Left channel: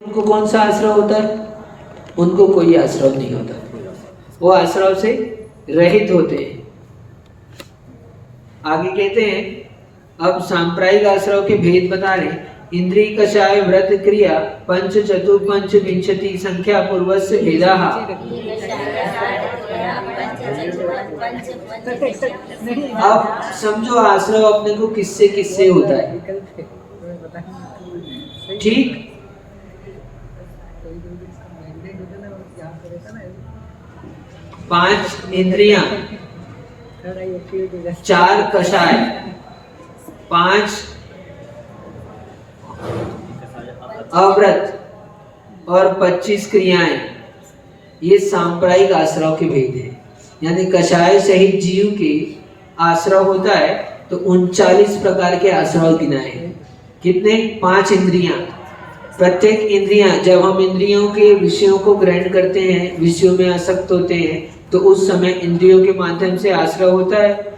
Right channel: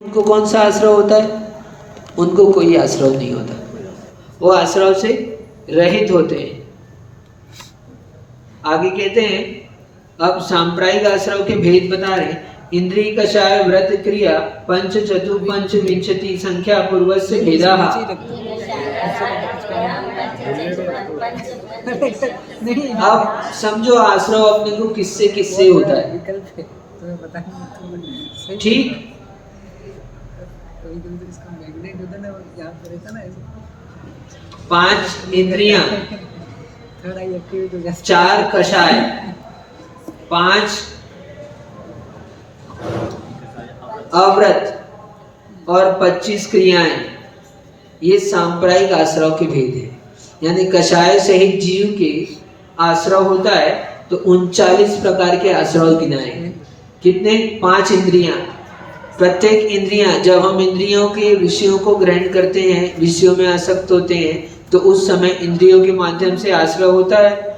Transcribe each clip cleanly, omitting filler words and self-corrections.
उनको कौन सा आश्रव होता है? उनको कोई आश्रव नहीं होता, वो आश्रव से रहित होते हैं। आगे कहते हैं, अब सांप्रायिक आश्रव के भेद बता रहे हैं। इंद्रिय कषाय व्रत क्रिया पंच चतुर्पंच विंशति संख्या पूर्वस्य भेदा। अब समझो आश्रव अपने को किससे किससे होता है, ठीक? पांच इंद्रियां, चार कषाय, पांच अव्रत और 25 क्रियाएं, ये सांप्रायिक आश्रव के भेद हैं। यानी कषाय सहित जीव के आश्रव होता है तो 39 प्रकार के आश्रव गिनाए हैं। कितने? 5 इंद्रियां। प्रत्येक इंद्रियां, जब हम इंद्रियों के विषयों को ग्रहण करते हैं, विषयों में आसक्त होते हैं, तो उस समय इंद्रियों के माध्यम से आश्रव होता है।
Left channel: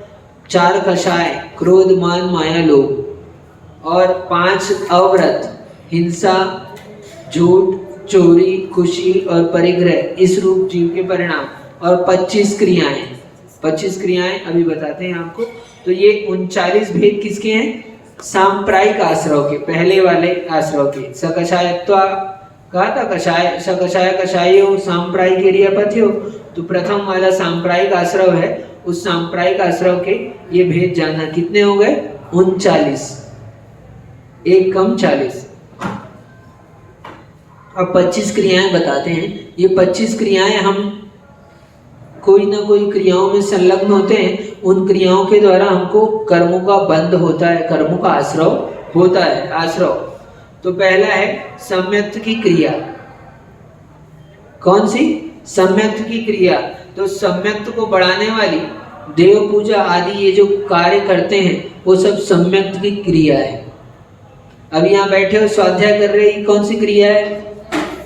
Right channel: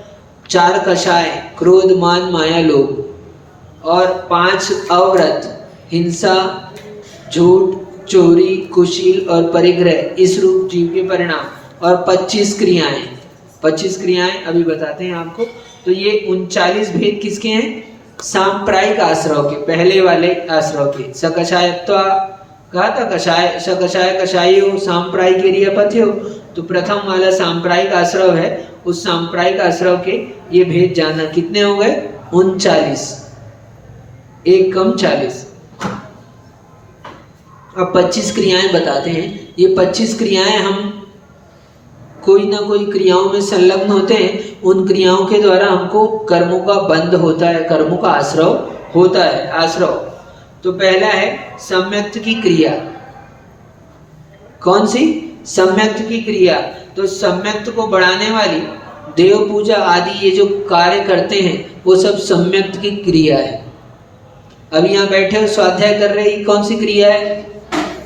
4 कषाय, क्रोध मान माया लोभ, और 5 अव्रत, हिंसा झूठ चोरी कुशील और परिग्रह, इस रूप जीव के परिणाम, और 25 क्रियाएं। 25 क्रियाएं अभी बताते हैं आपको। तो ये 39 भेद किसके हैं? सांप्रायिक आश्रव के, पहले वाले आश्रव के। सकषायत्वा कहा था, कषाय सकषाय कषायो सांप्रायिक क्रियापथ्यो। तो प्रथम वाला सांप्रायिक आश्रव है, उस सांप्रायिक आश्रव के ये भेद जानना। कितने हो गए? 39, एक कम 40। अब 25 क्रियाएं बताते हैं। ये 25 क्रियाएं, हम कोई ना कोई क्रियाओं में संलग्न होते हैं, उन क्रियाओं के द्वारा हमको कर्मों का बंध होता है, कर्मों का आश्रव होता है। आश्रव तो पहला है सम्यक्त की क्रिया। कौन सी? सम्यक्त की क्रिया। तो सम्यक्त को बढ़ाने वाली देव पूजा आदि ये जो कार्य करते हैं, वो सब सम्यक्त की क्रिया है। अभी यहाँ बैठे हो स्वाध्याय कर रहे हैं, कौन सी क्रिया है?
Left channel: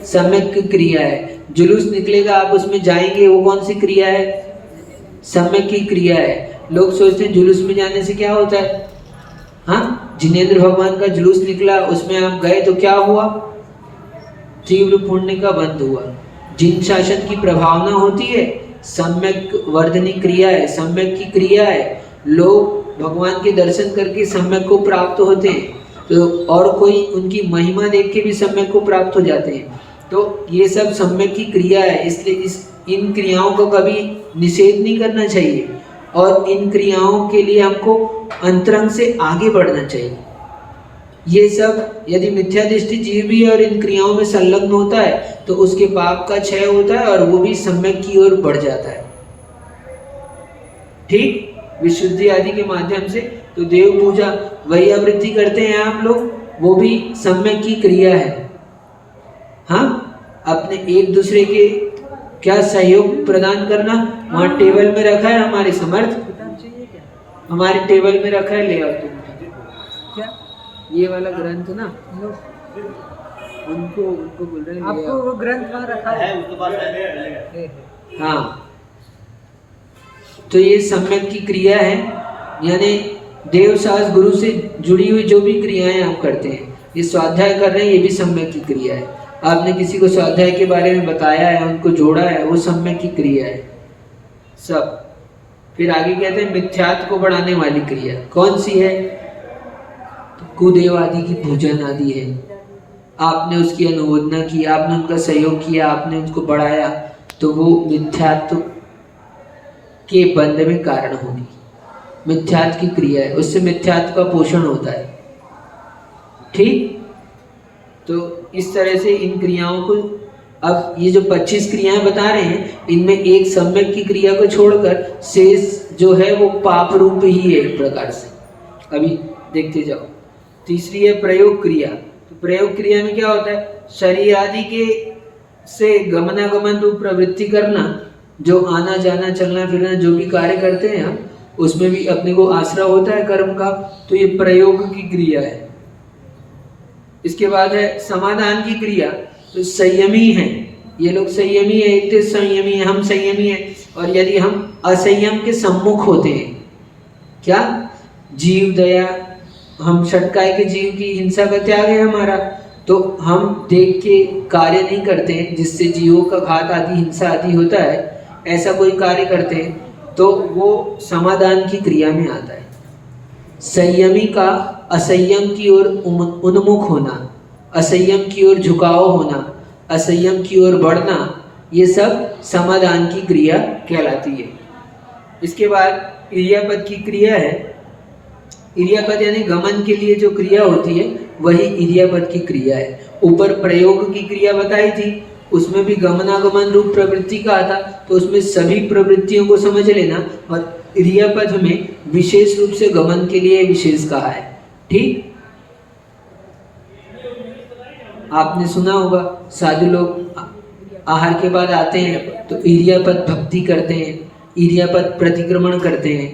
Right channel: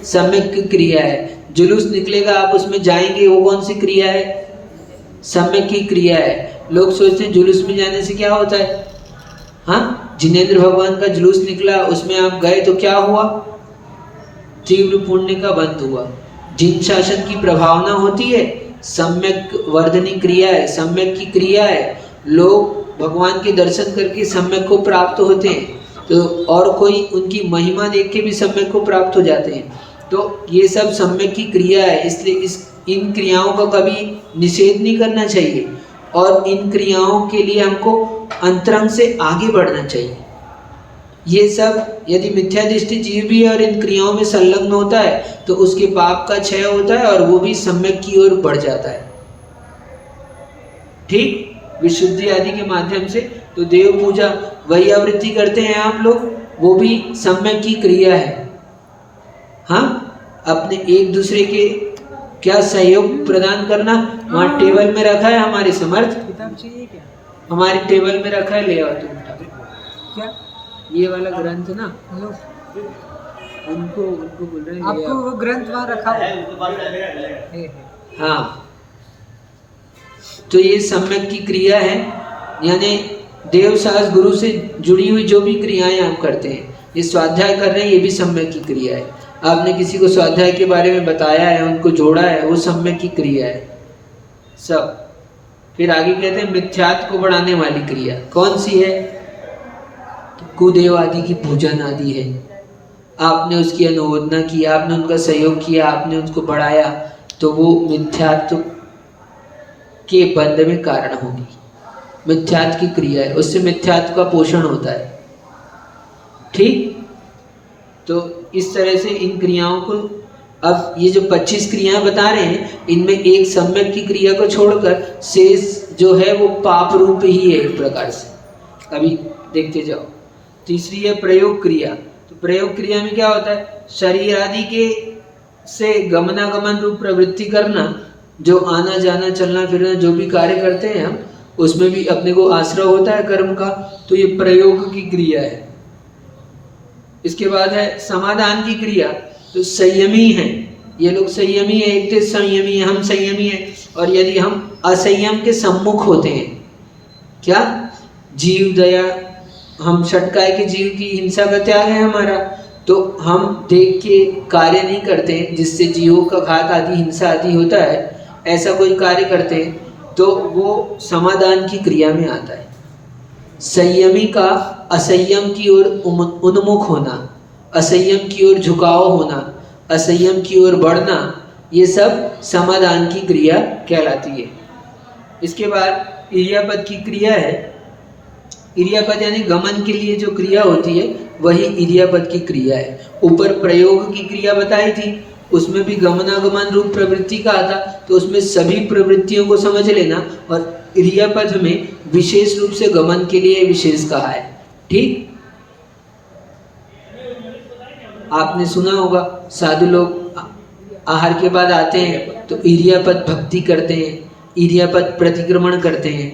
सम्यक की क्रिया है। जुलूस निकलेगा, आप उसमें जाएंगे, वो कौन सी क्रिया है? सम्यक की क्रिया है। लोग सोचते हैं जुलूस में जाने से क्या होता है? हाँ, जिनेंद्र भगवान का जुलूस निकला, उसमें आप गए तो क्या हुआ? तीव्र पुण्य का बंध हुआ। जिन शासन की प्रभावना होती है, सम्यक वर्धनी क्रिया है, सम्यक की क्रिया है। लोग भगवान के दर्शन करके सम्यक को प्राप्त होते हैं, तो और कोई उनकी महिमा देख के भी सम्यक को प्राप्त हो जाते हैं। तो ये सब सम्यक की क्रिया है, इसलिए इन क्रियाओं का कभी निषेध नहीं करना चाहिए, और इन क्रियाओं के लिए हमको अंतरंग से आगे बढ़ना चाहिए। ये सब यदि मिथ्या दृष्टि जीव भी है और इन क्रियाओं में संलग्न होता है, तो उसके पाप का क्षय होता है और वो भी सम्यक की ओर बढ़ जाता है, ठीक? विशुद्धि आदि के माध्यम से। तो देव पूजा, वही आवृत्ति करते हैं आप लोग, वो भी सम्यक की क्रिया है। हाँ, अपने एक दूसरे के क्या सहयोग प्रदान करना। वहाँ टेबल में रखा है हमारे समर्थ, हमारे टेबल में रखा है, ले आओ तुम। क्या ये वाला ग्रंथ ना, उनको बोल रहे हैं ले आओ। वो ग्रंथ वहाँ रखा है। हाँ, तो ये सम्यक की क्रिया है। यानी देव सास गुरु से जुड़ी हुई जो भी क्रियाएं हम करते हैं, ये स्वाध्याय कर रहे हैं, ये भी सम्यक की क्रिया है। आपने किसी को स्वाध्याय के बारे में बताया है, उनको जोड़ा है, वो सम्यक की क्रिया है सब। फिर आगे कहते हैं मिथ्यात्व को बढ़ाने वाली क्रिया। कौन सी है? तो कुदेव आदि की पूजन आदि है। आपने उसकी अनुमोदना की, आपने उनका सहयोग किया, आपने उनको बढ़ाया, तो वो मिथ्यात्व के बंध में कारण होगी। मिथ्यात्व की क्रिया है, उससे मिथ्यात्व का पोषण होता है, ठीक? तो इस तरह से इन क्रियाओं को, अब ये जो 25 क्रियाएं बता रहे हैं, इनमें एक सम्यक की क्रिया को छोड़कर शेष जो है वो पाप रूप ही है एक प्रकार से। अभी देखते जाओ। तीसरी है प्रयोग क्रिया। तो प्रयोग क्रिया में क्या होता है? शरीर आदि के से गमनागमन रूप प्रवृत्ति करना, जो आना जाना चलना फिरना जो भी कार्य करते हैं हम, उसमें भी अपने को आश्रय होता है कर्म का, तो ये प्रयोग की क्रिया है। इसके बाद है समाधान की क्रिया। तो संयमी है, ये लोग संयमी है, एक तो संयमी है, हम संयमी है। और यदि हम असंयम के सम्मुख होते हैं, क्या? जीव दया, हम षटकाय के जीव की हिंसा का त्याग है हमारा, तो हम देख के कार्य नहीं करते हैं जिससे जीवों का घात आदि हिंसा आदि होता है, ऐसा कोई कार्य करते हैं तो वो समाधान की क्रिया में आता है। संयमी का असंयम की ओर उन्मुख होना, असंयम की ओर झुकाव होना, असंयम की ओर बढ़ना, ये सब समाधान की क्रिया कहलाती है। इसके बाद इर्यापद की क्रिया है। इर्यापद यानी गमन के लिए जो क्रिया होती है वही इर्यापद की क्रिया है। ऊपर प्रयोग की क्रिया बताई थी, उसमें भी गमनागमन रूप प्रवृत्ति का आता, तो उसमें सभी प्रवृत्तियों को समझ लेना, और इर्यापद में विशेष रूप से गमन के लिए विशेष कहा है। ठीक, आपने सुना होगा साधु लोग आहार के बाद आते हैं तो इर्यापद भक्ति करते हैं, इर्यापद प्रतिक्रमण करते हैं।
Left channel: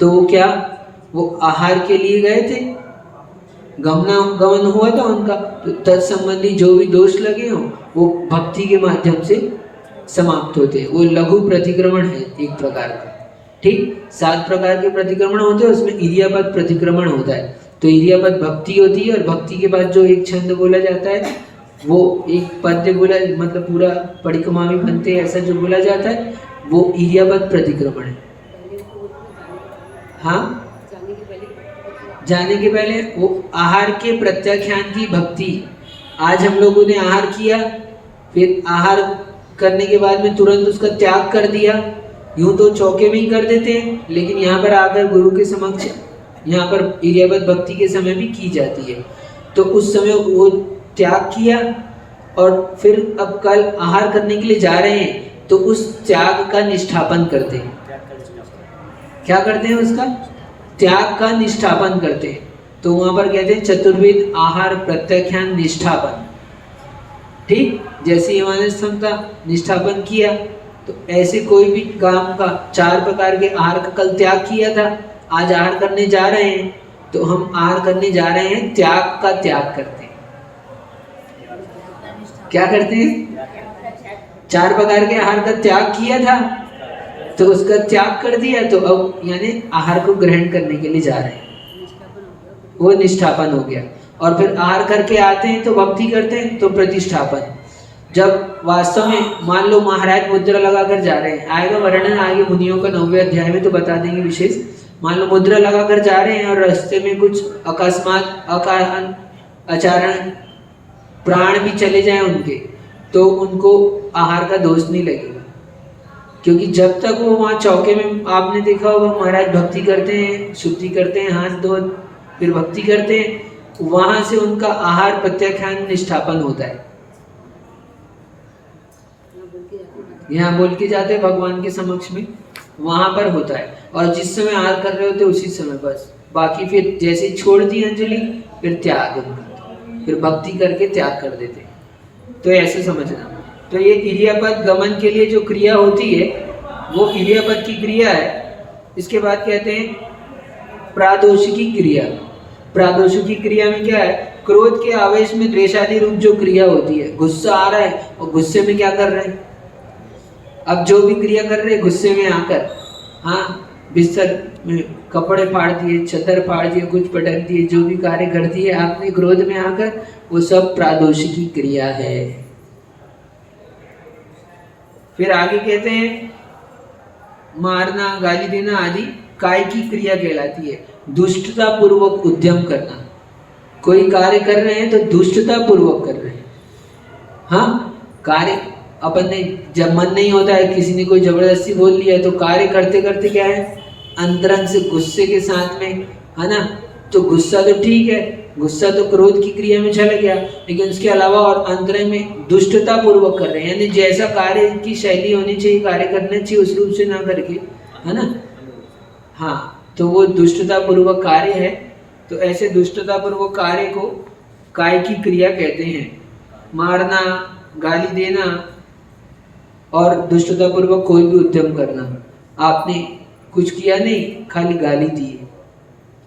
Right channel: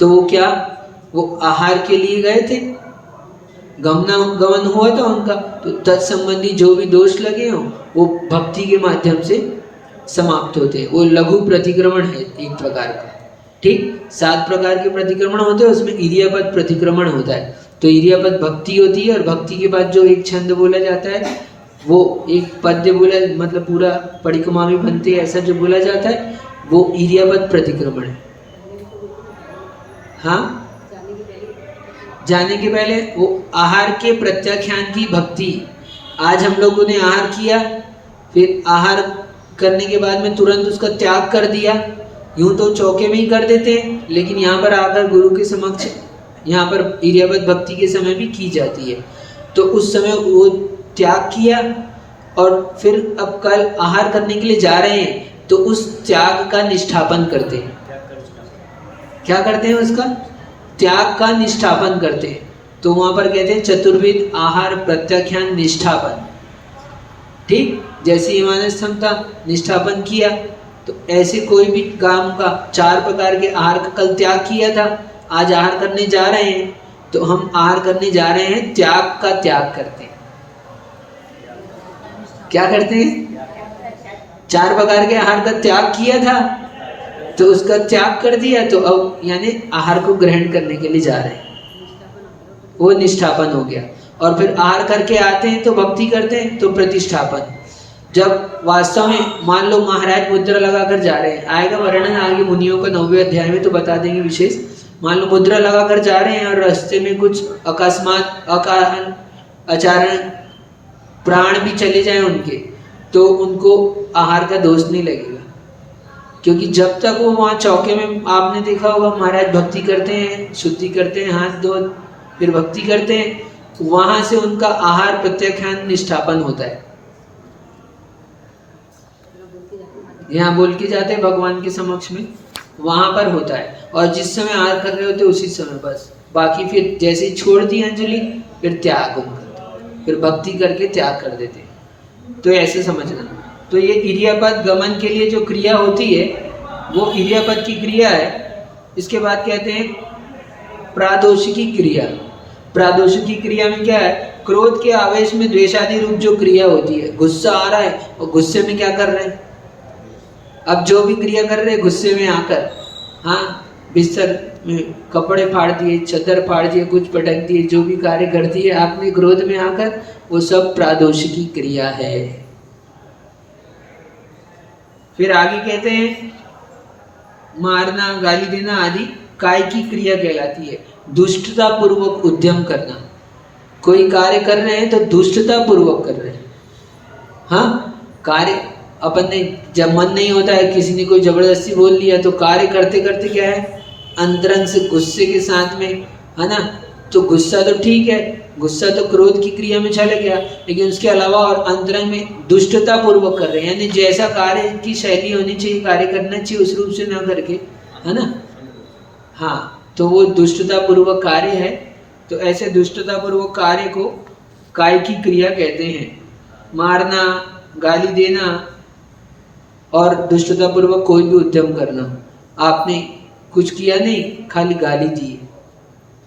तो वो क्या, वो आहार के लिए गए थे, गमन हुआ था उनका, तो तत्संबंधी जो भी दोष लगे हों वो भक्ति के माध्यम से समाप्त होते हैं। वो लघु प्रतिक्रमण है एक प्रकार का। ठीक, 7 प्रकार के प्रतिक्रमण होते हैं, उसमें इर्यापद प्रतिक्रमण होता है। तो इर्यापद भक्ति होती है, और भक्ति के बाद जो एक छंद बोला जाता है वो एक पद्य बोला, मतलब पूरा परिक्रमा भी बनते हैं, ऐसा जो बोला जाता है वो इर्यापद प्रतिक्रमण है। हाँ, जाने के पहले वो आहार के प्रत्याख्यान की भक्ति। आज हम लोगों ने आहार किया, फिर आहार करने के बाद में तुरंत उसका त्याग कर दिया। यूं तो चौके में ही कर देते हैं, लेकिन यहाँ पर आकर गुरु के समक्ष यहाँ पर इर्यापद भक्ति के समय भी की जाती है। तो उस समय वो त्याग किया, और फिर अब कल आहार करने के लिए जा रहे हैं तो उस त्याग का निष्ठापन करते हैं। क्या करते हैं? उसका त्याग का निष्ठापन करते हैं। तो वहां पर कहते हैं चतुर्विध आहार प्रत्याख्यान निष्ठापन। ठीक, जैसे हमारे क्षमता निष्ठापन किया, तो ऐसे कोई भी काम का 4 प्रकार के आहार का कल त्याग किया था, आज आहार करने जा रहे हैं, तो हम आहार करने जा रहे हैं, त्याग का त्याग करते हैं। क्या करते हैं? 4 प्रकार के आहार का त्याग किया था तो उसका त्याग कर दिया, तो अब यानी आहार को ग्रहण करने के लिए जा रहे हैं, वो निष्ठापन हो गया। और फिर आहार करके आते हैं तो भक्ति करते हैं, तो प्रतिष्ठापन। जब वास्तव में मान लो महाराज मुद्रा लगाकर जा रहे हैं, आएगा वर्णन आगे मुनियों का 9वें अध्याय में, तो बता देंगे विशेष। मान लो मुद्रा लगाकर जा रहे हैं और रास्ते में कुछ अकस्मात अचारण प्राण भी चले जाएं उनके, तो उनको आहार का दोष नहीं लगेगा, क्योंकि जब तक वो वहाँ चौके में, आपने देखा होगा महाराज भक्ति करते हैं, शुद्धि करते हैं, हाथ धो फिर भक्ति करते हैं, वहां से उनका आहार प्रत्याख्यान निष्ठापन होता है। यहाँ बोल के जाते हैं भगवान के समक्ष में, वहां पर होता है। और जिस समय आहार कर रहे होते उसी समय बस, बाकी फिर जैसे छोड़ दी अंजलि फिर त्याग उनका, फिर भक्ति करके त्याग कर देते। तो ऐसे समझना। तो ये इर्यापद गमन के लिए जो क्रिया होती है वो इर्यापद की क्रिया है। इसके बाद कहते हैं प्रादोषिकी क्रिया। प्रादोषिकी क्रिया में क्या है? क्रोध के आवेश में द्वेषादि रूप जो क्रिया होती है, गुस्सा आ रहा है और गुस्से में क्या कर रहे हैं, अब जो भी क्रिया कर रहे हैं गुस्से में आकर, हाँ बिस्तर में कपड़े फाड़ दिए, चदर फाड़ दिए, कुछ पटक दिए, जो भी कार्य कर दिए आपने क्रोध में आकर, वो सब प्रादोषिकी क्रिया है। फिर आगे कहते हैं मारना, गाली देना आदि काय की क्रिया कहलाती है। दुष्टता पूर्वक उद्यम करना, कोई कार्य कर रहे हैं तो दुष्टता पूर्वक कर रहे हैं। हाँ, कार्य अपन ने जब मन नहीं होता है, किसी ने कोई जबरदस्ती बोल लिया, तो कार्य करते करते क्या है, अंतरंग से गुस्से के साथ में, है ना, तो गुस्सा तो ठीक है, गुस्सा तो क्रोध की क्रिया में चला गया, लेकिन उसके अलावा और अंतरंग में दुष्टता पूर्वक कर रहे हैं, यानी जैसा कार्य की शैली होनी चाहिए, कार्य करना चाहिए उस रूप से ना करके, है ना। हाँ, तो वो दुष्टता पूर्वक कार्य है। तो ऐसे दुष्टता पूर्वक कार्य को काय की क्रिया कहते हैं। मारना, गाली देना और दुष्टता पूर्वक कोई भी उद्यम करना। आपने कुछ किया नहीं, खाली गाली दी है।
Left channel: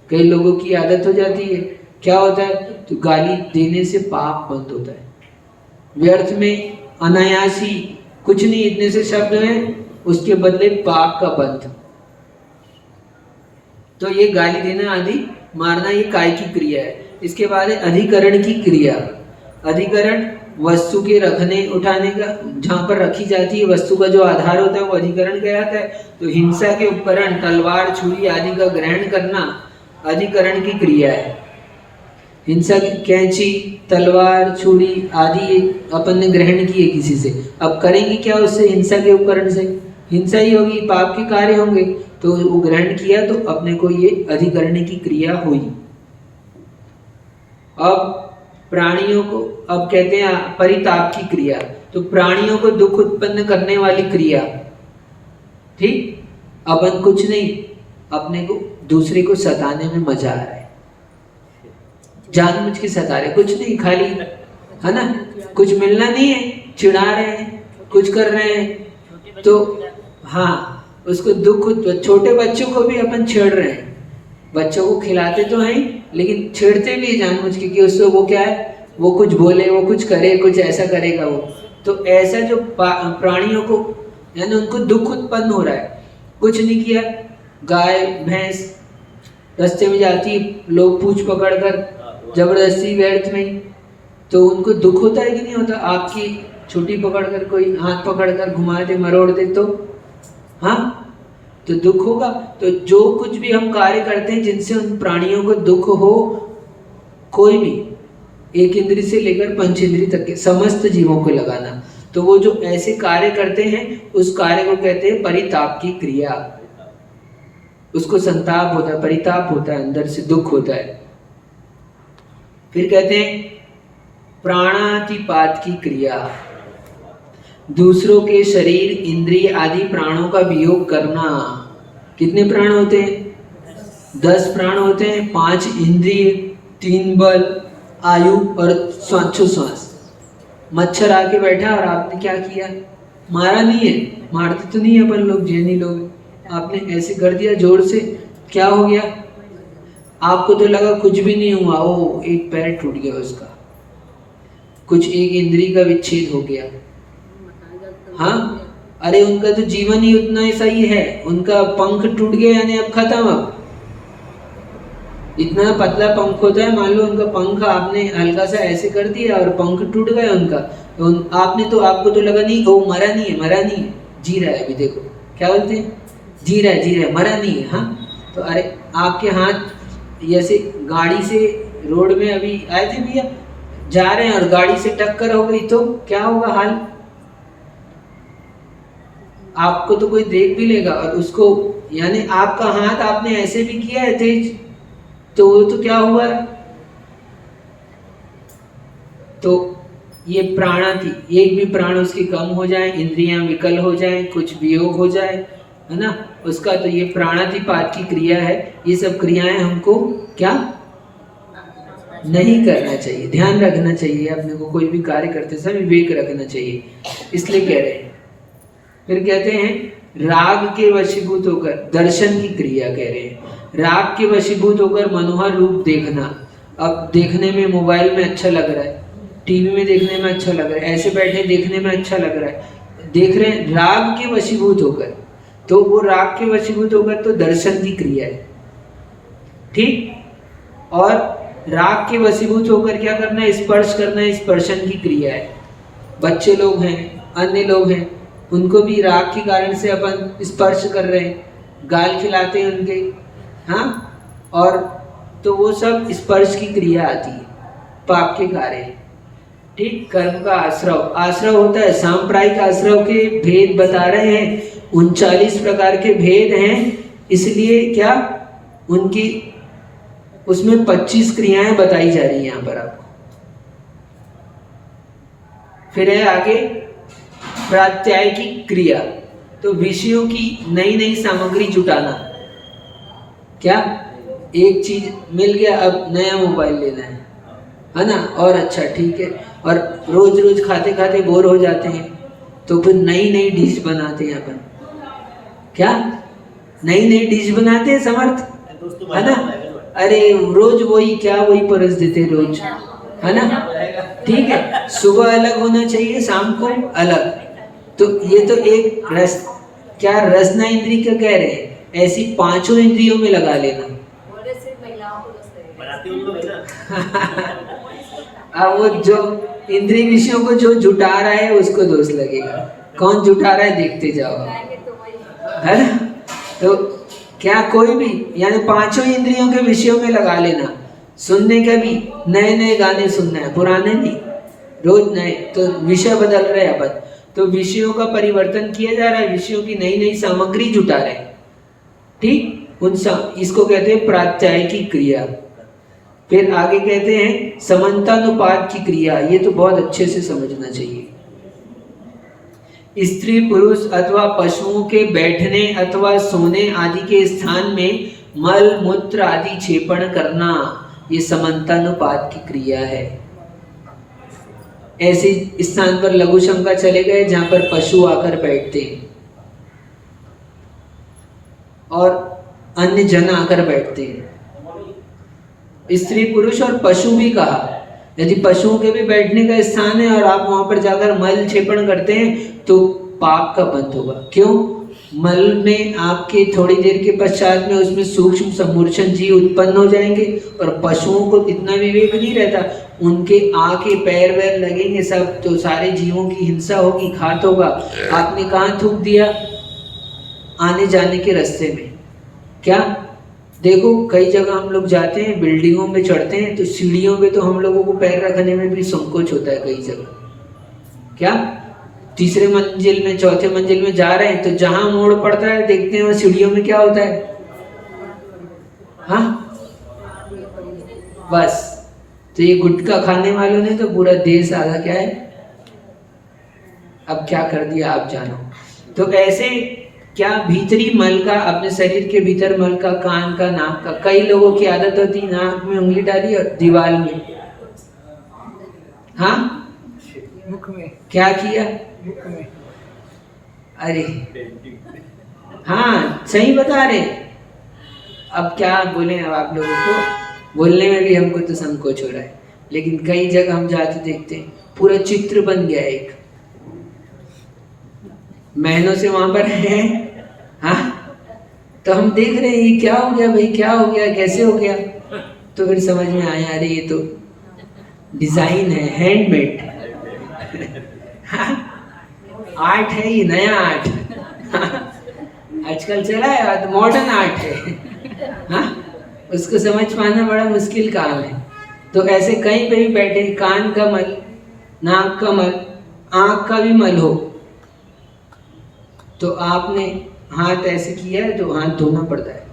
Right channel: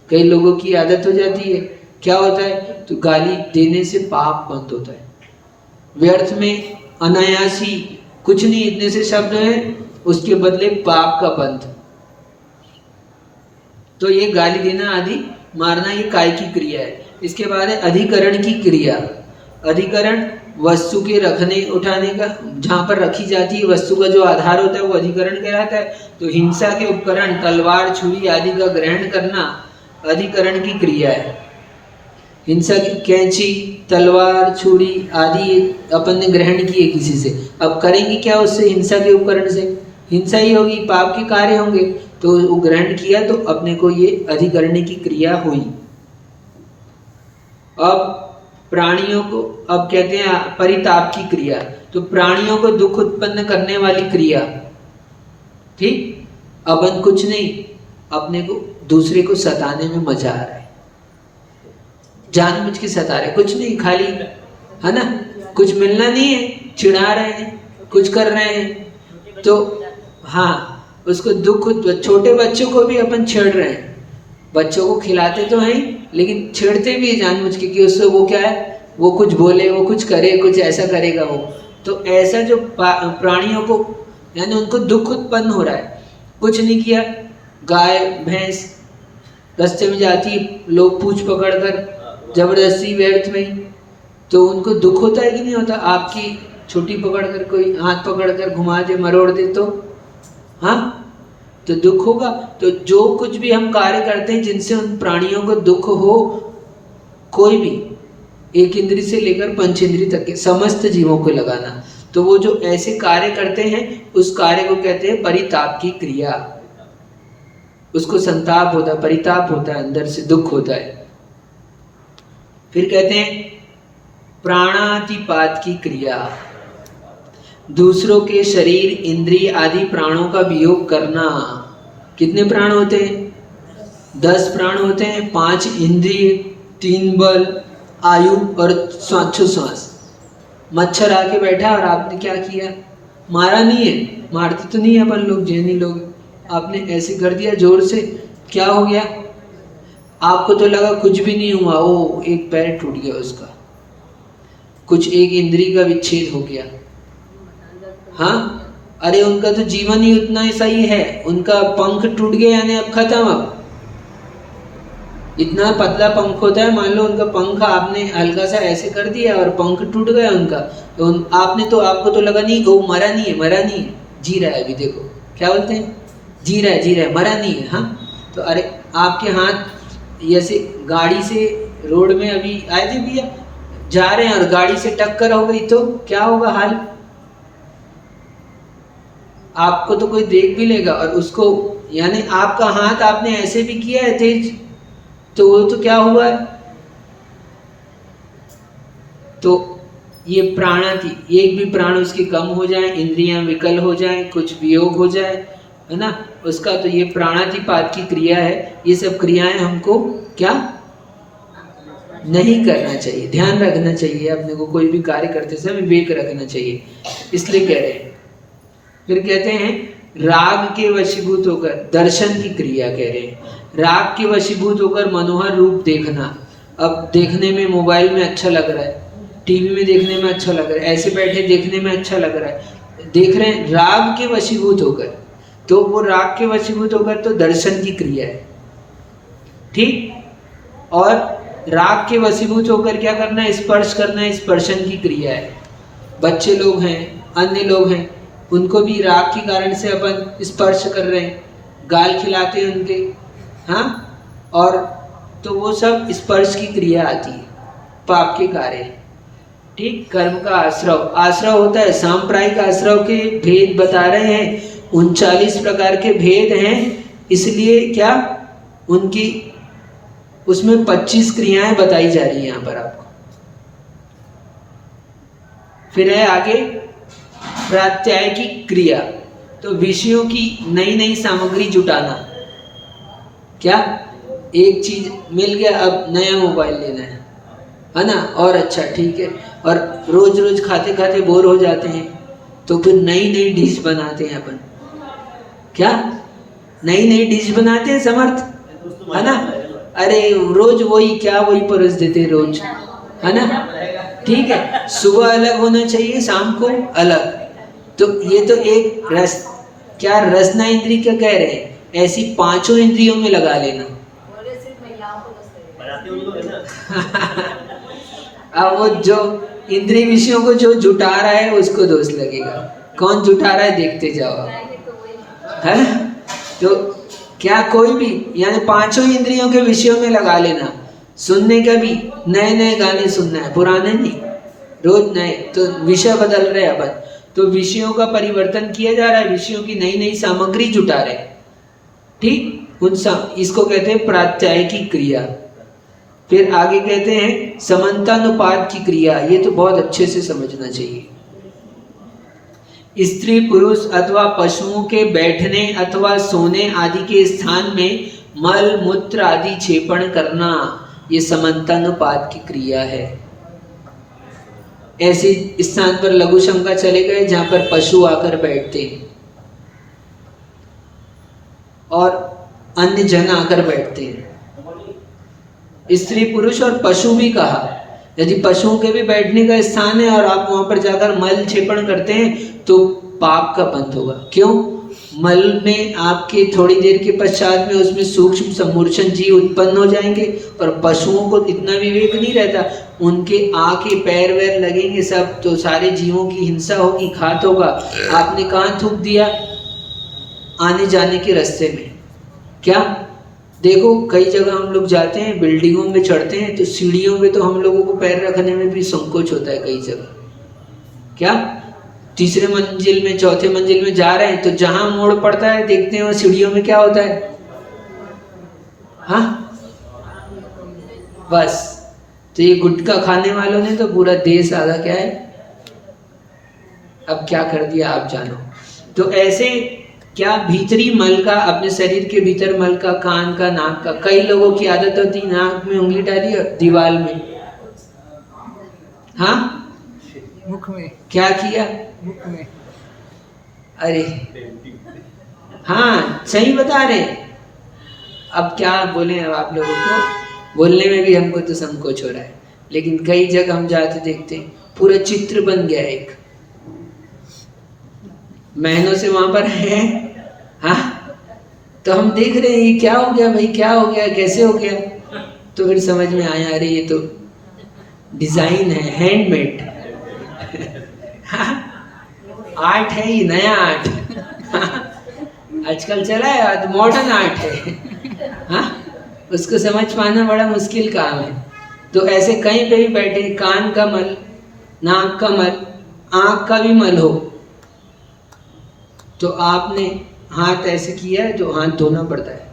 कई लोगों की आदत हो जाती है, क्या होता है, तो गाली देने से पाप बंद होता है, व्यर्थ में अनायासी कुछ नहीं, इतने से शब्द हैं, उसके बदले पाप का बंध। तो ये गाली देना आदि, मारना, ये काय की क्रिया है। इसके बाद है अधिकरण की क्रिया। अधिकरण वस्तु के रखने उठाने का, जहाँ पर रखी जाती है वस्तु का जो आधार होता है वो अधिकरण कहलाता है। तो हिंसा के उपकरण तलवार छुरी आदि का ग्रहण करना अधिकरण की क्रिया है। हिंसा की कैंची तलवार छुरी आदि अपन ने ग्रहण किए किसी से, अब करेंगे क्या उससे? हिंसा के उपकरण से हिंसा ही होगी, पाप के कार्य होंगे। तो वो ग्रहण किया तो अपने को ये अधिकरण की क्रिया हुई। अब प्राणियों को अब कहते हैं परिताप की क्रिया, तो प्राणियों को दुख उत्पन्न करने वाली क्रिया। ठीक, अपन कुछ नहीं, अपने को दूसरे को सताने में मजा आ रहा है, जानबूझ के सता रहे, कुछ नहीं, खाली है ना, कुछ मिलना नहीं है, चिढ़ा रहे हैं, कुछ कर रहे हैं, तो हाँ उसको दुख। छोटे बच्चों को भी अपन छेड़ रहे हैं, बच्चों को खिलाते तो हैं लेकिन छेड़ते भी जानबूझ के कि उससे वो क्या है, वो कुछ बोले, वो कुछ करे, कुछ ऐसा करेगा वो। तो ऐसा जो प्राणियों को यानी उनको दुख उत्पन्न हो रहा है, कुछ नहीं किया, गाय भैंस रास्ते में जाती, लोग पूछ पकड़ कर जबरदस्ती व्यर्थ में, तो उनको दुख होता है कि नहीं होता? आपकी छुट्टी पकड़ कर कोई हाथ पकड़ कर घुमा दे, मरोड़ दे तो हाँ, तो दुख होगा। तो जो कुछ भी हम कार्य करते हैं जिनसे उन प्राणियों को दुख हो, कोई भी एक इंद्री से लेकर पंच इंद्री तक के समस्त जीवों को लगाना, तो वो जो ऐसे कार्य करते हैं उस कार्य को कहते हैं परिताप की क्रिया। उसको संताप होता है, परिताप होता है, अंदर से दुख होता है। फिर कहते हैं प्राणातिपात की क्रिया, दूसरों के शरीर इंद्रिय आदि प्राणों का वियोग करना। कितने प्राण होते हैं? 10 प्राण होते हैं, 5 इंद्रिय, 3 बल, आयु और श्वास। मच्छर आके बैठा और आपने क्या किया? मारा नहीं है, मारते तो नहीं है अपन लोग, जैनी लोग, आपने ऐसे कर दिया जोर से, क्या हो गया? आपको तो लगा कुछ भी नहीं हुआ, ओ एक पैर टूट गया उसका, कुछ एक इंद्री का विच्छेद हो गया। हाँ, अरे उनका तो जीवन ही उतना ऐसा ही है, उनका पंख टूट गया यानी अब खत्म। अब इतना पतला पंख होता है, मान लो उनका पंख आपने हल्का सा ऐसे कर दिया और पंख टूट गया उनका, तो आपने तो, आपको तो लगा नहीं, वो मरा नहीं है, मरा नहीं है, जी रहा है अभी, देखो क्या बोलते हैं, जी रहा है, मरा नहीं है। हाँ, तो अरे आपके हाथ ऐसे गाड़ी से रोड में अभी आए थे भैया, जा रहे हैं और गाड़ी से टक्कर हो गई तो क्या होगा हाल? आपको तो कोई देख भी लेगा, और उसको यानी आपका हाथ आपने ऐसे भी किया है तेज, तो वो तो क्या हुआ? तो ये प्राणाति, एक भी प्राण उसकी कम हो जाए, इंद्रियां विकल हो जाए, कुछ वियोग हो जाए, है ना, उसका तो ये प्राणातिपात की क्रिया है। ये सब क्रियाएं हमको क्या नहीं करना चाहिए, ध्यान रखना चाहिए अपने को, कोई भी कार्य करते समय विवेक रखना चाहिए, इसलिए कह रहे हैं। फिर कहते हैं राग के वशीभूत होकर, दर्शन की क्रिया कह रहे हैं, राग के वशीभूत होकर मनोहर रूप देखना। अब देखने में मोबाइल में अच्छा लग रहा है, टीवी में देखने में अच्छा लग रहा है, ऐसे बैठे देखने में अच्छा लग रहा है, देख रहे हैं राग के वशीभूत होकर, तो वो राग के वशीभूत होकर तो दर्शन की क्रिया है। ठीक, और राग के वशीभूत होकर क्या करना है? स्पर्श करना है, स्पर्शन की क्रिया है। बच्चे लोग हैं, अन्य लोग हैं, उनको भी राग के कारण से अपन स्पर्श कर रहे हैं, गाल खिलाते हैं उनके, हाँ, और तो वो सब स्पर्श की क्रिया आती है, पाप के कार्य। ठीक, कर्म का आश्रव, आश्रव होता है, सांप्रायिक आश्रव के भेद बता रहे हैं, 39 प्रकार के भेद हैं, इसलिए क्या उनकी उसमें 25 क्रियाएं बताई जा रही हैं यहाँ पर आपको। फिर है आगे प्रात्यायिक क्रिया, तो विषयों की नई नई सामग्री जुटाना। क्या? एक चीज मिल गया, अब नया मोबाइल लेना है ना, और अच्छा ठीक है, और रोज रोज खाते खाते बोर हो जाते हैं, तो फिर नई नई डिश बनाते हैं अपन। क्या? नई नई डिश बनाते हैं समर्थ, है ना, अरे रोज वही क्या, वही परोस देते रोज, है ना, ठीक है, सुबह अलग होना चाहिए, शाम को अलग। तो ये तो एक रस, क्या रसना इंद्री क्या कह रहे हैं, ऐसी 5 इंद्रियों में लगा लेना। अब वो जो इंद्रिय विषयों को जो जुटा रहा है उसको दोष लगेगा। कौन जुटा रहा है देखते जाओ, है ना? तो क्या कोई भी, यानी पांचों इंद्रियों के विषयों में लगा लेना। सुनने का भी नए नए गाने सुनना है, पुराने नहीं, रोज नए। तो विषय बदल रहे हैं अपन, तो विषयों का परिवर्तन किया जा रहा है, विषयों की नई नई सामग्री जुटा रहे, ठीक। इसको कहते हैं प्रात्यायिकी क्रिया। फिर आगे कहते हैं समानतानुपात की क्रिया। ये तो बहुत अच्छे से समझना चाहिए। स्त्री पुरुष अथवा पशुओं के बैठने अथवा सोने आदि के स्थान में मल मूत्र आदि क्षेपण करना, ये समानतानुपात की क्रिया है। ऐसे स्थान पर लघु शंका चले गए जहां पर पशु आकर बैठते हैं और अन्य जन आकर बैठते हैं। स्त्री पुरुष और पशु भी कहा। यदि पशुओं के भी बैठने का स्थान है और आप वहां पर जाकर मल क्षेपण करते हैं तो पाप का बंध होगा। क्यों? मल में आपके थोड़ी देर के पश्चात में उसमें सूक्ष्म समूर्छन जीव उत्पन्न हो जाएंगे और पशुओं को इतना विवेक नहीं रहता, उनके आंखें पैर वैर लगेंगे सब, तो सारे जीवों की हिंसा होगी, घात होगा। आपने कहाँ थूक दिया? आने जाने के रास्ते में। क्या देखो, कई जगह हम लोग जाते हैं, बिल्डिंगों में चढ़ते हैं तो सीढ़ियों पे तो हम लोगों को पैर रखने में भी संकोच होता है कई जगह। क्या तीसरे मंजिल में चौथे मंजिल में जा रहे हैं तो जहां मोड़ पड़ता है देखते हैं, सीढ़ियों में क्या होता है? हाँ, बस। तो ये गुटखा खाने वालों ने तो पूरा देश आधा क्या है, अब क्या कर दिया आप जानो। तो ऐसे क्या भीतरी मल का, अपने शरीर के भीतर मल का, कान का, नाक का, कई लोगों की आदत होती नाक में उंगली डाली और दीवार में, हाँ, मुख में क्या किया? मुख में। अरे हाँ, सही बता रहे। अब क्या बोले, अब आप लोगों को बोलने में भी हमको तो संकोच हो रहा है, लेकिन कई जगह हम जाते देखते हैं पूरा चित्र बन गया है एक, महीनों से वहां पर है। हाँ, तो हम देख रहे हैं ये क्या हो गया भाई, क्या हो गया, कैसे हो गया? तो फिर समझ में आया, अरे ये तो डिजाइन है, हैंडमेड। हाँ, आर्ट है, ये नया आर्ट। आजकल चला है, मॉडर्न आर्ट है। हाँ, उसको समझ पाना बड़ा मुश्किल काम है। तो ऐसे कहीं पे भी बैठे, कान का मल, नाक का मल, आंख का भी मल हो तो आपने हाथ ऐसे किया है तो हाथ धोना पड़ता है।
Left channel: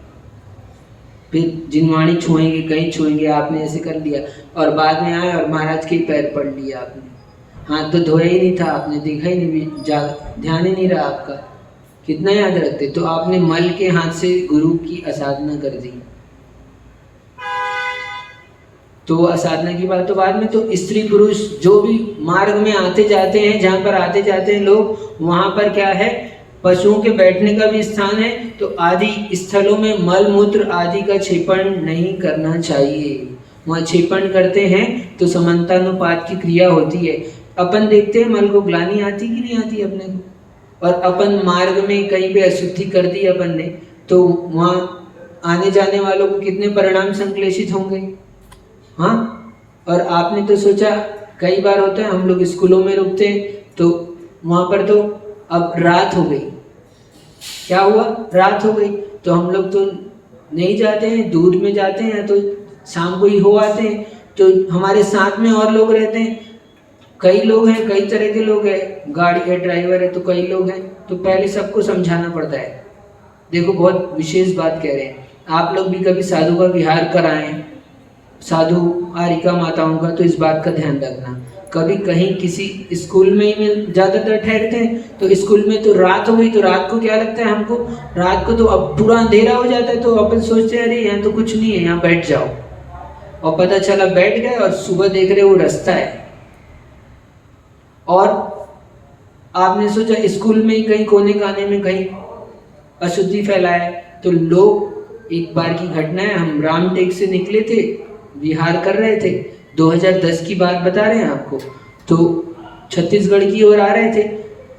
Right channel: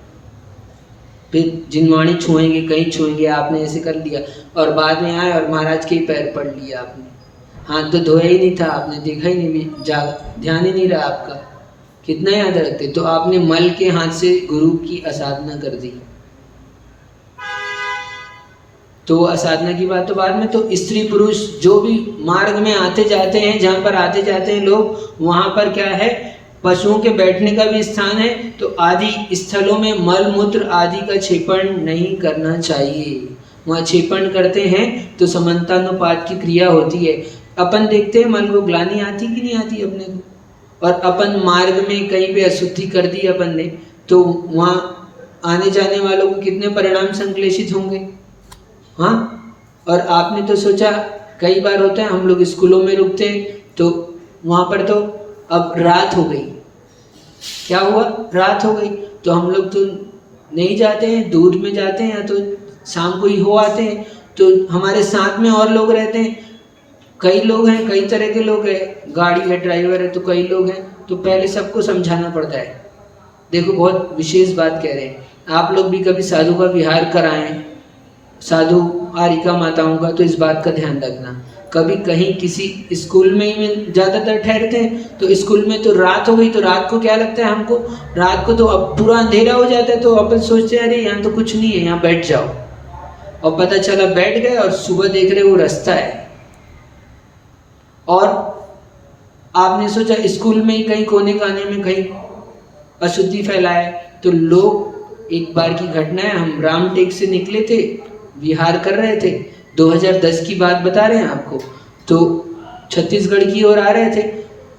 फिर जिनवाणी छुएंगे, कहीं छुएंगे, आपने ऐसे कर लिया और बाद में आए और महाराज के पैर पड़ लिया आपने, हाथ तो धोया ही नहीं था, आपने देखा ही नहीं, ध्यान ही नहीं रहा आपका, कितना याद रखते। तो आपने मल के हाथ से गुरु की असाधना कर दी। तो असाधना की बात तो बाद में। तो स्त्री पुरुष जो भी मार्ग में आते जाते हैं, जहाँ पर आते जाते हैं लोग, वहाँ पर क्या है, पशुओं के बैठने का भी स्थान है। तो आदि स्थलों में मल मूत्र आदि का क्षेपण नहीं करना चाहिए। वहाँ क्षेपण करते हैं तो समानतानुपात की क्रिया होती है। अपन देखते हैं मल को ग्लानि आती कि नहीं आती अपने को, और अपन मार्ग में कहीं पे अशुद्धि कर दी अपन ने, तो वहाँ आने जाने वालों को कितने परिणाम संश्लेषित होंगे। हाँ, और आपने तो सोचा, कई बार होता है हम लोग स्कूलों में रुकते हैं तो वहाँ पर तो अब रात हो गई, क्या हुआ, रात हो गई, तो हम लोग तो नहीं जाते हैं, दूर में जाते हैं, तो शाम को ही हो आते हैं। तो हमारे साथ में और लोग रहते हैं, कई लोग हैं, कई तरह के लोग हैं, गाड़ी है, ड्राइवर है, तो कई लोग हैं, तो पहले सबको समझाना पड़ता है। देखो, बहुत विशेष बात कह रहे हैं, आप लोग भी कभी साधु का विहार कराएं, साधु आरिका माताओं का, तो इस बात का ध्यान रखना। कभी कहीं किसी स्कूल में ही ज़्यादातर ठहरते हैं, तो स्कूल में तो रात हो गई, तो रात को क्या लगता है हमको, रात को तो अब पूरा अंधेरा हो जाता है, तो अपन सोचते हैं अरे यहाँ तो कुछ नहीं है, यहाँ बैठ जाओ, और पता चला बैठ गए और सुबह देख रहे वो रास्ता है। और आपने सोचा स्कूल में ही कहीं कोने काने में कहीं अशुद्धि फैलाए, तो लोग, एक बार की घटना है, हम रामटेक से निकले थे, विहार कर रहे थे, 2010 की बात बता रहे हैं आपको, तो छत्तीसगढ़ की ओर आ रहे थे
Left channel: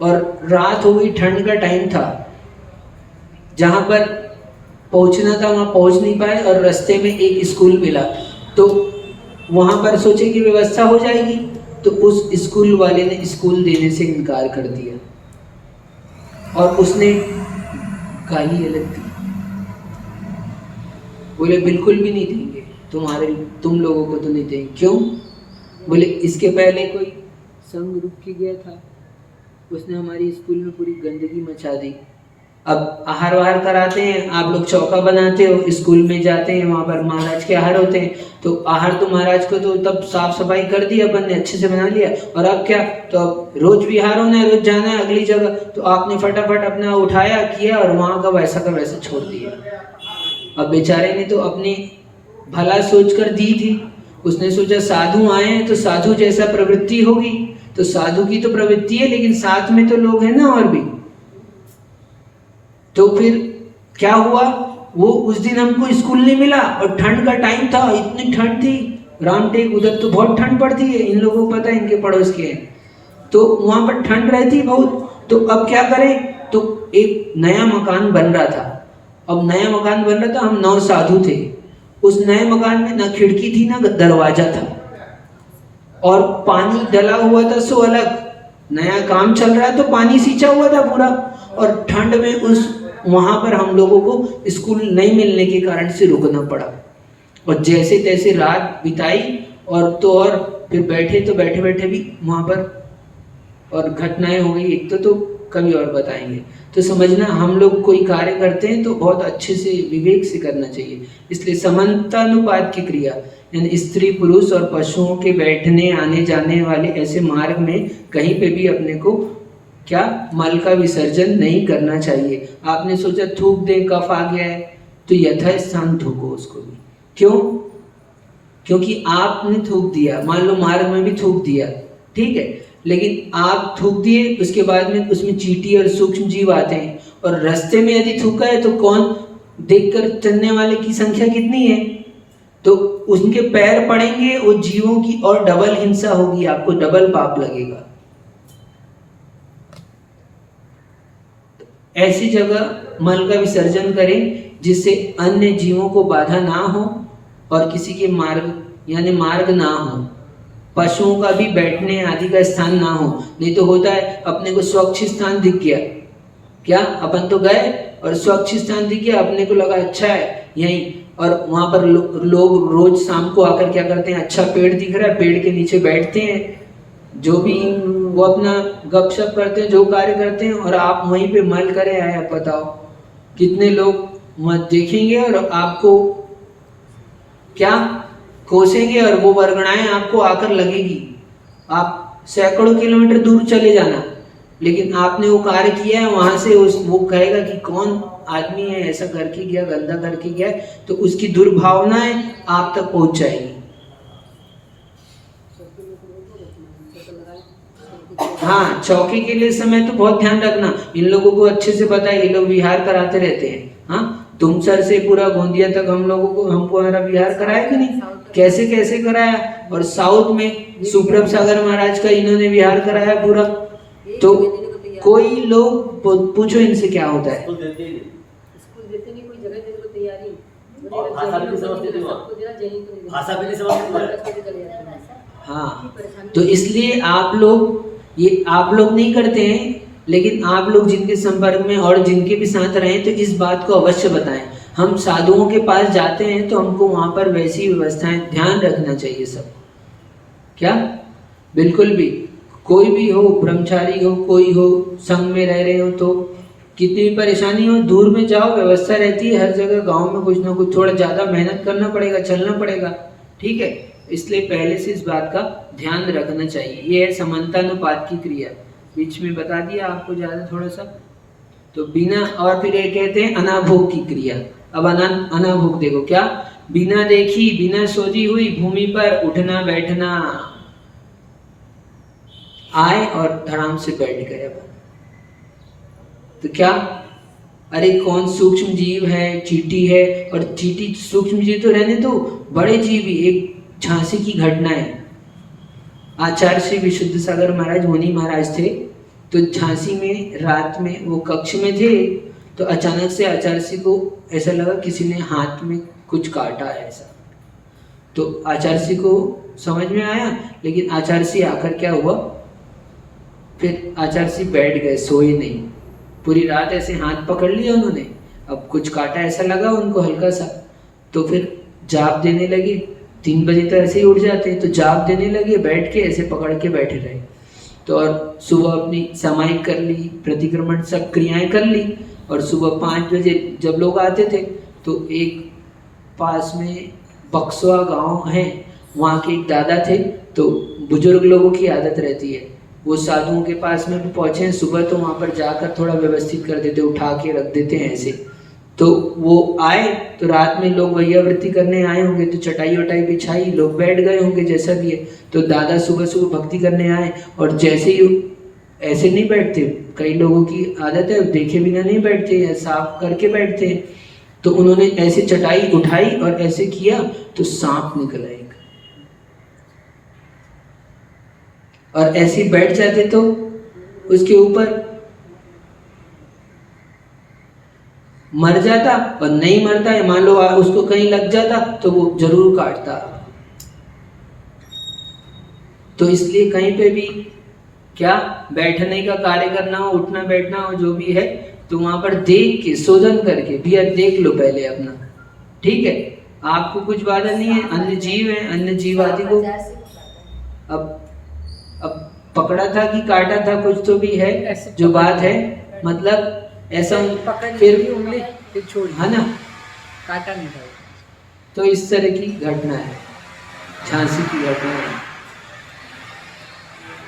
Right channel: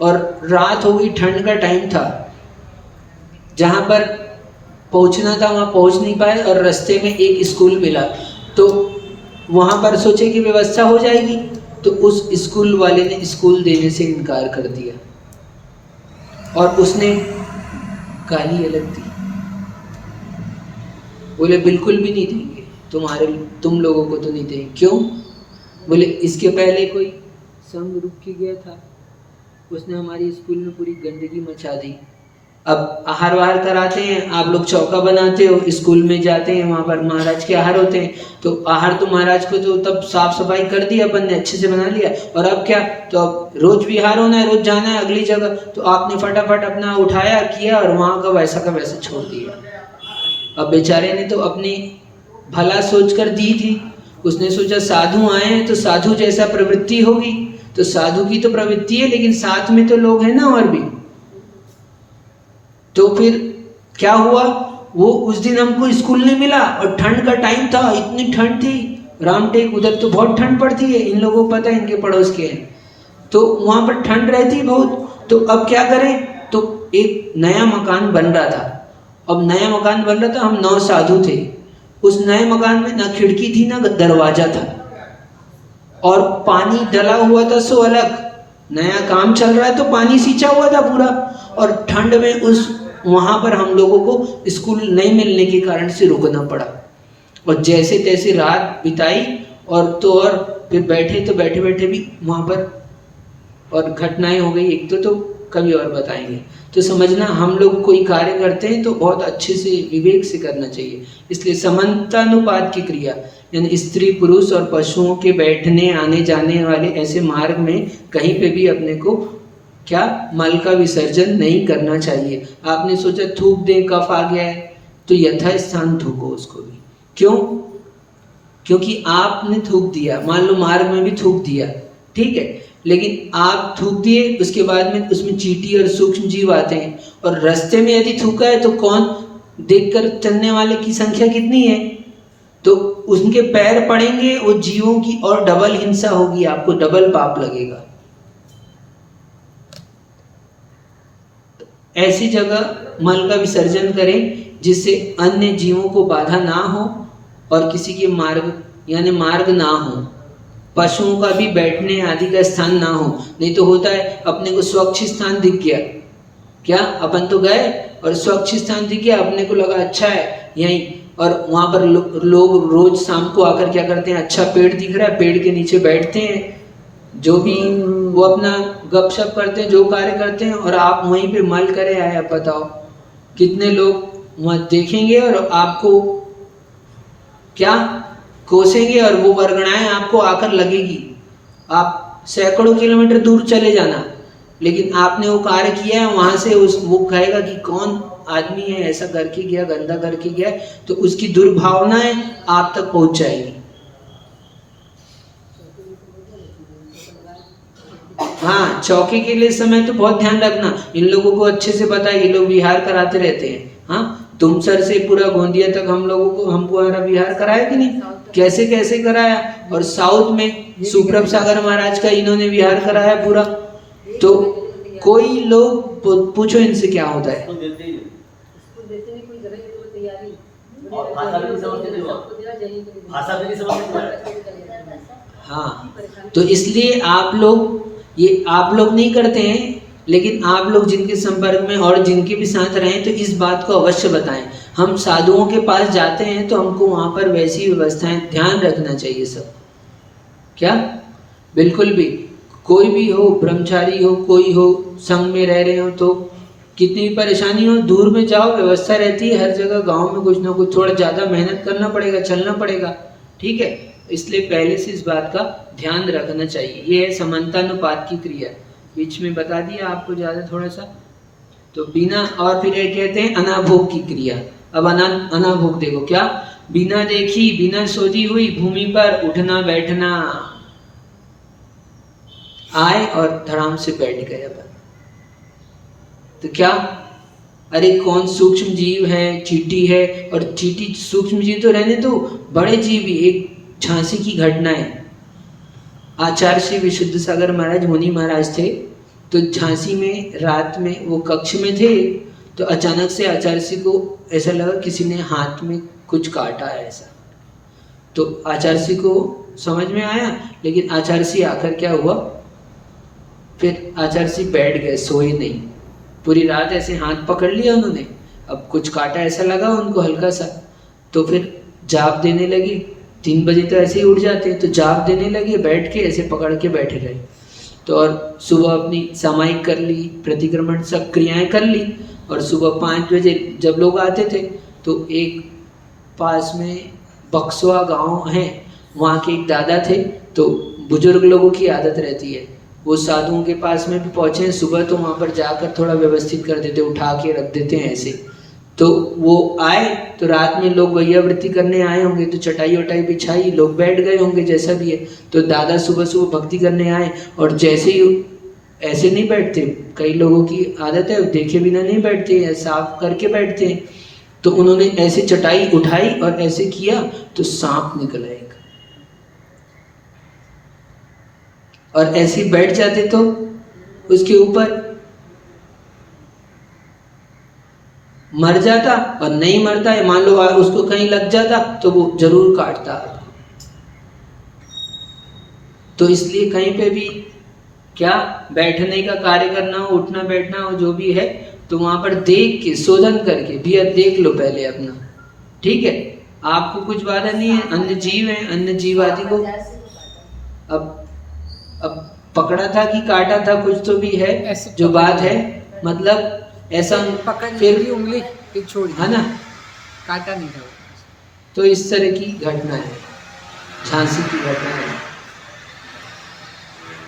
और रात हो गई, ठंड का टाइम था, जहाँ पर पहुँचना था वहाँ पहुँच नहीं पाए, और रास्ते में एक स्कूल मिला, तो वहाँ पर सोचे कि व्यवस्था हो जाएगी, तो उस स्कूल वाले ने स्कूल देने से इनकार कर दिया और उसने गाली अलग दी, बोले बिल्कुल भी नहीं देंगे, तुम लोगों को तो नहीं देंगे। क्यों? बोले इसके पहले कोई संघ रुक के गया था, उसने हमारी स्कूल में पूरी गंदगी मचा दी। अब आहार वाहार कराते हैं, आप लोग चौका बनाते हो, स्कूल में जाते हैं, वहाँ पर महाराज के आहार होते हैं, तो आहार तो महाराज को तो तब साफ सफाई कर दिया अपन ने, अच्छे से बना लिया, और अब क्या, तो अब रोज विहार होना है, रोज जाना है अगली जगह, तो आपने फटाफट अपना उठाया किया और वहाँ का वैसा छोड़ दिया। अब बेचारे ने तो अपनी भला सोच कर दी थी, उसने सोचा साधु आए हैं तो साधु जैसा प्रवृत्ति होगी, तो साधु की तो प्रवृत्ति है, लेकिन साथ में तो लोग हैं ना और भी। तो फिर क्या हुआ, वो उस दिन हमको स्कूल नहीं मिला और ठंड का टाइम था, इतनी ठंड थी रामटेक, उधर तो बहुत ठंड पड़ती है, इन लोगों को पता है, इनके पड़ोस के हैं, तो वहां पर ठंड रहती बहुत। तो अब क्या करें, तो एक नया मकान बन रहा था, अब नया मकान बन रहा था, हम 9 साधु थे, उस नए मकान में ना खिड़की थी ना दरवाजा था, और पानी डला हुआ था, सो अलग, नया काम चल रहा है तो पानी सींचा हुआ था पूरा, और ठंड में उस वहां पर हम लोगों को स्कूल नहीं मिलने के कारण से रुकना पड़ा, और जैसे तैसे रात बिताई, और तो और फिर बैठे तो बैठे बैठे भी वहां पर और घटनाएं हो गई, एक तो कभी और बताएंगे। तो समझना, हम लोग कोई कार्य करते हैं तो बहुत अच्छे से विवेक से करना चाहिए, इसलिए समानुपात की क्रिया, यानी स्त्री पुरुष और पशुओं के बैठने आने जाने वाले ऐसे मार्ग में कहीं पे भी अपने को क्या मल का विसर्जन नहीं करना चाहिए। आपने सोचा थूक दे, कफ आ गया है, तो यथास्थान थूको उसको भी। क्यों? क्योंकि आपने थूक दिया, मान लो मार्ग में भी थूक दिया, ठीक है, लेकिन आप थूक दिए, उसके बाद में उसमें चींटी और सूक्ष्म जीव आते हैं, और रास्ते में यदि थूका है तो कौन देखकर चलने वाले की संख्या कितनी है, तो उनके पैर पड़ेंगे, वो जीवों की और डबल हिंसा होगी, आपको डबल पाप लगेगा। ऐसी जगह मल का विसर्जन करें जिससे अन्य जीवों को बाधा ना हो और किसी के मार्ग यानी मार्ग ना हो, पशुओं का भी बैठने आदि का स्थान ना हो। नहीं तो होता है अपने को स्वच्छ स्थान दिख गया, क्या अपन तो गए और स्वच्छ स्थान दिख गया, अपने को लगा अच्छा है यहीं, और वहां पर लोग रोज शाम को आकर क्या करते हैं, अच्छा पेड़ दिख रहा है, पेड़ के नीचे बैठते हैं, जो भी वो अपना गपशप करते हैं, जो कार्य करते हैं, और आप वहीं पे मल करे आया, बताओ कितने लोग वहां देखेंगे और आपको क्या कोसेंगे, और वो वर्गणाएं आपको आकर लगेगी। आप सैकड़ों किलोमीटर दूर चले जाना, लेकिन आपने वो कार्य किया है, वहां से वो कहेगा कि कौन आदमी है ऐसा करके गया, गंदा करके गया, तो उसकी दुर्भावनाएं आप तक पहुंच जाएगी। हाँ, चौकी के लिए समय तो बहुत ध्यान रखना, इन लोगों को अच्छे से पता है, ये लोग विहार कराते रहते हैं। हाँ, तुमसर से पूरा गोंदिया तक हम लोगों को हमको हमारा विहार कराया कि नहीं, कैसे कैसे कराया, और साउथ में सुप्रभ सागर महाराज का इन्होंने विहार कराया पूरा। तो कोई लोग पूछो इनसे क्या होता है, हाँ, तो इसलिए आप लोग नहीं करते हैं, लेकिन आप लोग जिनके संपर्क में और जिनके भी साथ रहें तो इस बात को अवश्य बताएं। हम साधुओं के पास जाते हैं तो हमको वहां पर वैसी व्यवस्थाएं ध्यान रखना चाहिए सब, क्या बिल्कुल भी, कोई भी हो, ब्रह्मचारी हो, कोई हो, संग में रह रहे हो, तो कितनी भी परेशानी हो, दूर में जाओ, व्यवस्था रहती है हर जगह, गांव में कुछ ना कुछ थोड़ा ज़्यादा मेहनत करना पड़ेगा, चलना पड़ेगा, ठीक है, इसलिए पहले से इस बात का ध्यान रखना चाहिए। ये है समानतानुपात की क्रिया, बीच में बता दिया आपको ज़्यादा थोड़ा सा। तो बिना, और फिर ये कहते हैं अनाभोग की क्रिया। अब अनाभोग देखो, क्या बिना देखी बिना सोची हुई भूमि पर उठना बैठना, आए और धड़ाम से बैठ गए अपन, तो क्या, अरे कौन सूक्ष्म जीव है, चींटी है, और चींटी सूक्ष्म जीव तो रहने दो, बड़े जीव भी। एक झांसी की घटना है, आचार्य श्री विशुद्ध सागर महाराज मुनि महाराज थे, तो झांसी में रात में वो कक्ष में थे, तो अचानक से आचार्य श्री को ऐसा लगा किसी ने हाथ में कुछ काटा है ऐसा, तो आचार्य को समझ में आया, लेकिन आचार्य आकर क्या हुआ, फिर आचार्य बैठ गए, सोए नहीं। पूरी रात ऐसे हाथ पकड़ लिया उन्होंने, अब कुछ काटा ऐसा लगा उनको हल्का सा, तो फिर जाप देने लगे। 3 बजे तो ऐसे ही उठ जाते हैं, तो जाप देने लगे, बैठ के ऐसे पकड़ के बैठे रहे। तो और सुबह अपनी सामायिक कर ली, प्रतिक्रमण सब क्रियाएं कर ली, और सुबह 5 बजे जब लोग आते थे तो एक पास में बक्सवा गांव है, वहाँ के एक दादा थे। तो बुजुर्ग लोगों की आदत रहती है, वो साधुओं के पास में भी पहुँचे हैं सुबह, तो वहाँ पर जाकर थोड़ा व्यवस्थित कर देते, उठा के रख देते हैं ऐसे। तो वो आए तो रात में लोग वैयावृत्ति करने आए होंगे, तो चटाई वटाई बिछाई, लोग बैठ गए होंगे जैसा भी है। तो दादा सुबह सुबह भक्ति करने आए, और जैसे ही ऐसे नहीं बैठते, कई लोगों की आदत है देखे बिना नहीं बैठते हैं, साफ करके बैठते हैं। तो उन्होंने ऐसे चटाई उठाई और ऐसे किया तो सांप निकल आएगा, और ऐसे बैठ जाते तो उसके ऊपर मर जाता, और नहीं मरता है, मान लो उसको कहीं लग जाता तो वो जरूर काटता। तो इसलिए कहीं पे भी क्या बैठने का कार्य करना हो, उठना बैठना हो, जो भी है, तो वहां पर देख के शोधन करके भी देख लो पहले अपना, ठीक है। आपको कुछ बाधा नहीं है, अन्य जीव है, अन्य जीव आदि को अब पकड़ा था कि काटा था, कुछ तो भी है जो बात है, मतलब ऐसा फिर उंगली फिर छोड़ी, है ना, काटा नहीं था। तो इस तरह की घटना है, झांसी की घटना है।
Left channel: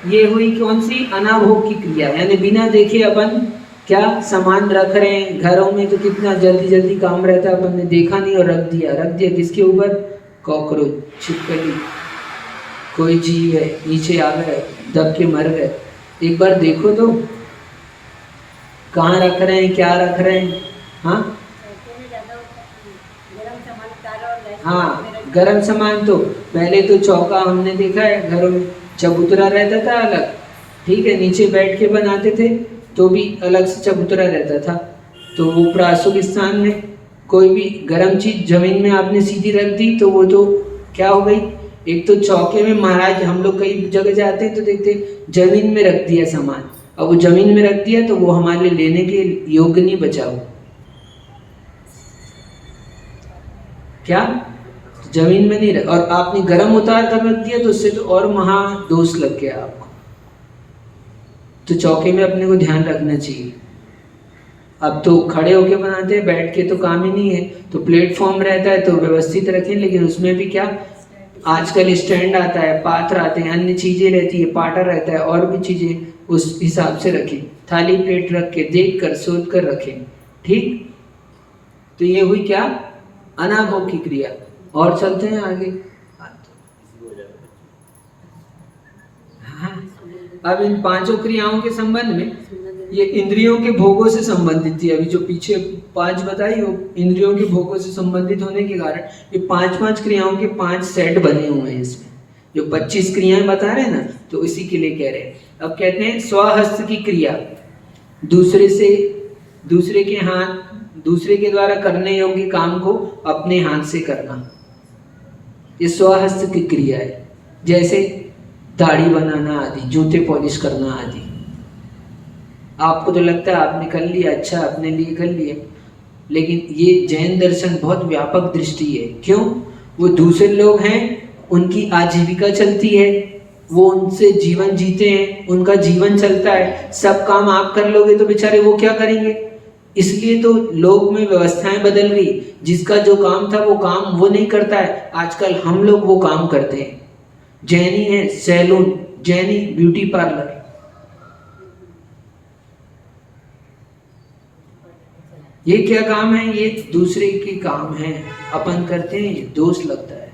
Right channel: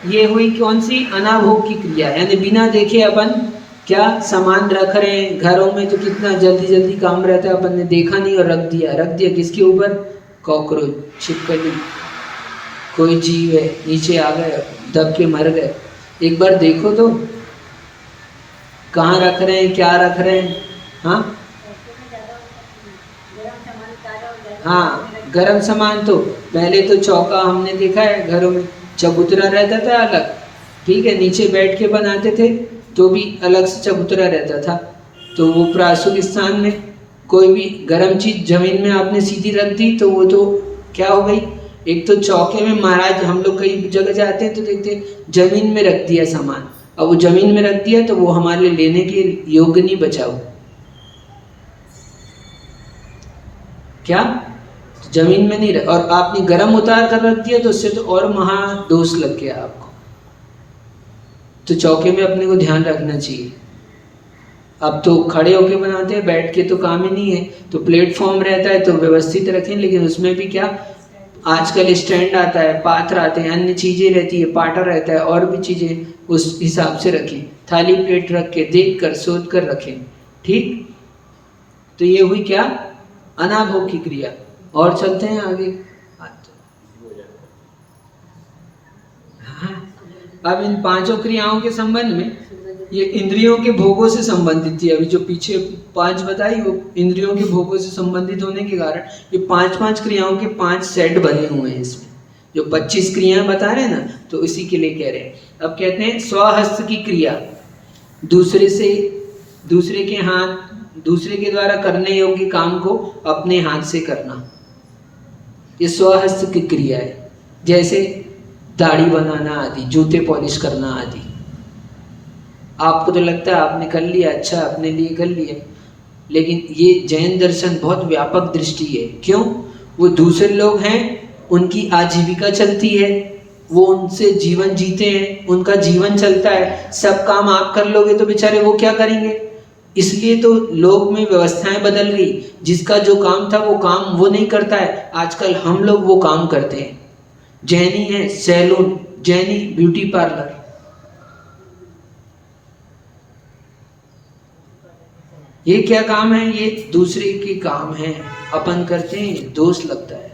ये हुई कौन सी, अनाभोग की क्रिया, यानी बिना देखे अपन क्या सामान रख रहे हैं घरों में, तो कितना जल्दी जल्दी काम रहता है, अपन ने देखा नहीं और रख दिया किसके ऊपर, कॉकरोच, छिपकली, कोई जीव है, नीचे आ गए, दब के मर गए। एक बार देखो तो कहाँ रख रहे हैं, क्या रख रहे हैं। हाँ, गरम सामान तो पहले तो चौका हमने देखा है घरों में, चबूतरा रहता था अलग, ठीक है, नीचे बैठ के बनाते थे तो भी अलग से चबूतरा रहता था। तो वो प्रासुक स्थान में कोई भी गरम चीज जमीन में आपने सीधी रख दी तो वो तो क्या हो गई, एक तो चौके में महाराज, हम लोग कई जगह जाते हैं तो देखते हैं जमीन में रख दिया सामान, और वो जमीन में रख दिया तो वो हमारे लिए लेने के योग्य नहीं बचा हो, क्या जमीन में नहीं रख, और आपने गरम उतार कर रख दिया तो उससे तो और महा दोष लग गया आपको। तो चौके में अपने को ध्यान रखना चाहिए। अब तो खड़े होके बनाते हैं, बैठ के तो काम ही नहीं है, तो प्लेटफॉर्म रहता है तो व्यवस्थित रखें, लेकिन उसमें भी क्या आजकल स्टैंड आता है, पात्र आते हैं, अन्य चीजें रहती है, पाटा रहता है, और भी चीजें, उस हिसाब से रखें, थाली प्लेट रख के देख कर सोच कर रखें, ठीक। तो ये हुई क्या, अनाभोग की क्रिया। और चलते हैं आगे। हाँ, अब इन 5 क्रियाओं के संबंध में, ये इंद्रियों के भोगों से संबंधित थी। अभी जो पीछे 5 बताई वो इंद्रियों के भोगों से संबंधित होने के कारण ये 5 क्रियाओं के 5 सेट बने हुए हैं इसमें। जो 25 क्रियाएं बता रहे हैं ना, तो इसी के लिए कह रहे हैं। अब कहते हैं स्वहस्त की क्रिया, दूसरे के हाथ, दूसरे के द्वारा करने योग्य काम को अपने हाथ से करना, ये स्वहस्त की क्रिया है। जैसे दाढ़ी बनाना आदि, जूते पॉलिश करना आदि। आपको तो लगता है आपने कर लिया, अच्छा अपने लिए कर लिया, लेकिन ये जैन दर्शन बहुत व्यापक दृष्टि है। क्यों? वो दूसरे लोग हैं, उनकी आजीविका चलती है, वो उनसे जीवन जीते हैं, उनका जीवन चलता है, सब काम आप कर लोगे तो बेचारे वो क्या करेंगे। इसलिए तो लोग में व्यवस्थाएं बदल गई, जिसका जो काम था वो काम वो नहीं करता है, आजकल हम लोग वो काम करते हैं। जैनी है सैलून, जैनी ब्यूटी पार्लर, ये क्या काम है? ये दूसरे के काम है, अपन करते हैं, दोष लगता है।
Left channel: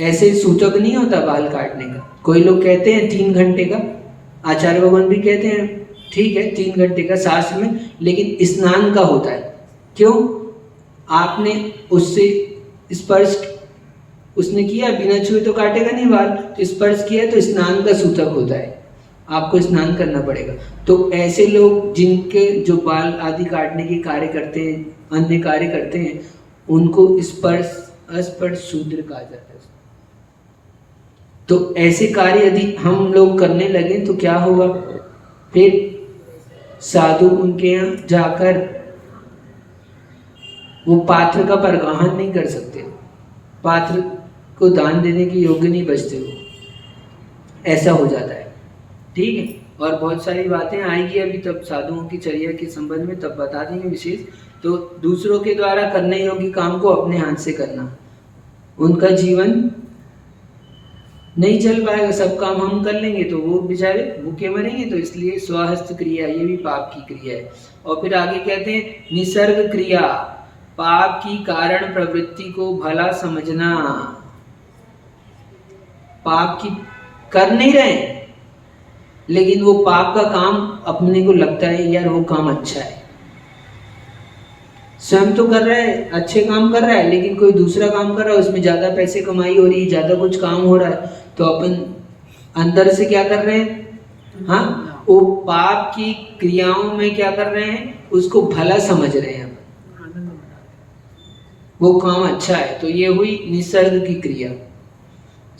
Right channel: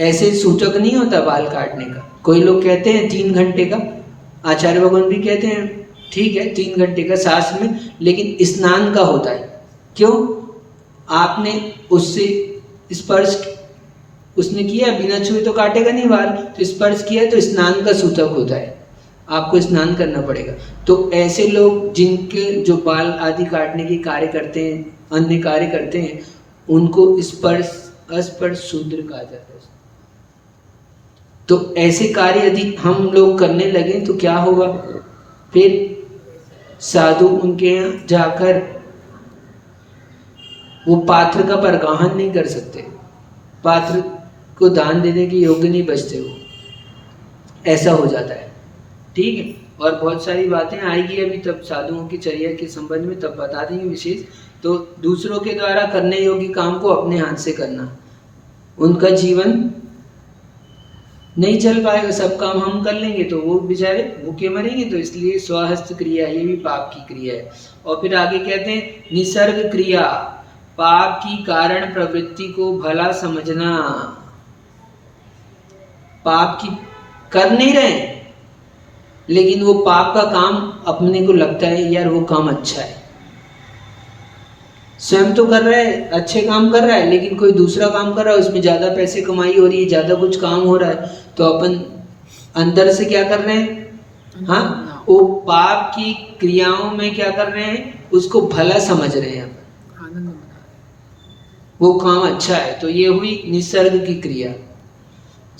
ऐसे सूचक नहीं होता बाल काटने का। कोई लोग कहते हैं 3 घंटे का, आचार्य भगवान भी कहते हैं ठीक है 3 घंटे का शास्त्र में, लेकिन स्नान का होता है। क्यों? आपने उससे स्पर्श उसने किया, बिना छुए तो काटेगा नहीं बाल, तो स्पर्श किया तो स्नान का सूचक होता है, आपको स्नान करना पड़ेगा। तो ऐसे लोग जिनके जो बाल आदि काटने के कार्य करते हैं, अन्य कार्य करते हैं, उनको स्पर्श अस्पर्श शूद्र कहा जाता है। तो ऐसे कार्य यदि हम लोग करने लगे तो क्या होगा, फिर साधु उनके यहाँ जाकर वो पात्र का परगाहन नहीं कर सकते, पात्र को दान देने के योग्य नहीं बचते, वो ऐसा हो जाता है। ठीक है, और बहुत सारी बातें आएगी अभी तब साधुओं की चर्या के संबंध में, तब बता देंगे विशेष। तो दूसरों के द्वारा करने योग्य काम को अपने हाथ से करना, उनका जीवन नहीं चल पाएगा, सब काम हम कर लेंगे तो वो बेचारे भूखे मरेंगे। तो इसलिए स्वहस्त क्रिया ये भी पाप की क्रिया है। और फिर आगे कहते हैं निसर्ग क्रिया, पाप की कारण प्रवृत्ति को भला समझना। पाप की कर नहीं रहे लेकिन वो पाप का काम अपने को लगता है यार वो काम अच्छा है, स्वयं तो कर रहा है, अच्छे काम कर रहा है, लेकिन कोई दूसरा काम कर रहा है उसमें ज्यादा पैसे कमाई हो रही है, ज्यादा कुछ काम हो रहा है, तो अपन अंदर से क्या कर रहे हैं, हाँ वो पाप की क्रियाओं में क्या कर रहे हैं, उसको भला समझ रहे हैं, वो काम अच्छा है। तो ये हुई निसर्ग की क्रिया।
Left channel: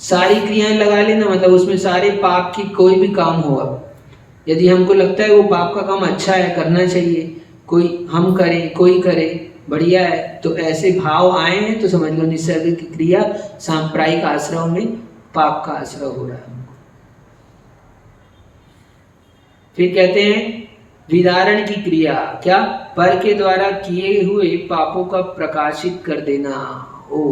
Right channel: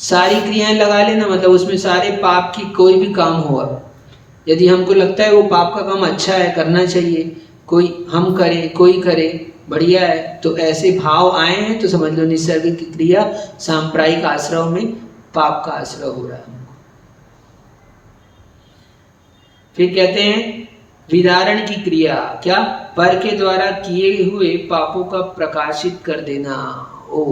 सारी क्रियाएं लगा लेना, मतलब उसमें सारे पाप की कोई भी काम हुआ, यदि हमको लगता है वो पाप का काम अच्छा है, करना चाहिए, कोई हम करें कोई करे, बढ़िया है, तो ऐसे भाव आए हैं तो समझ लो निसर्ग की क्रिया, सांप्रदायिक आश्रम में पाप का आश्रय हो रहा है। फिर कहते हैं विदारण की क्रिया, क्या, पर के द्वारा किए हुए पापों का प्रकाशित कर देना। ओ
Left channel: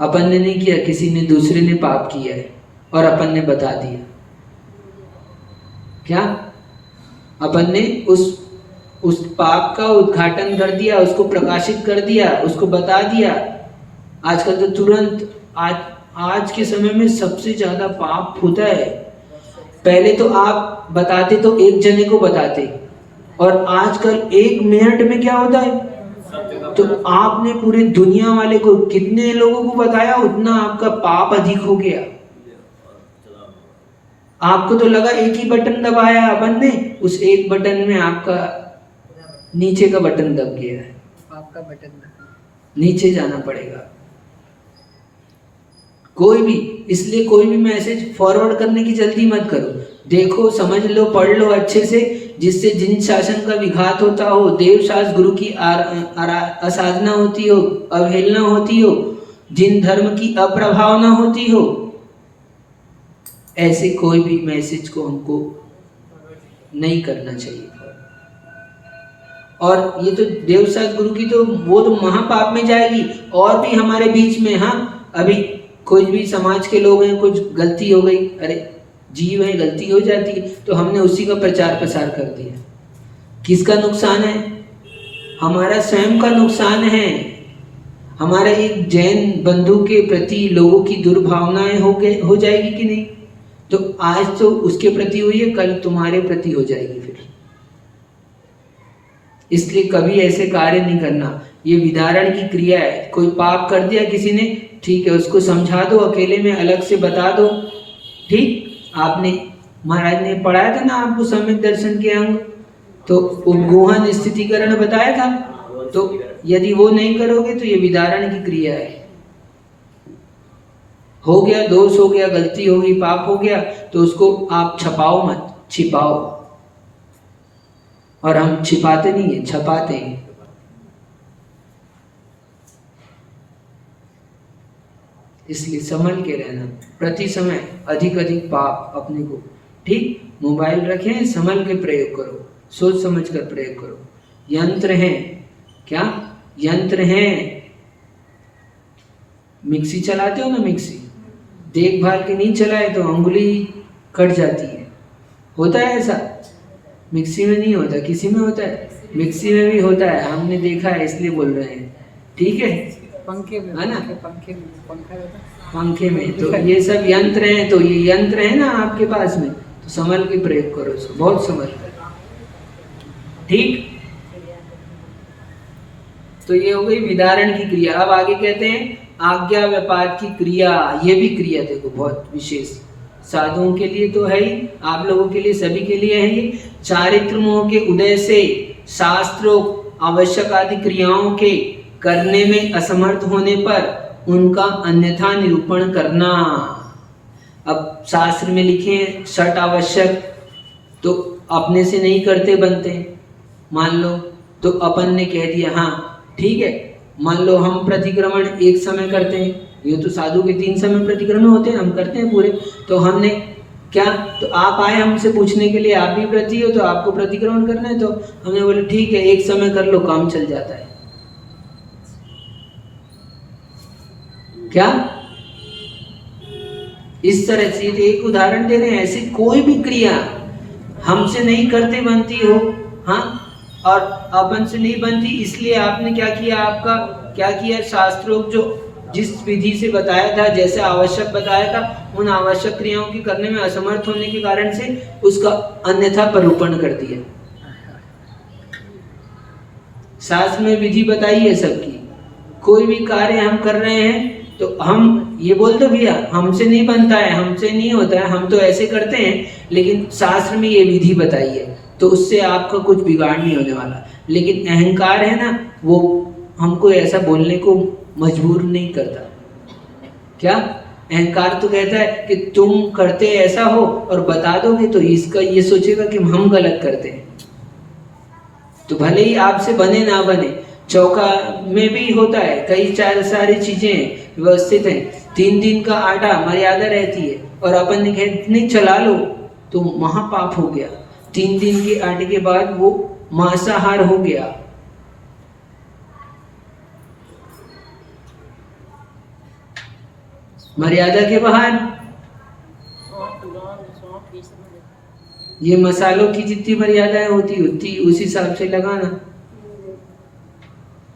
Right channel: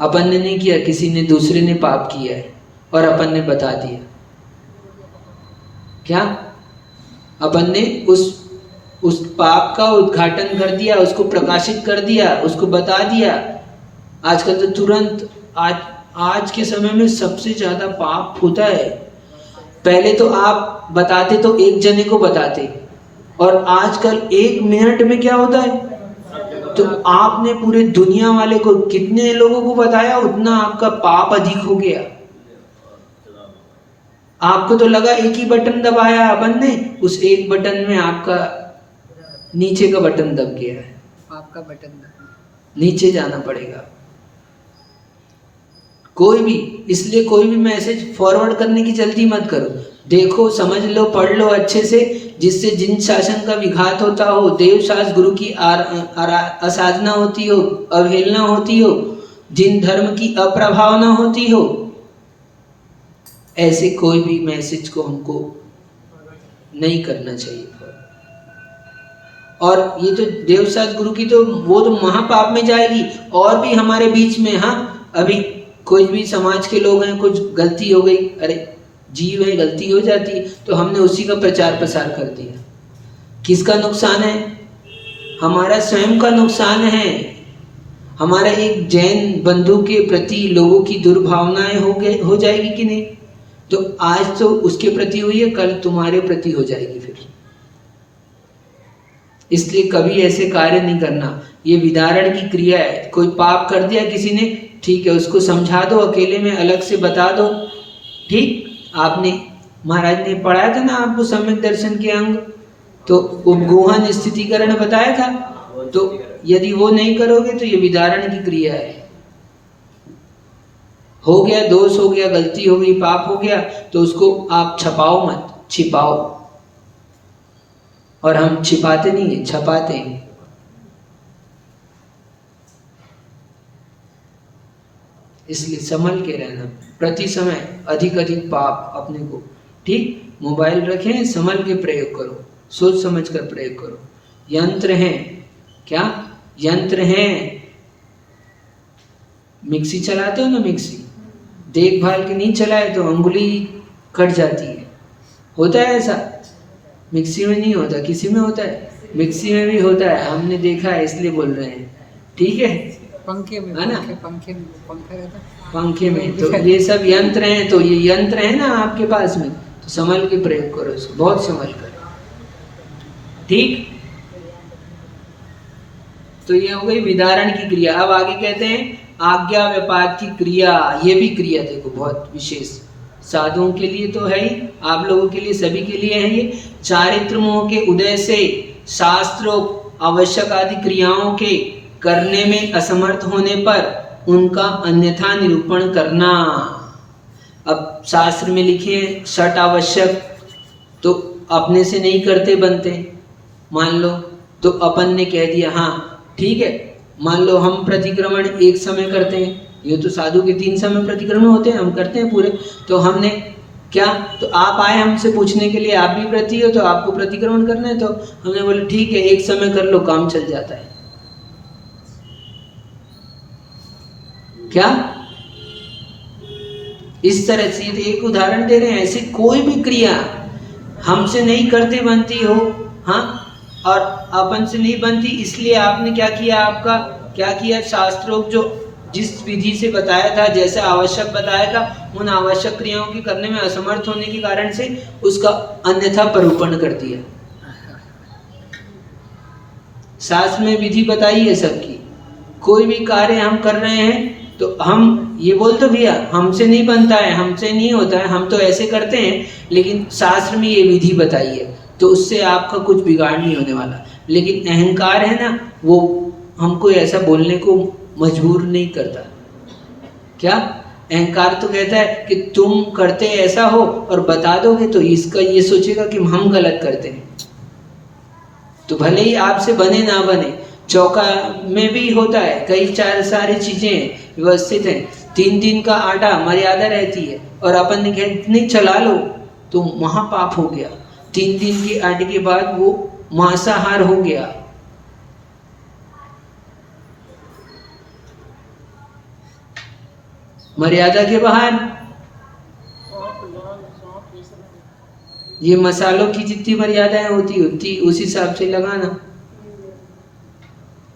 अपन ने नहीं किया, किसी ने दूसरे ने पाप किया है और अपन ने बता दिया, क्या अपन ने उस पाप का उद्घाटन कर दिया, उसको प्रकाशित कर दिया, उसको बता दिया। आजकल तो तुरंत आज के समय में सबसे ज्यादा पाप होता है। पहले तो आप बताते तो एक जने को बताते, और आजकल 1 मिनट में क्या होता है, तो आपने पूरे दुनिया वाले को कितने लोगों को बताया, उतना आपका पाप अधिक हो गया। आपको तो लगा एक ही बटन दबाया अपन ने, उस एक बटन में आपका नीचे का बटन दब गया है, आपका बटन नीचे जाना पड़ेगा। कोई भी, इसलिए कोई भी मैसेज फॉरवर्ड करने की जल्दी मत करो, देखो समझ लो पढ़ लो अच्छे से, जिससे जिन शासन का विघात होता हो, देव शास्त्र गुरु की असाधना होती हो, अवहेलना होती हो, जिन धर्म की अप्रभावना होती हो, ऐसे कोई भी मैसेज को हमको नहीं करना चाहिए। और ये तो देवशास्त्र गुरु की तो वो तो महापाप में जाएगी। और भी हमारे बीच में, हाँ अभी कोई भी समाज के लोग हैं, कुछ गलती हो गई, अरे जीव है, गलती हो जाती है, तो हमने उसी का प्रचार प्रसार कर दिया। किसका नुकसान है, हमारा स्वयं का नुकसान है। हमारा एक जैन बंधु के प्रति लोगों की दुर्भावनाएं हो जाएगी कि नहीं, तो आज तो उसके प्रति हुई है, कल तुम्हारे प्रति हो जाएगी फिर। इसलिए कभी ऐसे कार्य नहीं करना। ये विदारण की क्रिया है। कोई पाप कर दिया किसी ने, ठीक है, उसको समझा दो, अकेले में अलग से बता दो। ठीक, आपने महाराज ने पढ़ाया था ना आपको सम्यक दर्शन के अंग, तो उपगोहन स्थितिकरण बताया था। तो यदि वो नहीं करोगे तो ये विदारण की क्रिया है। हो गया, दोष हो गया, गलती हो गई, पाप हो गया, तो उसको आप छपाओ मत, छिपाओ। और हम छिपाते नहीं है, छपाते हैं। इसलिए संभल के रहना, प्रति समय अधिक पाप अपने को, ठीक, मोबाइल रखें, संभल के प्रयोग करो, सोच समझ कर प्रयोग करो। यंत्र हैं, क्या यंत्र हैं, मिक्सी चलाते हो ना, मिक्सी देखभाल के नहीं चलाए तो अंगुली कट जाती है, होता है ऐसा? मिक्सी में नहीं होता, किसी में होता है? मिक्सी में भी होता है, हमने देखा है, इसलिए बोल रहे हैं, ठीक है? पंखे में, है ना, पंखे में। तो ये सब यंत्र हैं, तो ये यंत्र है ना आपके पास में, तो संभल के प्रयोग करो इसको, बहुत संभल कर, ठीक। तो ये हो गई विदारण की क्रिया। अब आगे कहते हैं आज्ञा व्यापाद की क्रिया। ये भी क्रिया देखो बहुत विशेष, साधुओं के लिए तो है ही, आप लोगों के लिए, सभी के लिए है ये। चारित्र मोह के उदय से शास्त्रों आवश्यक आदि क्रियाओं के करने में असमर्थ होने पर उनका अन्यथा निरूपण करना। अब शास्त्र में लिखे हैं षट आवश्यक, तो अपने से नहीं करते बनते, मान लो तो अपन ने कह दिया हाँ ठीक है, मान लो हम प्रतिक्रमण एक समय करते हैं, ये तो साधु के 3 समय प्रतिक्रमण होते हैं, हम करते हैं पूरे, तो हमने क्या, तो आप आए हमसे पूछने के लिए, आप भी व्रती हो तो आपको प्रतिक्रमण करना है, तो हमने बोले ठीक है एक समय कर लो, काम चल जाता है। क्या इस तरह से एक उदाहरण दे रहे हैं, ऐसी कोई भी क्रिया हमसे नहीं करते बनती हो, हाँ, और अपन से नहीं बनती, इसलिए आपने क्या किया, आपका क्या किया, शास्त्रों जो जिस विधि से बताया था, जैसे आवश्यक बताया था, उन आवश्यक क्रियाओं के करने में असमर्थ होने के कारण से उसका अन्यथा परूपण कर दिया। शास्त्र में विधि बताई है सबकी, कोई भी कार्य हम कर रहे हैं तो हम ये बोल दो भैया हमसे नहीं बनता है, हमसे नहीं होता है, हम तो ऐसे करते हैं, लेकिन शास्त्र में ये विधि बताई है, तो उससे आपका कुछ बिगाड़ नहीं होने वाला। लेकिन अहंकार है ना, वो हमको ऐसा बोलने को मजबूर नहीं करता। क्या अहंकार तो कहता है कि तुम करते ऐसा हो और बता दोगे तो इसका ये सोचेगा कि हम गलत करते हैं, तो भले ही आपसे बने ना बने, चौका में भी होता है, कई सारी चीजें व्यवस्थित हैं, 3 दिन का आटा मर्यादा रहती है और अपन ने कहा नहीं चला लो तो महापाप हो गया, 3 दिन के आटे के बाद वो मांसाहार हो गया। मर्यादा के बाहर ये मसालों की जितनी मर्यादाएं होती उतनी उस हिसाब से लगाना,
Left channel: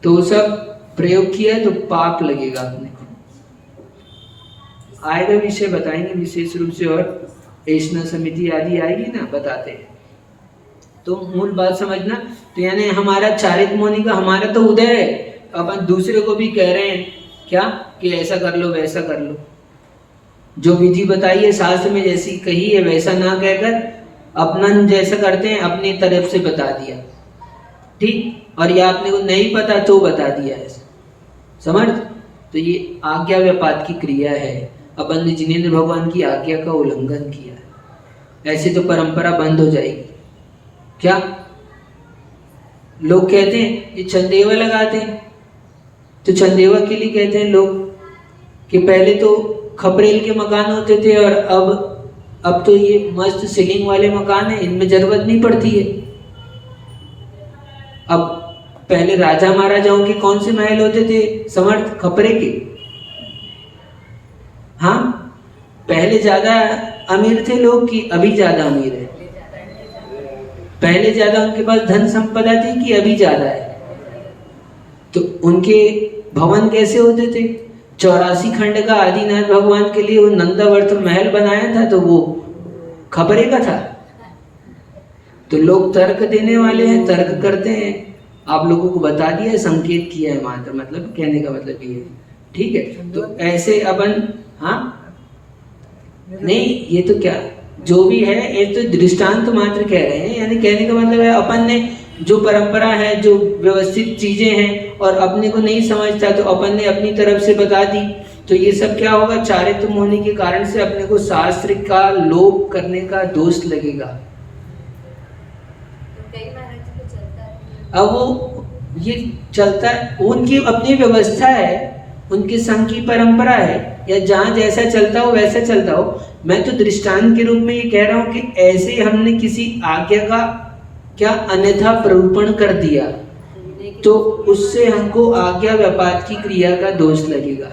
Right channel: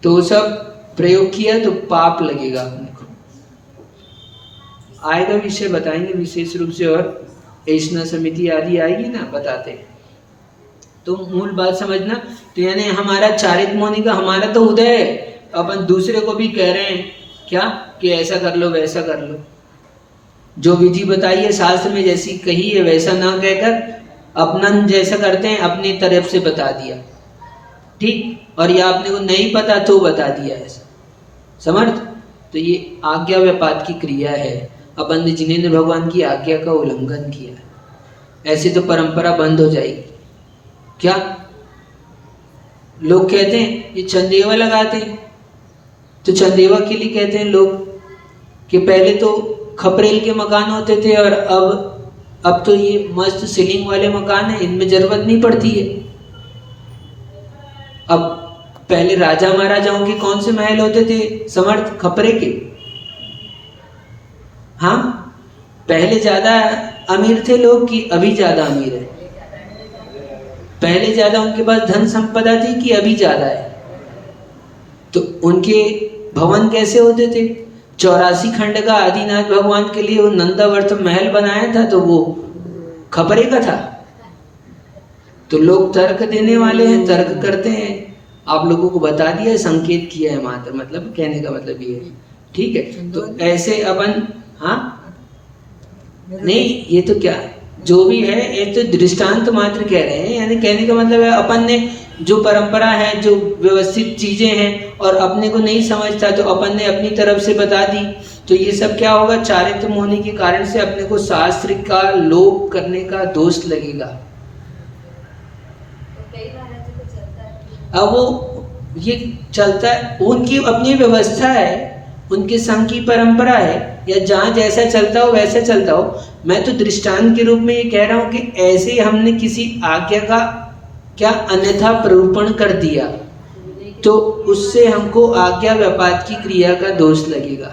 तो सब प्रयोग किया तो पाप लगेगा अपने को। आएगा विषय बताएंगे विशेष रूप से, और ऐष्णा समिति आदि आएगी ना, बताते हैं। तो मूल बात समझना, तो यानी हमारा चारित्र मुनि का हमारा तो उदय है, अपन दूसरे को भी कह रहे हैं क्या कि ऐसा कर लो वैसा कर लो, जो विधि बताई है शास्त्र में जैसी कही है वैसा ना कहकर अपना जैसा करते हैं अपनी तरफ से बता दिया, ठीक, और ये आपने को नहीं पता तो बता दिया ऐसा, समर्थ। तो ये आज्ञा व्यापात की क्रिया है, अपन ने जिनेंद्र भगवान की आज्ञा का उल्लंघन किया है, ऐसे तो परंपरा बंद हो जाएगी। क्या लोग कहते हैं ये चंदेवा लगाते हैं, तो चंदेवा के लिए कहते हैं लोग कि पहले तो खपरेल के मकान होते थे और अब तो ये मस्त सीलिंग वाले मकान है, इनमें जरूरत नहीं पड़ती है। अब पहले राजा महाराजाओं के कौन से महल होते थे, समर्थ, खपरे के, हाँ, पहले ज्यादा अमीर थे लोग कि अभी ज्यादा अमीर है, पहले ज्यादा उनके पास धन संपदा थी कि अभी ज्यादा है। तो उनके भवन कैसे होते थे, 84 खंड का आदिनाथ भगवान के लिए वो नंदावर्त महल बनाया था तो वो खपरे का था। तो लोग तर्क देने वाले हैं, तर्क करते हैं, आप लोगों को बता दिया, संकेत किया है मात्र, मतलब कहने का मतलब ये है, ठीक है। तो ऐसे अपन, हाँ नहीं ये तो क्या जो भी है ये तो दृष्टांत मात्र कह रहे हैं, यानी कहने का मतलब है अपन ने जो परंपरा है, जो व्यवस्थित चीजें हैं और अपने को नहीं समझता तो अपन ने अपनी तरफ से बता दी, तो ये सब क्या होगा, चारित्र होने के कारण से अपने को शास्त्र का लोप करने का दोष लगेगा। अब वो ये चलता है, उनकी अपनी व्यवस्था है, उनके संघ की परंपरा है, या जहाँ जैसा चलता हो वैसा चलता हो। मैं तो दृष्टांत के रूप में ये कह रहा हूँ कि ऐसे हमने किसी आज्ञा का क्या अन्यथा प्ररूपण कर दिया तो उससे हमको आज्ञा व्यापात की क्रिया का दोष लगेगा।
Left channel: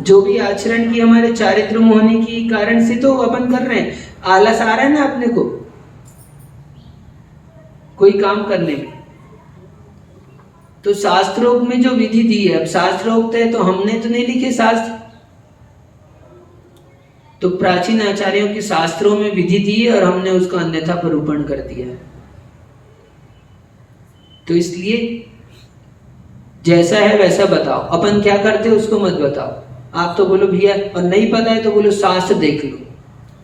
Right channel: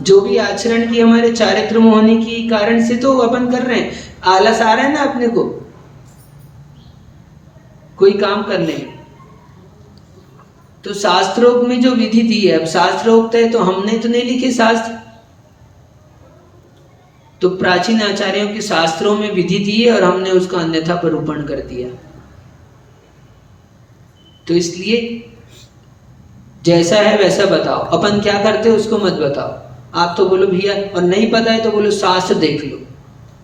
जो भी आचरण की हमारे चारित्र में होने की कारण से तो अपन कर रहे हैं, आलस आ रहा है ना अपने को कोई काम करने में, तो शास्त्रोक्त में जो विधि दी है, अब शास्त्रोक्त है तो हमने तो नहीं लिखे शास्त्र, तो प्राचीन आचार्यों के शास्त्रों में विधि दी है और हमने उसका अन्यथा प्ररूपण कर दिया। तो इसलिए जैसा है वैसा बताओ, अपन क्या करते उसको मत बताओ। आप तो बोलो भैया, और नहीं पता है तो बोलो शास्त्र देख लो,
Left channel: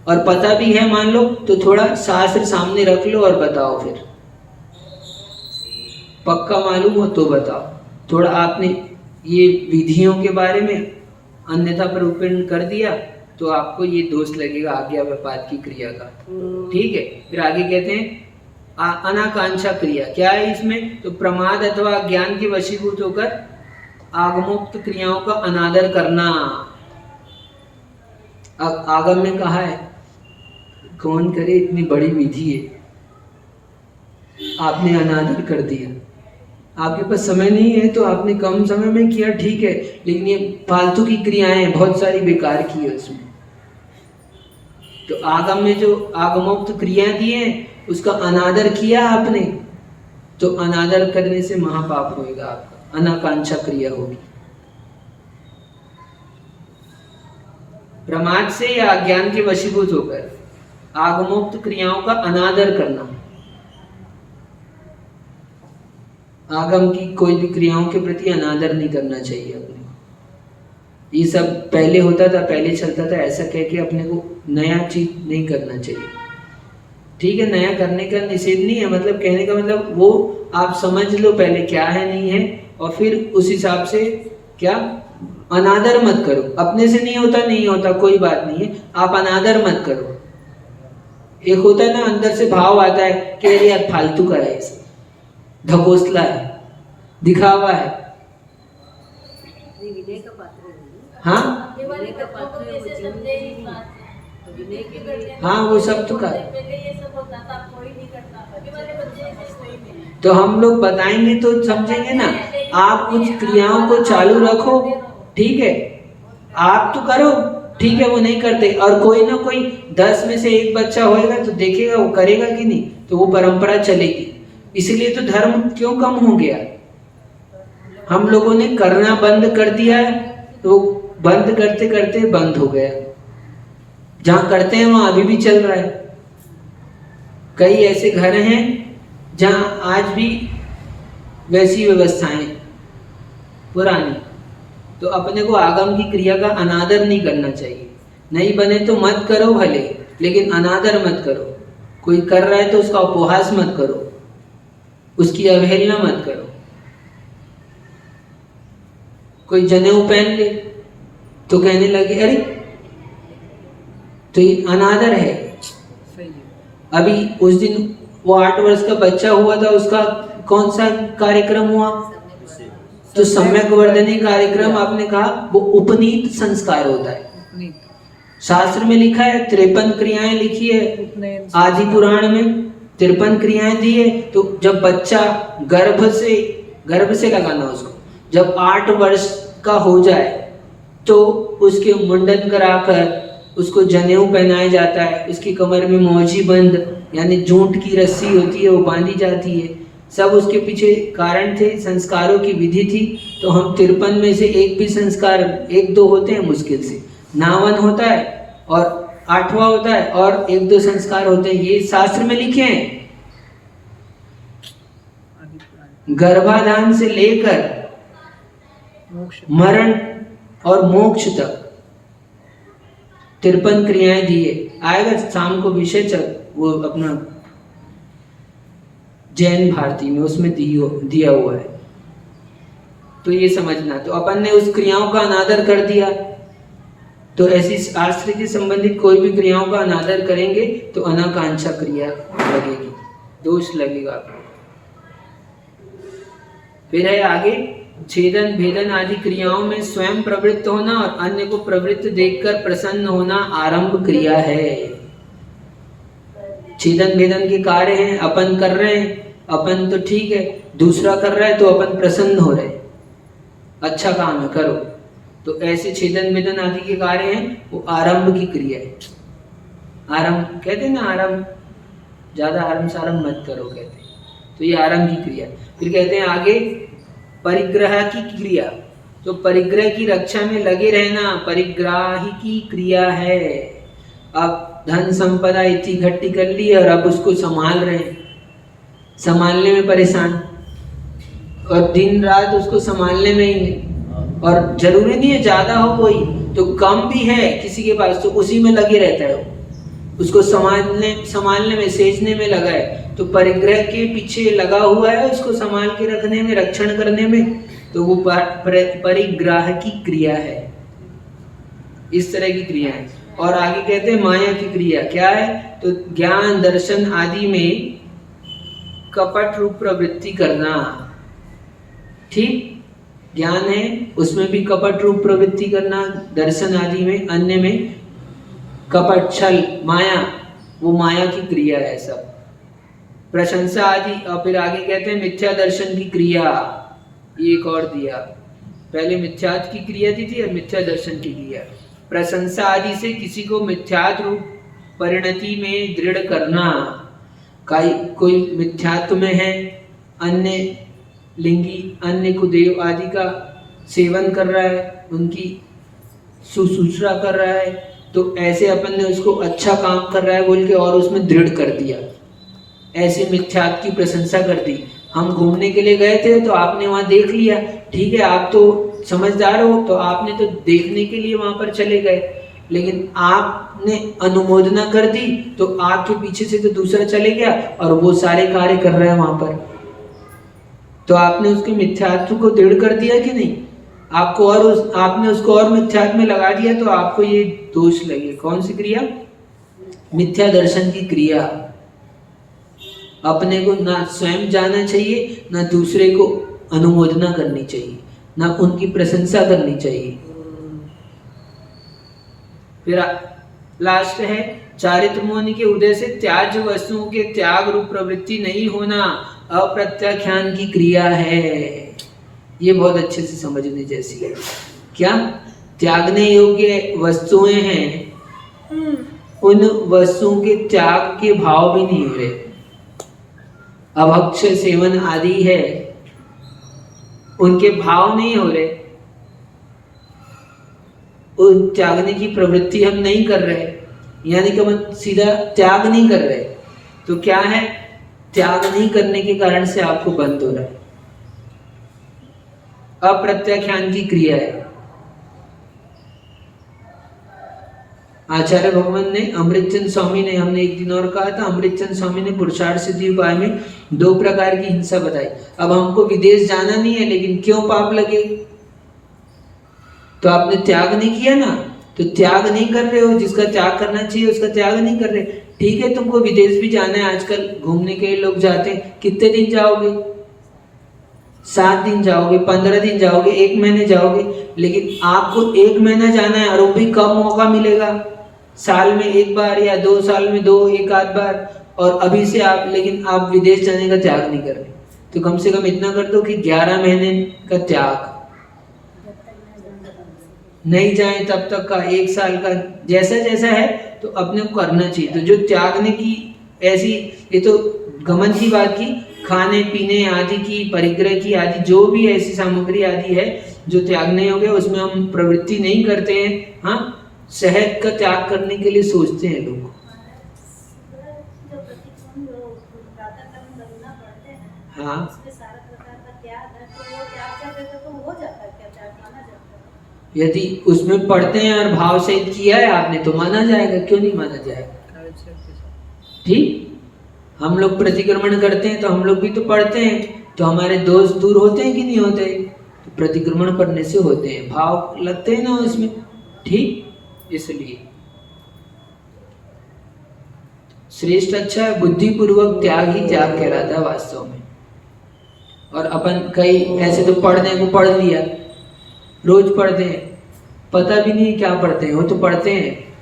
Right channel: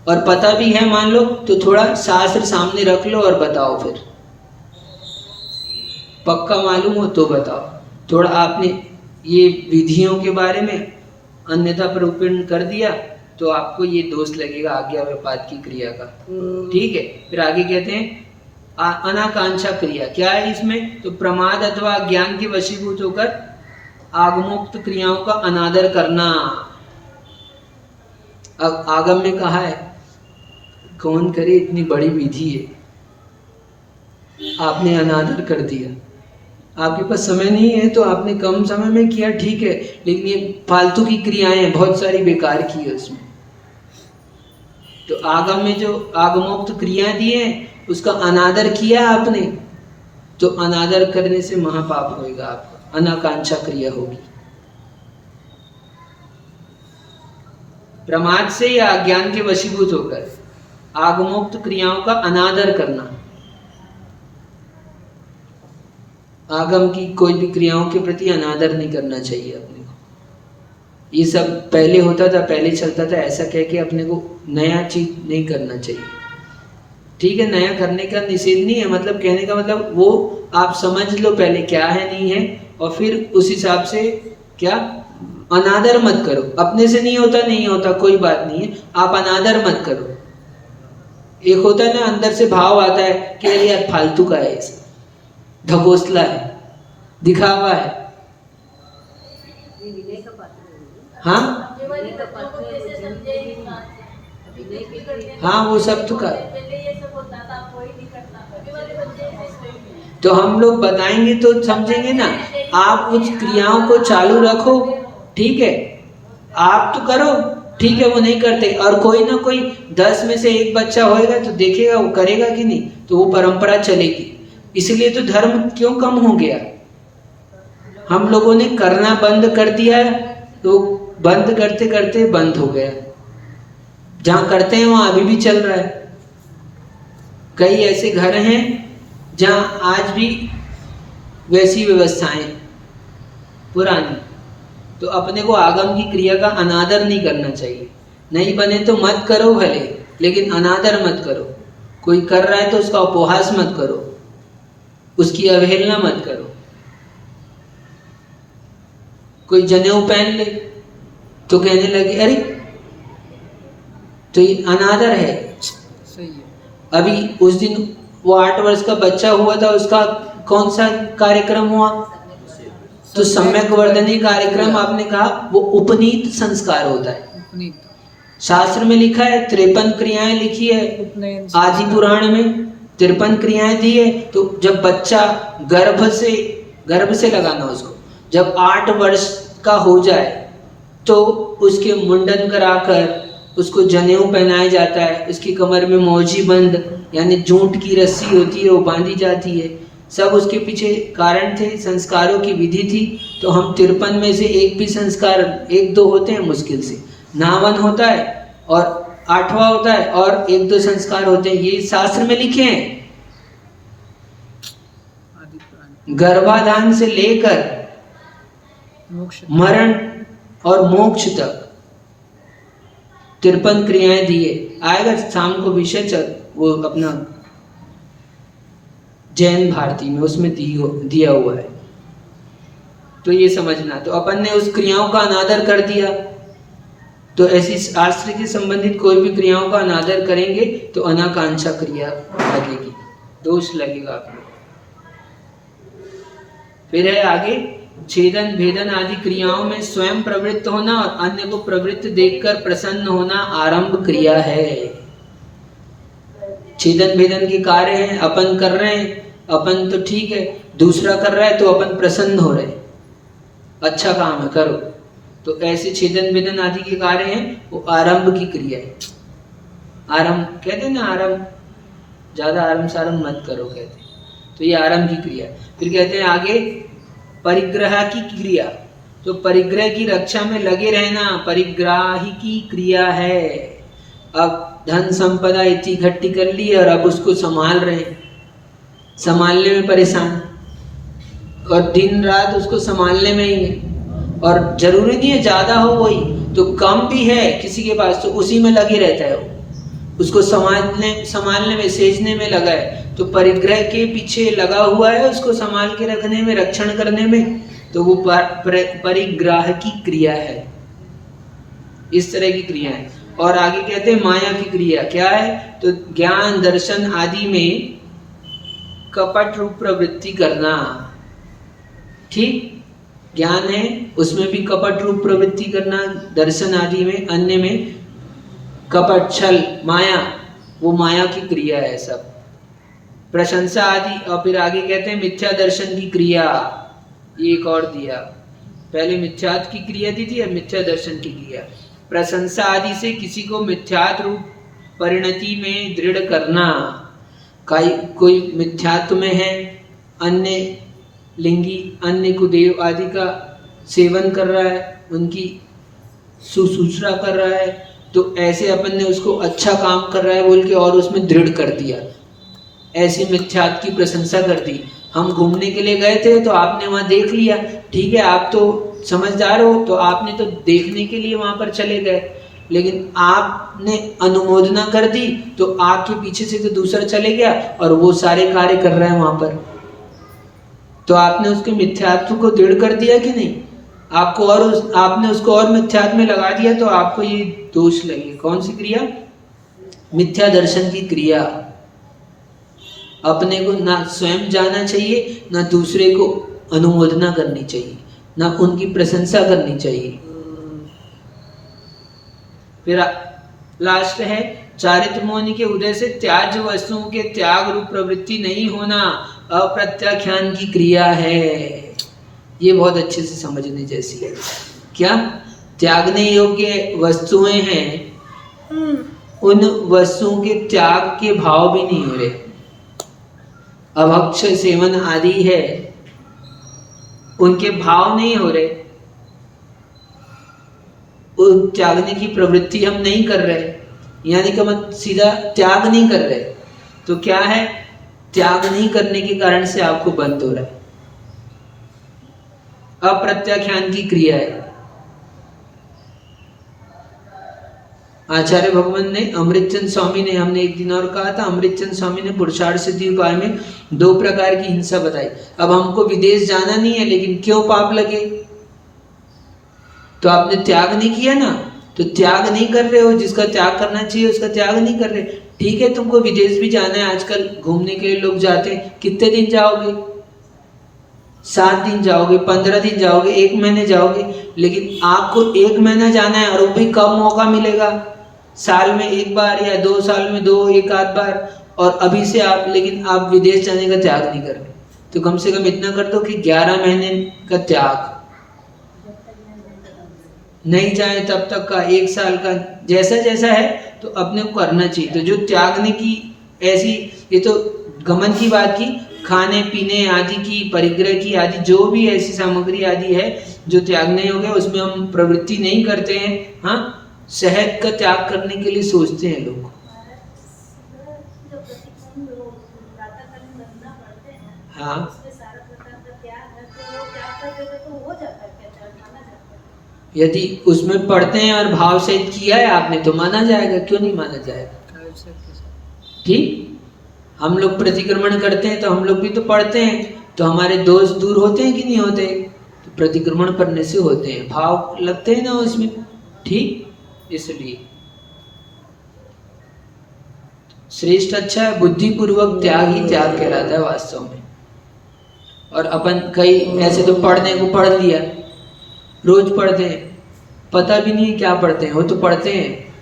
और पता भी है मान लो तो थोड़ा शास्त्र सामने रख लो और बताओ फिर। पक्का मालूम हो तो बताओ। थोड़ा आपने ये विधियों के बारे में अन्यथा प्ररूपण कर दिया तो आपको ये दोष लगेगा आज्ञा व्यापात की क्रिया का। ठीक है, फिर आगे कहते हैं अनाकांक्षा क्रिया। क्या है इसमें? तो प्रमाद अथवा ज्ञान के वशीभूत होकर आगमोक्त क्रियाओं का अनादर करना। आगम में कहा है कौन करे, इतनी बड़ी विधि है, आपने अनादर कर दिया। आपके पास समय नहीं है तो आपने कम समय में किया, ठीक है, लेकिन ये फालतू की क्रियाएं बहुत सारी बेकार की है उसमें। तो आगम में जो आगमोक्त क्रिया दी है उसका अनादर किया आपने, तो अनादर करने से महापाप होएगा आपका, अनाकांक्षा क्रिया होगी। प्रमाद से या अज्ञान के वशीभूत होकर आगमोक्त क्रियाओं का अनादर करना। आगम की कोई भी क्रियाओं के प्रति अनादर नहीं करना चाहिए अपने को। ये सब पहले होता था, पहले चलता था, ऐसा कह के अपने को नया चीज नहीं करना चाहिए। ठीक है, नया करने का निषेध नहीं है, मतलब कहने का मतलब वो आप समझ लो पहले क्या है नहीं है, और फिर उस हिसाब से क्या अनादर मत करो। अपने से नहीं होता, नहीं होता, कोई बात नहीं है, आप अनादर मत करो। एक होता है ना अंदर से भाव आता है कि यार फालतू का है, इसे ढकोसला है, दिखावा है। हाँ हाँ, वो सब तो कर, तो हम लोग बताएंगे तो समझेंगे ना। आप कुछ क्रियाओं को चालू रखो, ठीक है, आप तो करो, ठीक है, वो नहीं करते, और कोई ना कोई 10 में से एक बच्चा होएगा तो देखेगा वो करेगा कि नहीं, तो वो परंपरा चलेगी। इसलिए तो धर्म क्यों कम हो गया? हम लोगों ने करना बंद कर दिया, तो बंद करते करते बंद हो गया। जहां करते हैं वहां अभी भी चल रहा है। कई ऐसे घर हैं जहां आज भी वैसी व्यवस्थाएं पुरानी। तो अपने को आगम की क्रिया का अनादर नहीं करना चाहिए। नहीं बने तो मत करो भले, लेकिन अनादर मत करो। कोई कर रहा है तो उसका उपहास मत करो, उसकी अवहेलना मत करो। कोई जनेऊ पहन ले तो कहने लगे अरे, तो ये अनादर है। सही है। अभी उस दिन वो 8 वर्ष का बच्चा हुआ था, उसका कौन सा कार्यक्रम हुआ? तो सम्यक वर्धनी कार्यक्रम। आपने कहा वो उपनीत संस्कार होता है। शास्त्र में लिखा है 53 क्रियाएं लिखी है, आदि पुराण में 53 क्रियाएं दी है। तो जब बच्चा गर्भ से लगाना उसको, जब 8 वर्ष का हो जाए तो उसके मुंडन कराकर उसको जनेऊ पहनाया जाता है। उसकी कमर में मौजी बंद यानी जूट की रस्सी होती है वो बांधी जाती है। सब उसके पीछे कारण थे, संस्कारों की विधि थी। तो हम 53 में से एक भी संस्कार 1-2 होते हैं मुश्किल से, नावन होता है और 8वां होता है और 1-2 संस्कार होते हैं। ये शास्त्र में लिखे हैं। गर्भाधान से लेकर मरण और मोक्ष तक 53 क्रियाएं दिए। आएगा शाम को विषय चल वो अपना जैन भारती में, उसमें दिया हुआ है। तो ये समझना। तो अपन ने उस क्रियाओं का अनादर कर दिया, तो ऐसी शास्त्र के संबंधित कोई भी क्रियाओं का अनादर करेंगे तो अनाकांक्षा क्रिया लगेगी, दोष लगेगा आपको। फिर है आगे छेदन भेदन आदि क्रियाओं में स्वयं प्रवृत्त होना और अन्य को प्रवृत्त देखकर प्रसन्न होना आरंभ क्रिया है। छेदन भेदन के कार्य हैं, अपन कर रहे हैं, अपन तो ठीक है, दूसरा कर रहा है तो अपन प्रसन्न हो रहे, अच्छा काम है करो। तो ऐसे छेदन भेदन आदि के कार्य हैं, वो आरंभ की क्रिया है। आरंभ कहते हैं ना, आरंभ, ज्यादा आरंभ सारंभ मत करो कहते हैं। तो ये आरंभ की क्रिया। फिर कहते हैं आगे परिग्रह की क्रिया। तो परिग्रह की रक्षा में लगे रहना परिग्राही की क्रिया है। अब धन संपदा इतनी इकट्ठी कर ली और अब उसको संभाल रहे हैं, संभालने में परेशान, और दिन रात उसको संभालने में ही है। और जरूरी नहीं है ज्यादा हो, वही तो कम भी है किसी के पास तो उसी में लगे रहता है वो, उसको संभालने में, सेजने में लगा है। तो परिग्रह के पीछे लगा हुआ है उसको संभाल के रखने में, रक्षण करने में, तो वो परिग्रह की क्रिया है। इस तरह की क्रिया है। और आगे कहते हैं माया की क्रिया क्या है, तो ज्ञान दर्शन आदि में कपट रूप प्रवृत्ति करना। ठीक, ज्ञान है उसमें भी कपट रूप प्रवृत्ति करना, दर्शन आदि में, अन्य में कपट, छल, माया, वो माया की क्रिया है सब। प्रशंसा आदि, और फिर आगे कहते हैं मिथ्या दर्शन की क्रिया। एक और दिया, पहले मिथ्यात की क्रिया दी थी, अब मिथ्या दर्शन की क्रिया। प्रशंसा आदि से किसी को मिथ्यात रूप परिणति में दृढ़ करना। कोई मिथ्यात्व में है, अन्य लिंगी, अन्य कुदेव आदि का सेवन कर रहा है, उनकी सुसूचना कर रहा है, तो ऐसे अपन ने उसको अच्छा काम कर रहा है बोल के और उसमें दृढ़ कर दिया, ऐसे मिथ्यात्व की प्रशंसा कर दी। हम घूमने के लिए गए थे तो आपने वहाँ देख लिया, ठीक है, आप तो समझदार हो, तो आपने तो देखने के लिए वहाँ पर चले गए, लेकिन आपने अनुमोदना कर दी तो आपके पीछे से तो दूसरा चले गया और वो सारे कार्य कर रहा है वहाँ पर, तो आपने उसके मिथ्यात्व को दृढ़ कर दिया कि नहीं? आपको और आपने उसको और मिथ्यात्व में लगा दिया, तो आपको ये दोष लगे। कौन सी क्रिया? मिथ्या दर्शन की क्रिया। अपने को ना स्वयं जाना चाहिए, ना दूसरे को अनुमोदना करनी चाहिए, ना उनकी प्रशंसा करनी चाहिए। फिर लास्ट है चारित्र मोहन के उदय से त्याज्य वस्तुओं के त्याग रूप प्रवृत्ति नहीं होना, अप्रत्याख्यान की क्रिया है। ये बहुत अच्छे से समझने जैसी है। क्या त्यागने योग्य वस्तुएं हैं, उन वस्तुओं के त्याग के भाव भी नहीं हो रहे। अभक्ष सेवन आदि है, उनके भाव नहीं हो रहे, उन त्यागने की प्रवृत्ति हम नहीं कर रहे, यानी कि हम सीधा त्याग नहीं कर रहे। तो क्या है, त्याग नहीं करने के कारण से आपको बंद हो रहा है, अप्रत्याख्यान की क्रिया है। आचार्य भगवान ने, अमृतचंद स्वामी ने, हमने एक दिन और कहा था, अमृतचंद स्वामी ने पुरुषार्थ सिद्धि उपाय में 2 प्रकार की हिंसा बताई। अब हमको विदेश जाना नहीं है, लेकिन क्यों पाप लगे? तो आपने त्याग नहीं किया ना, तो त्याग नहीं कर रहे हो, जिसका त्याग करना चाहिए उसका त्याग नहीं कर रहे। ठीक है, तुमको विदेश भी जाना है, आजकल घूमने के लिए लोग जाते हैं, कितने दिन जाओगे? 7 दिन जाओगे, 15 दिन जाओगे, 1 महीने जाओगे, लेकिन आपको 1 महीना जाना है और वो भी कम मौका मिलेगा, साल में 1 बार या 2 साल में 2 एक आध बार, और अभी से आप, लेकिन आप विदेश जाने का त्याग नहीं कर रहे। तो कम से कम इतना कर दो कि 11 महीने का त्याग, नहीं जाए तब तक का, 1 साल का, जैसा जैसा है तो अपने को करना चाहिए। तो जो त्यागने की ऐसी, ये तो गमन की बात की, खाने पीने आदि की, परिग्रह की आदि, जो भी ऐसी सामग्री आदि है जो त्यागने हो गए, उसमें हम प्रवृत्ति नहीं करते हैं। हाँ, शहद का त्याग करने के लिए सोचते हैं लोग। हाँ, यदि उसमें पढ़ते हैं और भाव से किया है आपने तो माना जाएगा, क्यों नहीं माना जाएगा? ठीक, हम लोग प्रतिक्रमण करते हैं तो हम लोग भी तो पढ़ते हैं, तो हमारे दोष दूर होते हैं कि नहीं होते? तो प्रतिक्रमण करने से होते हैं, भाव लगते हैं ना उसमें। ठीक, इसलिए श्रेष्ठ अच्छा है, बुद्धिपूर्वक त्याग ही त्याग कहलाता है वास्तव में। और अपन कई ऐसे तो पढ़ने को पढ़ लिया, रोज पढ़ते हैं, पता भी नहीं क्या पढ़ते हैं, वो तो पढ़ते हैं।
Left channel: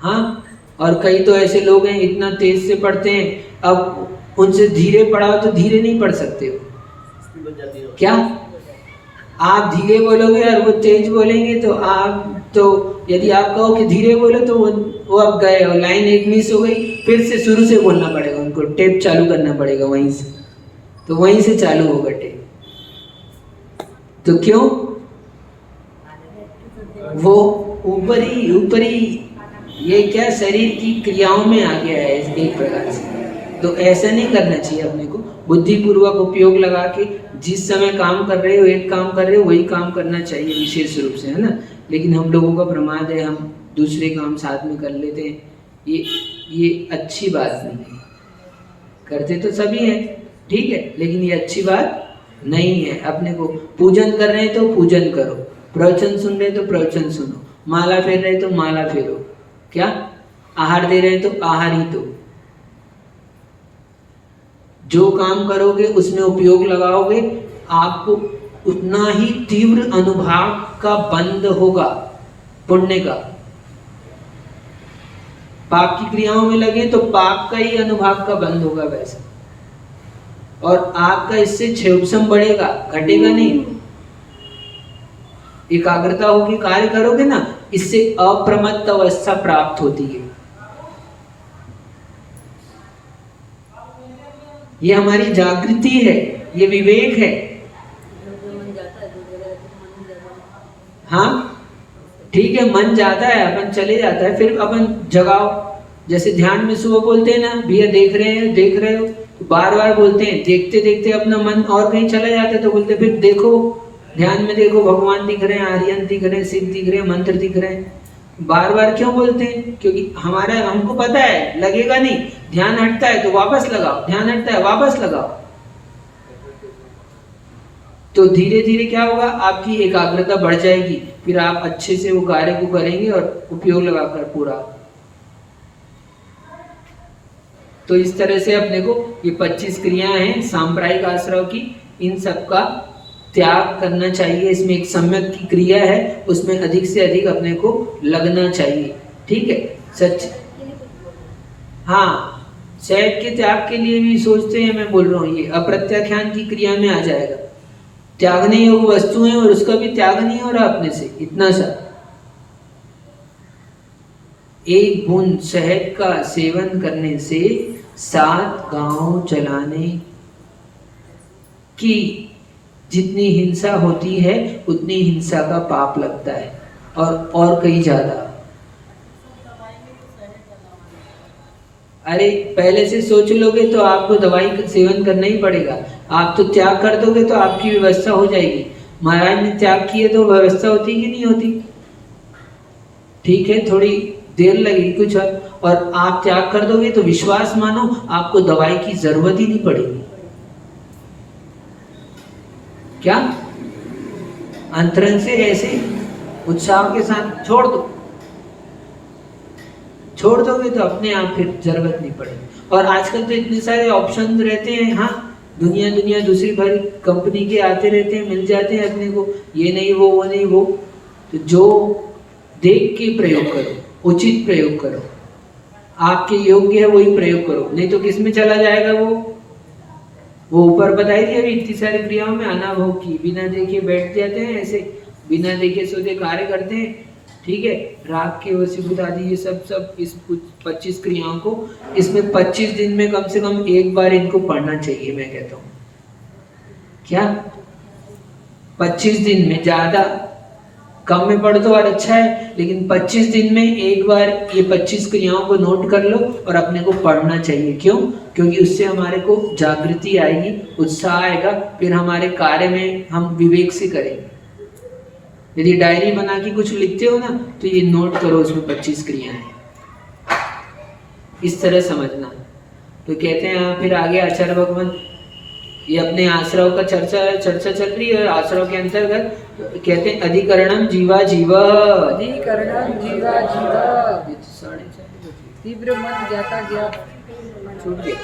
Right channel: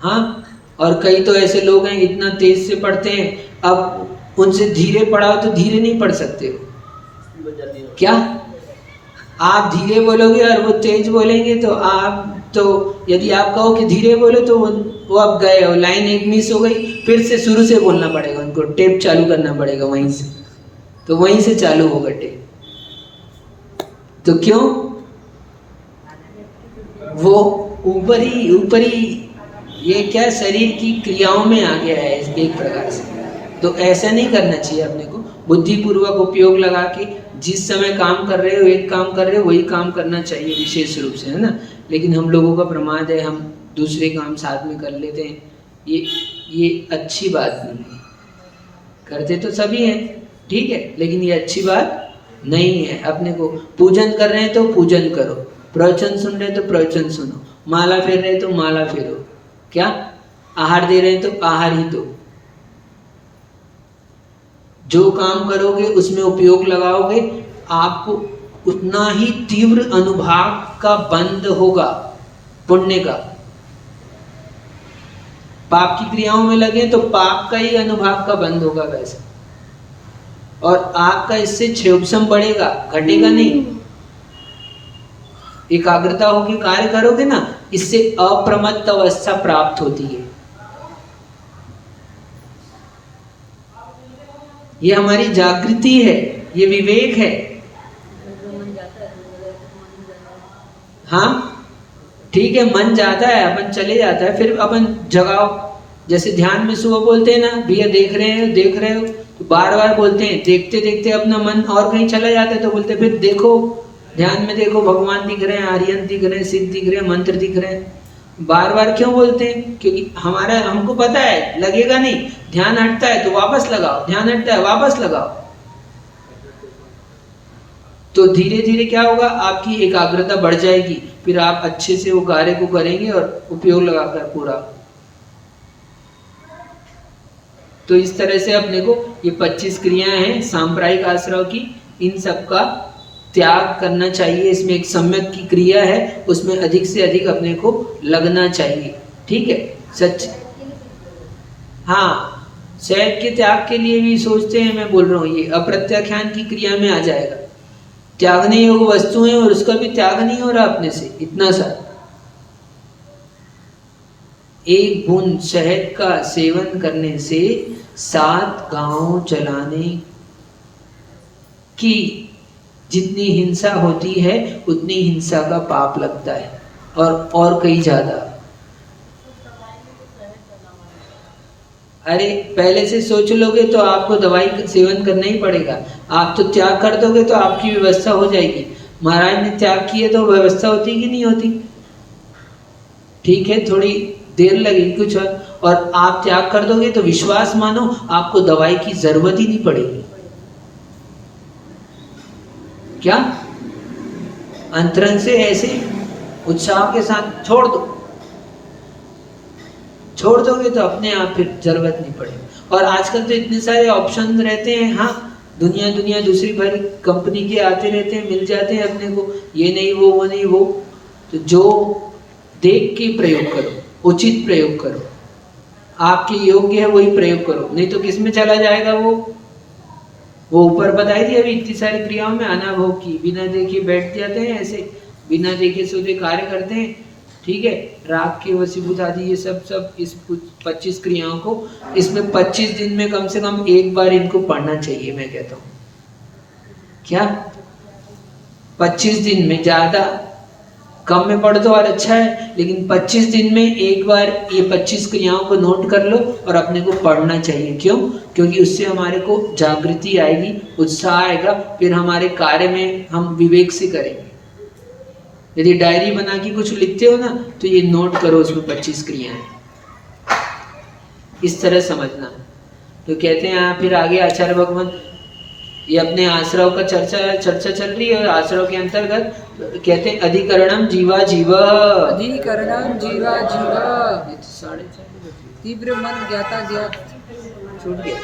हाँ, और कई तो ऐसे लोग हैं इतना तेज से पढ़ते हैं, अब उनसे धीरे पढ़ाओ तो धीरे नहीं पढ़ सकते हो। क्या आप धीरे बोलोगे और वो तेज बोलेंगे, तो आप तो यदि आप कहो कि धीरे बोलो तो वो अब गए हो, लाइन एक मिस हो गई, फिर से शुरू से बोलना पड़ेगा, उनको टेप चालू करना पड़ेगा वहीं से, तो वहीं से चालू होगा टेप। तो क्यों? वो ऊपरी ये क्या शरीर की क्रियाओं में आ गया है एक प्रकार से। तो ऐसा नहीं करना चाहिए, अपने को बुद्धिपूर्वक उपयोग लगा के जिस समय काम कर रहे हो, एक काम कर रहे हो, वही काम करना चाहिए विशेष रूप से, है ना। लेकिन हम लोगों का प्रमाद है, हम दूसरे काम साथ में कर लेते हैं, ये अच्छी बात नहीं है। करते तो सभी हैं, ठीक है, लेकिन ये अच्छी बात नहीं है। अपने को पूजन कर रहे हैं तो पूजन करो, प्रवचन सुन रहे तो प्रवचन सुनो, माला फेर रहे तो माला फेरो, क्या आहार दे रहे हैं तो आहार ही दो। जो काम करोगे उसमें उपयोग लगाओगे, आपको उतना ही तीव्र अनुभाव का बंध होगा पुण्य का। पाप की क्रियाओं में लगे तो पाप का ही अनुभाव का बंध होगा वैसे, और आपका इससे क्षयोपशम बढ़ेगा, घटेगा नहीं। एकाग्रता होगी कार्य करोगे ना, इससे अप्रमत्त अवस्था प्राप्त होती है। ये हमारी जागृति है, ये विवेक है। हाँ ठीक है, मन जाता है, अपन चले जाता है, फिर अपन जगाओ। जैसे ध्यान में सुबह बोलते हैं ना, भैया देख रहे हो, तो बार बार बोलते हैं, देखते देखते अपना मन और कहीं चला जाता है तो बोलते फिर देखो, ध्यान में देखो, भगवान दिख रहे हैं, आर्यन दिख रहे हैं, सिद्ध दिख रहे हैं, मंत्र दिख रहे हैं। बार बार क्यों बोलते हैं? क्योंकि हमको पता है लगेगा नहीं, ध्यान हटता है तो वापस लगाओ, ध्यान हटता है वापस लगाओ। तो धीरे धीरे क्या होगा, आपकी एकाग्रता बढ़ जाएगी, फिर आप अच्छे से वो कार्य को करेंगे और उपयोग लगाकर पूरा। तो इस तरह से अपने को ये 25 क्रियाएं हैं सांप्रायिक आश्रव की, इन सब का त्याग करना चाहिए। इसमें एक सम्यक की क्रिया है, उसमें अधिक से अधिक अपने को लगना चाहिए, ठीक है। सच हाँ, शहद के त्याग के लिए भी सोचते हैं, मैं बोल रहा हूँ ये अप्रत्याख्यान की क्रिया में आ जाएगा। त्यागने योग्य वस्तु है और उसका भी त्याग नहीं हो रहा अपने से, इतना सा। एक बूंद शहद का सेवन करने से 7 गांव चलाने की जितनी हिंसा होती है उतनी हिंसा का पाप लगता है, और कई ज्यादा। अरे पहले से सोच लोगे तो आपको दवाई का सेवन करना ही पड़ेगा। आप तो त्याग कर दोगे तो आपकी व्यवस्था हो जाएगी। महाराज ने त्याग किए तो व्यवस्था होती कि नहीं होती? ठीक है, थोड़ी देर लगेगी कुछ, और आप त्याग कर दोगे तो विश्वास मानो आपको दवाई की जरूरत ही नहीं पड़ेगी। क्या अंतरंग से ऐसे उत्साह के साथ छोड़ दोगे तो अपने आप फिर जरूरत नहीं पड़ेगी। और आजकल तो इतने सारे ऑप्शन रहते हैं, हाँ, दुनिया दूसरी भरी कंपनी के आते रहते हैं, मिल जाते हैं अपने को, ये नहीं वो नहीं वो। तो जो देख के प्रयोग करो, उचित प्रयोग करो, आपके योग्य है वही प्रयोग करो, नहीं तो किस में चला जाएगा वो ऊपर बताई थी अभी इतनी सारी क्रियाओं में अनाभव की, बिना देखे बैठ जाते हैं, ऐसे बिना देखे सोचे कार्य करते हैं, ठीक है। राग के वशीभूत आदि ये सब इस 25 क्रियाओं को, इसमें 25 दिन में कम से कम एक बार इनको पढ़ना चाहिए, मैं कहता हूँ। क्या 25 दिन में, ज्यादा कम में पढ़ दो और अच्छा है, लेकिन 25 दिन में एक बार ये 25 क्रियाओं को नोट कर लो और अपने को पढ़ना चाहिए। क्यों? क्योंकि उससे हमारे को जागृति आएगी, उत्साह आएगा, फिर हमारे कार्य में हम विवेक से करेंगे। यदि डायरी बना के कुछ लिखते हो ना तो ये नोट करो, उसमें 25 क्रियाएं, इस तरह समझना। तो कहते हैं यहाँ फिर आगे आचार्य भगवान ये अपने आश्रव का चर्चा चल रही है। आश्रव के अंतर्गत कहते हैं अधिकरणम जीवा जीवा, अधिकरणम जीवा जीवा, 4:30 तीव्र मन ज्ञाता ज्ञात छूट गया।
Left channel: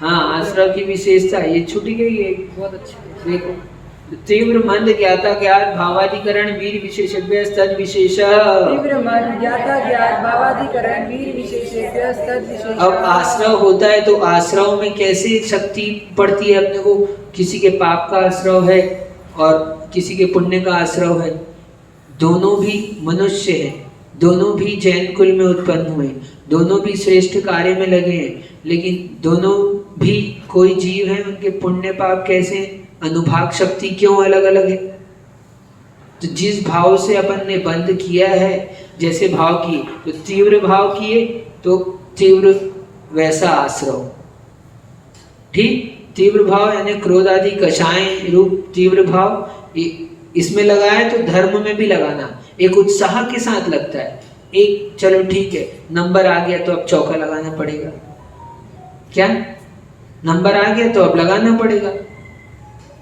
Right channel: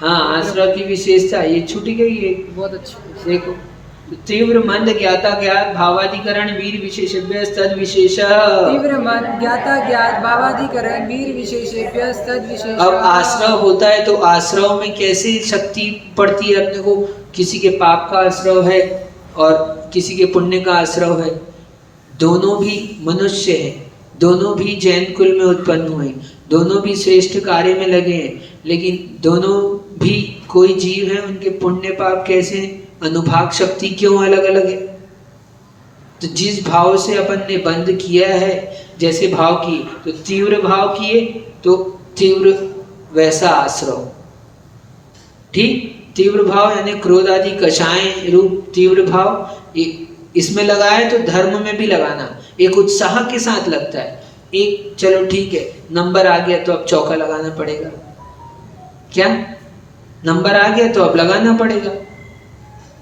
हाँ, आश्रव की विशेषता ये छूट गई है, बहुत अच्छी। देखो, तीव्र मंद ज्ञाता ज्ञात भावाधिकरण वीर विशेषज्ञ तद विशेष। तीव्र मन ज्ञाता ज्ञात भावाधिकरण वीर विशेषज्ञ तद विशेष। अब आश्रव होता है तो आश्रव में कैसे शक्ति पड़ती है अपने को? किसी के पाप का आश्रव है और किसी के पुण्य का आश्रव है। दोनों भी मनुष्य हैं, दोनों भी जैन कुल में उत्पन्न हुए, दोनों भी श्रेष्ठ कार्य में लगे हैं, लेकिन दोनों भी कोई जीव है, उनके पुण्य पाप कैसे, अनुभाग शक्ति क्यों अलग अलग है? तो जिस भाव से अपन ने बंद किया है, जैसे भाव किए तो तीव्र भाव किए तो तीव्र वैसा आश्रव, ठीक। तीव्र भाव यानी क्रोध आदि कषाय रूप तीव्र भाव इसमें लगाए तो धर्म में भी लगाना, एक उत्साह के साथ लगता है। एक चलो ठीक है, नंबर आ गया तो अब चौका लगाना पड़ेगा। क्या नंबर आ गया तो अब लगाना पड़ेगा।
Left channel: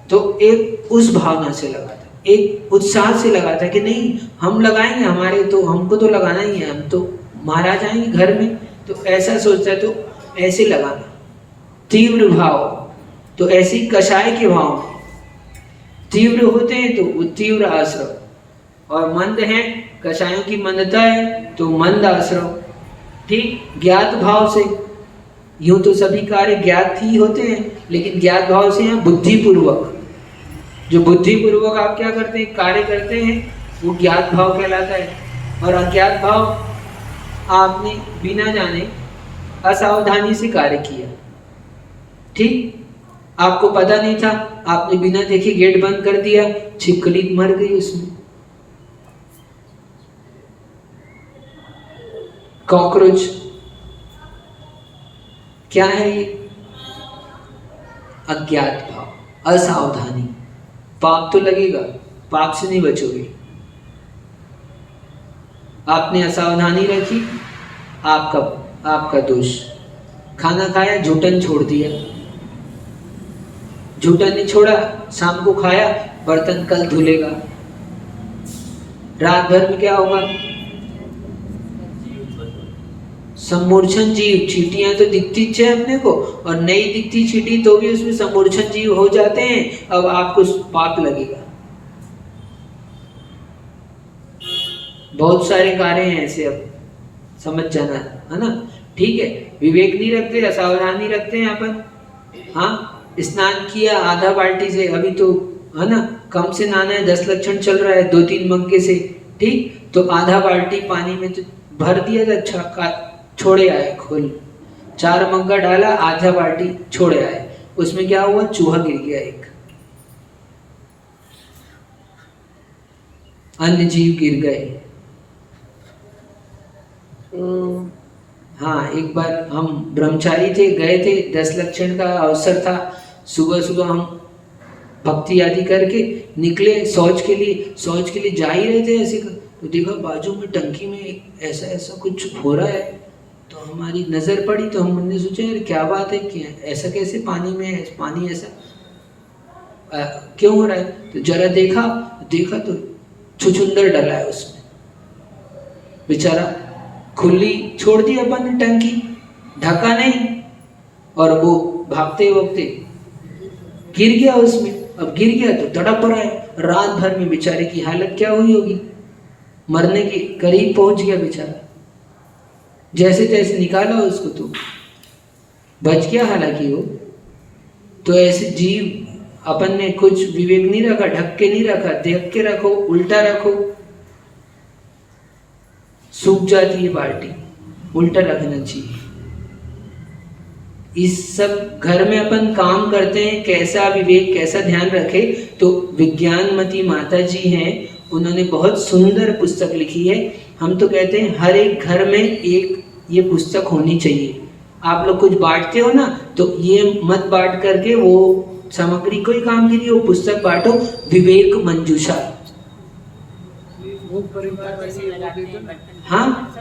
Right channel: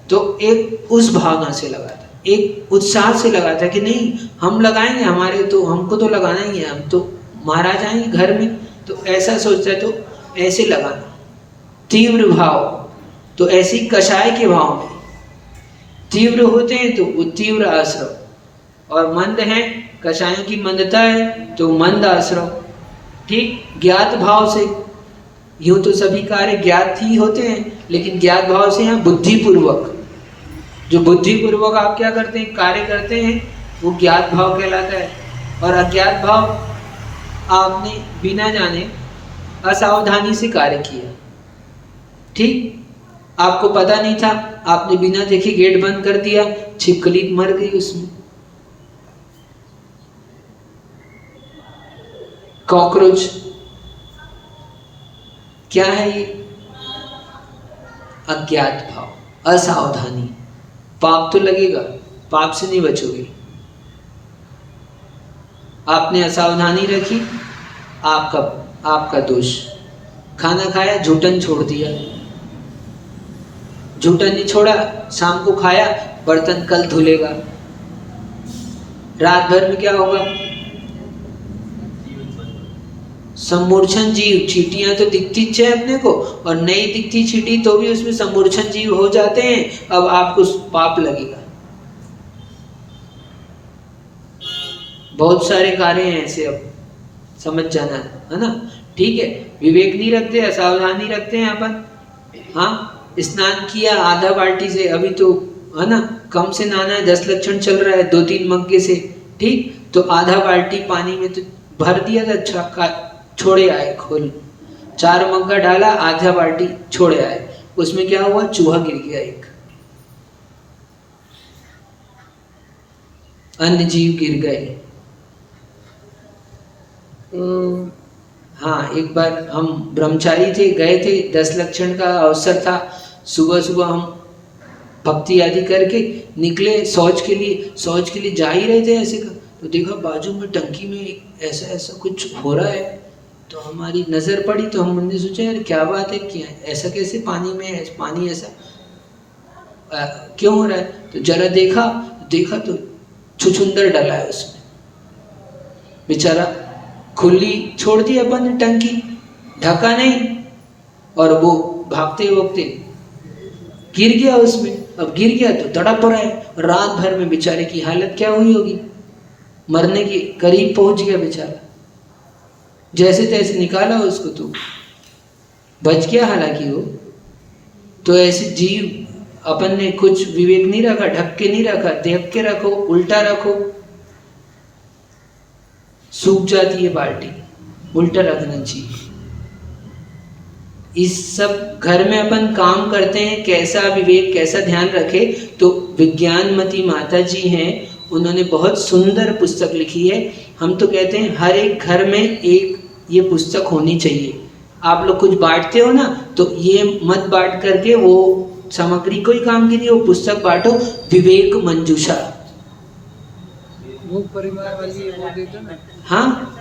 तो एक उस भावना से लगा था, एक उत्साह से लगा था कि नहीं हम लगाएंगे, हमारे तो हमको तो लगाना ही है, हम तो महाराज आएंगे घर में, तो ऐसा सोचता है तो ऐसे लगाना। तीव्र भाव, तो ऐसी कषाय के भाव में तीव्र होते हैं तो वो तीव्र आश्रव, और मंद है कषायों की मंदता है तो मंद आश्रव। ठीक, ज्ञात भाव से, यूं तो सभी कार्य ज्ञात ही होते हैं, लेकिन ज्ञात भाव से यहाँ बुद्धिपूर्वक, जो बुद्धिपूर्वक आप क्या करते हैं, कार्य करते हैं, वो ज्ञात भाव कहलाता है। और अज्ञात भाव आपने बिना जाने असावधानी से कार्य किया। ठीक, आपको पता नहीं था, आपने बिना देखे गेट बंद कर दिया, छिपकली मर गई उसमें, कॉकरोच। क्या है ये? अज्ञात भाव, असावधानी। पाप तो लगेगा, पाप से नहीं बचोगे। आपने असावधानी रखी, आपका दोष। खाना खाया, झूठन छोड़ दिया, झूठन नहीं छोड़ा, शाम को खाया, बर्तन कल धुलेगा, रात भर में क्या होगा? समूर्छन जीव। चींटियां तो दिखती है अपने को, और नहीं दिखती चींटी तो भी उसमें समूर्छन जीव हो जाते हैं। अब आपको पाप लगेगा। बहुत सारे कार्य हैं ऐसे, अब समझ जाना है ना। ठीक है, विवेक नहीं रखते, असावधानी रखते हैं अपन। हाँ, स्नान किया आधा बाल्टी से, अभी तो है ना कम से नहाना है, 10 लक्षण चल रहा है 2-3 मग्गे से। ठीक, तो आधा बाल्टी पानी में तो भर दिया था, अच्छा छोड़े आए खोल, 4 मग्गा डाला, आधा बाल्टी छोड़े आए, उसमें क्या हुआ? चूहा गिर गया, एक अन्य जीव गिर गए। हाँ, एक बार हम ब्रह्मचारी थे, गए थे, 10 लक्षण का अवसर था, सुबह सुबह हम भक्ति आदि करके निकले शौच के लिए जा ही रहे थे ऐसे, तो देखा बाजू में टंकी में ऐसा कुछ हो रहा है। तो हमारी नज़र पड़ी, तो हमने सोचा यार क्या बात है, क्या ऐसा कैसे पानी में है, पानी ऐसा क्यों हो रहा है? तो जरा देखा तो छुछुंदर डला है उसमें, बेचारा खुली छोड़ दी अपन ने टंकी, ढका नहीं, और वो भागते वक्ते गिर गया उसमें। अब गिर गया तो तड़प रहा है, रात भर में बेचारे की हालत क्या हुई होगी, मरने के करीब पहुंच गया बेचारा। जैसे तैसे निकाला उसको, तो बच गया हालांकि वो। तो ऐसे जीव अपन ने कुछ विवेक नहीं रखा, ढक के नहीं रखा, देख के रखो, उल्टा रखो, सूख जाती है बाल्टी, उल्टा रखना चाहिए। इस सब घर में अपन काम करते हैं, कैसा विवेक, कैसा ध्यान रखे। तो विज्ञानमती माता जी हैं, उन्होंने बहुत सुंदर पुस्तक लिखी है। हम तो कहते हैं हर एक घर में एक ये पुस्तक होनी चाहिए। आप लोग कुछ बांटते हो ना, तो ये मत बांट करके वो सामग्री कोई काम की नहीं, वो पुस्तक बांटो, विवेक मंजूषा। हाँ,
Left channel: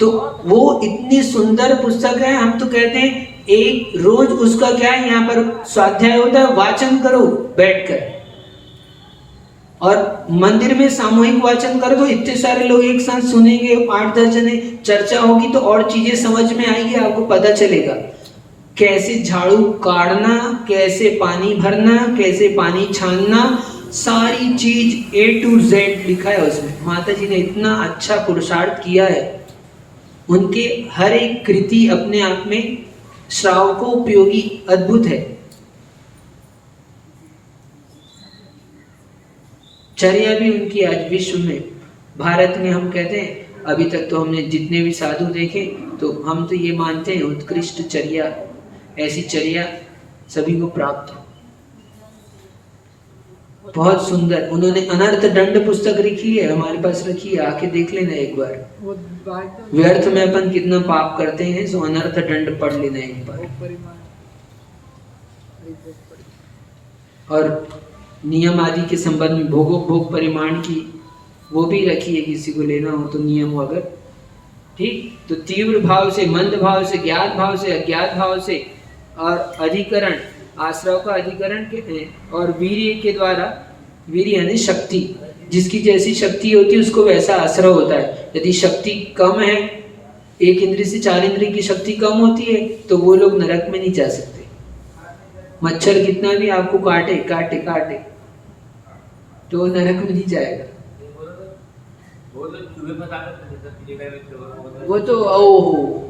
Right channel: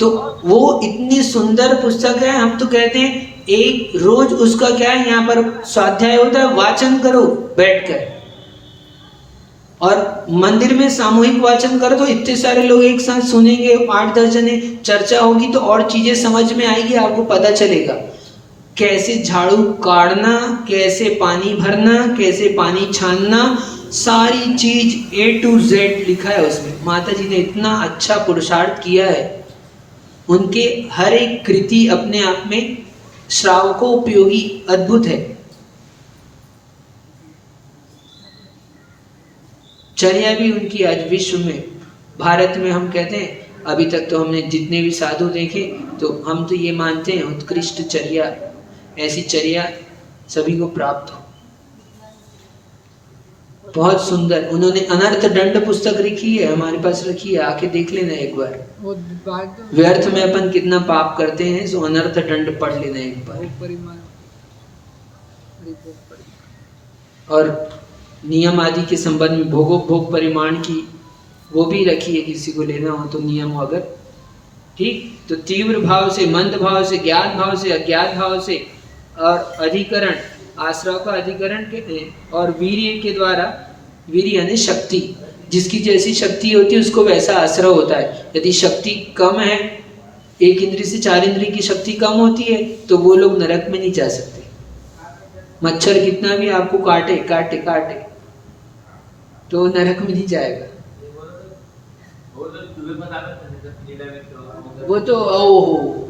तो वो इतनी सुंदर पुस्तक है। हम तो कहते हैं एक रोज उसका क्या है, यहाँ पर स्वाध्याय होता है, वाचन करो बैठकर, और मंदिर में सामूहिक वाचन कर दो, इतने सारे लोग एक साथ सुनेंगे, 8-10 जने चर्चा होगी, तो और चीजें समझ में आएगी, आपको पता चलेगा कैसे झाड़ू काटना, कैसे पानी भरना, कैसे पानी छानना, सारी चीज A to Z लिखा है उसमें। माता जी ने इतना अच्छा पुरुषार्थ किया है, उनके हर एक कृति अपने आप में श्रावकों उपयोगी अद्भुत है। चर्या भी उनकी आज विश्व में, भारत में हम कहते हैं, अभी तक तो हमने जितने भी साधु देखे, तो हम तो ये मानते हैं उत्कृष्ट चर्या, ऐसी चर्या सभी को प्राप्त हो। बहुत सुंदर। उन्होंने अनर्थ दंड पुस्तक लिखी है, हमारे पास रखी है, आके देख लेना एक बार। व्यर्थ में अपन कितना पाप करते हैं, सो अनर्थ दंड पढ़ लेना एक बार। और नियम आदि के संबंध में भोग परिमाण की वो भी रखी है, किसी को लेना हो तो नियम हो अगर। ठीक, तो तीव्र भाव से, मंद भाव से, ज्ञात भाव से, अज्ञात भाव से और अधिकरण, आश्रव का अधिकरण के, और वीर्य के द्वारा, वीर्य यानी शक्ति, जिसकी जैसी शक्ति होती है उसको वैसा आश्रय होता है। यदि शक्ति कम है, 1 इंद्रिय से 4 इंद्रिय की शक्ति कम होती है, तो वो लोग नरक में नहीं जा सकते। मच्छर कितना भी आपको काटे काटे काटे तो नरक में नहीं जाएगा। वो तो ओहो,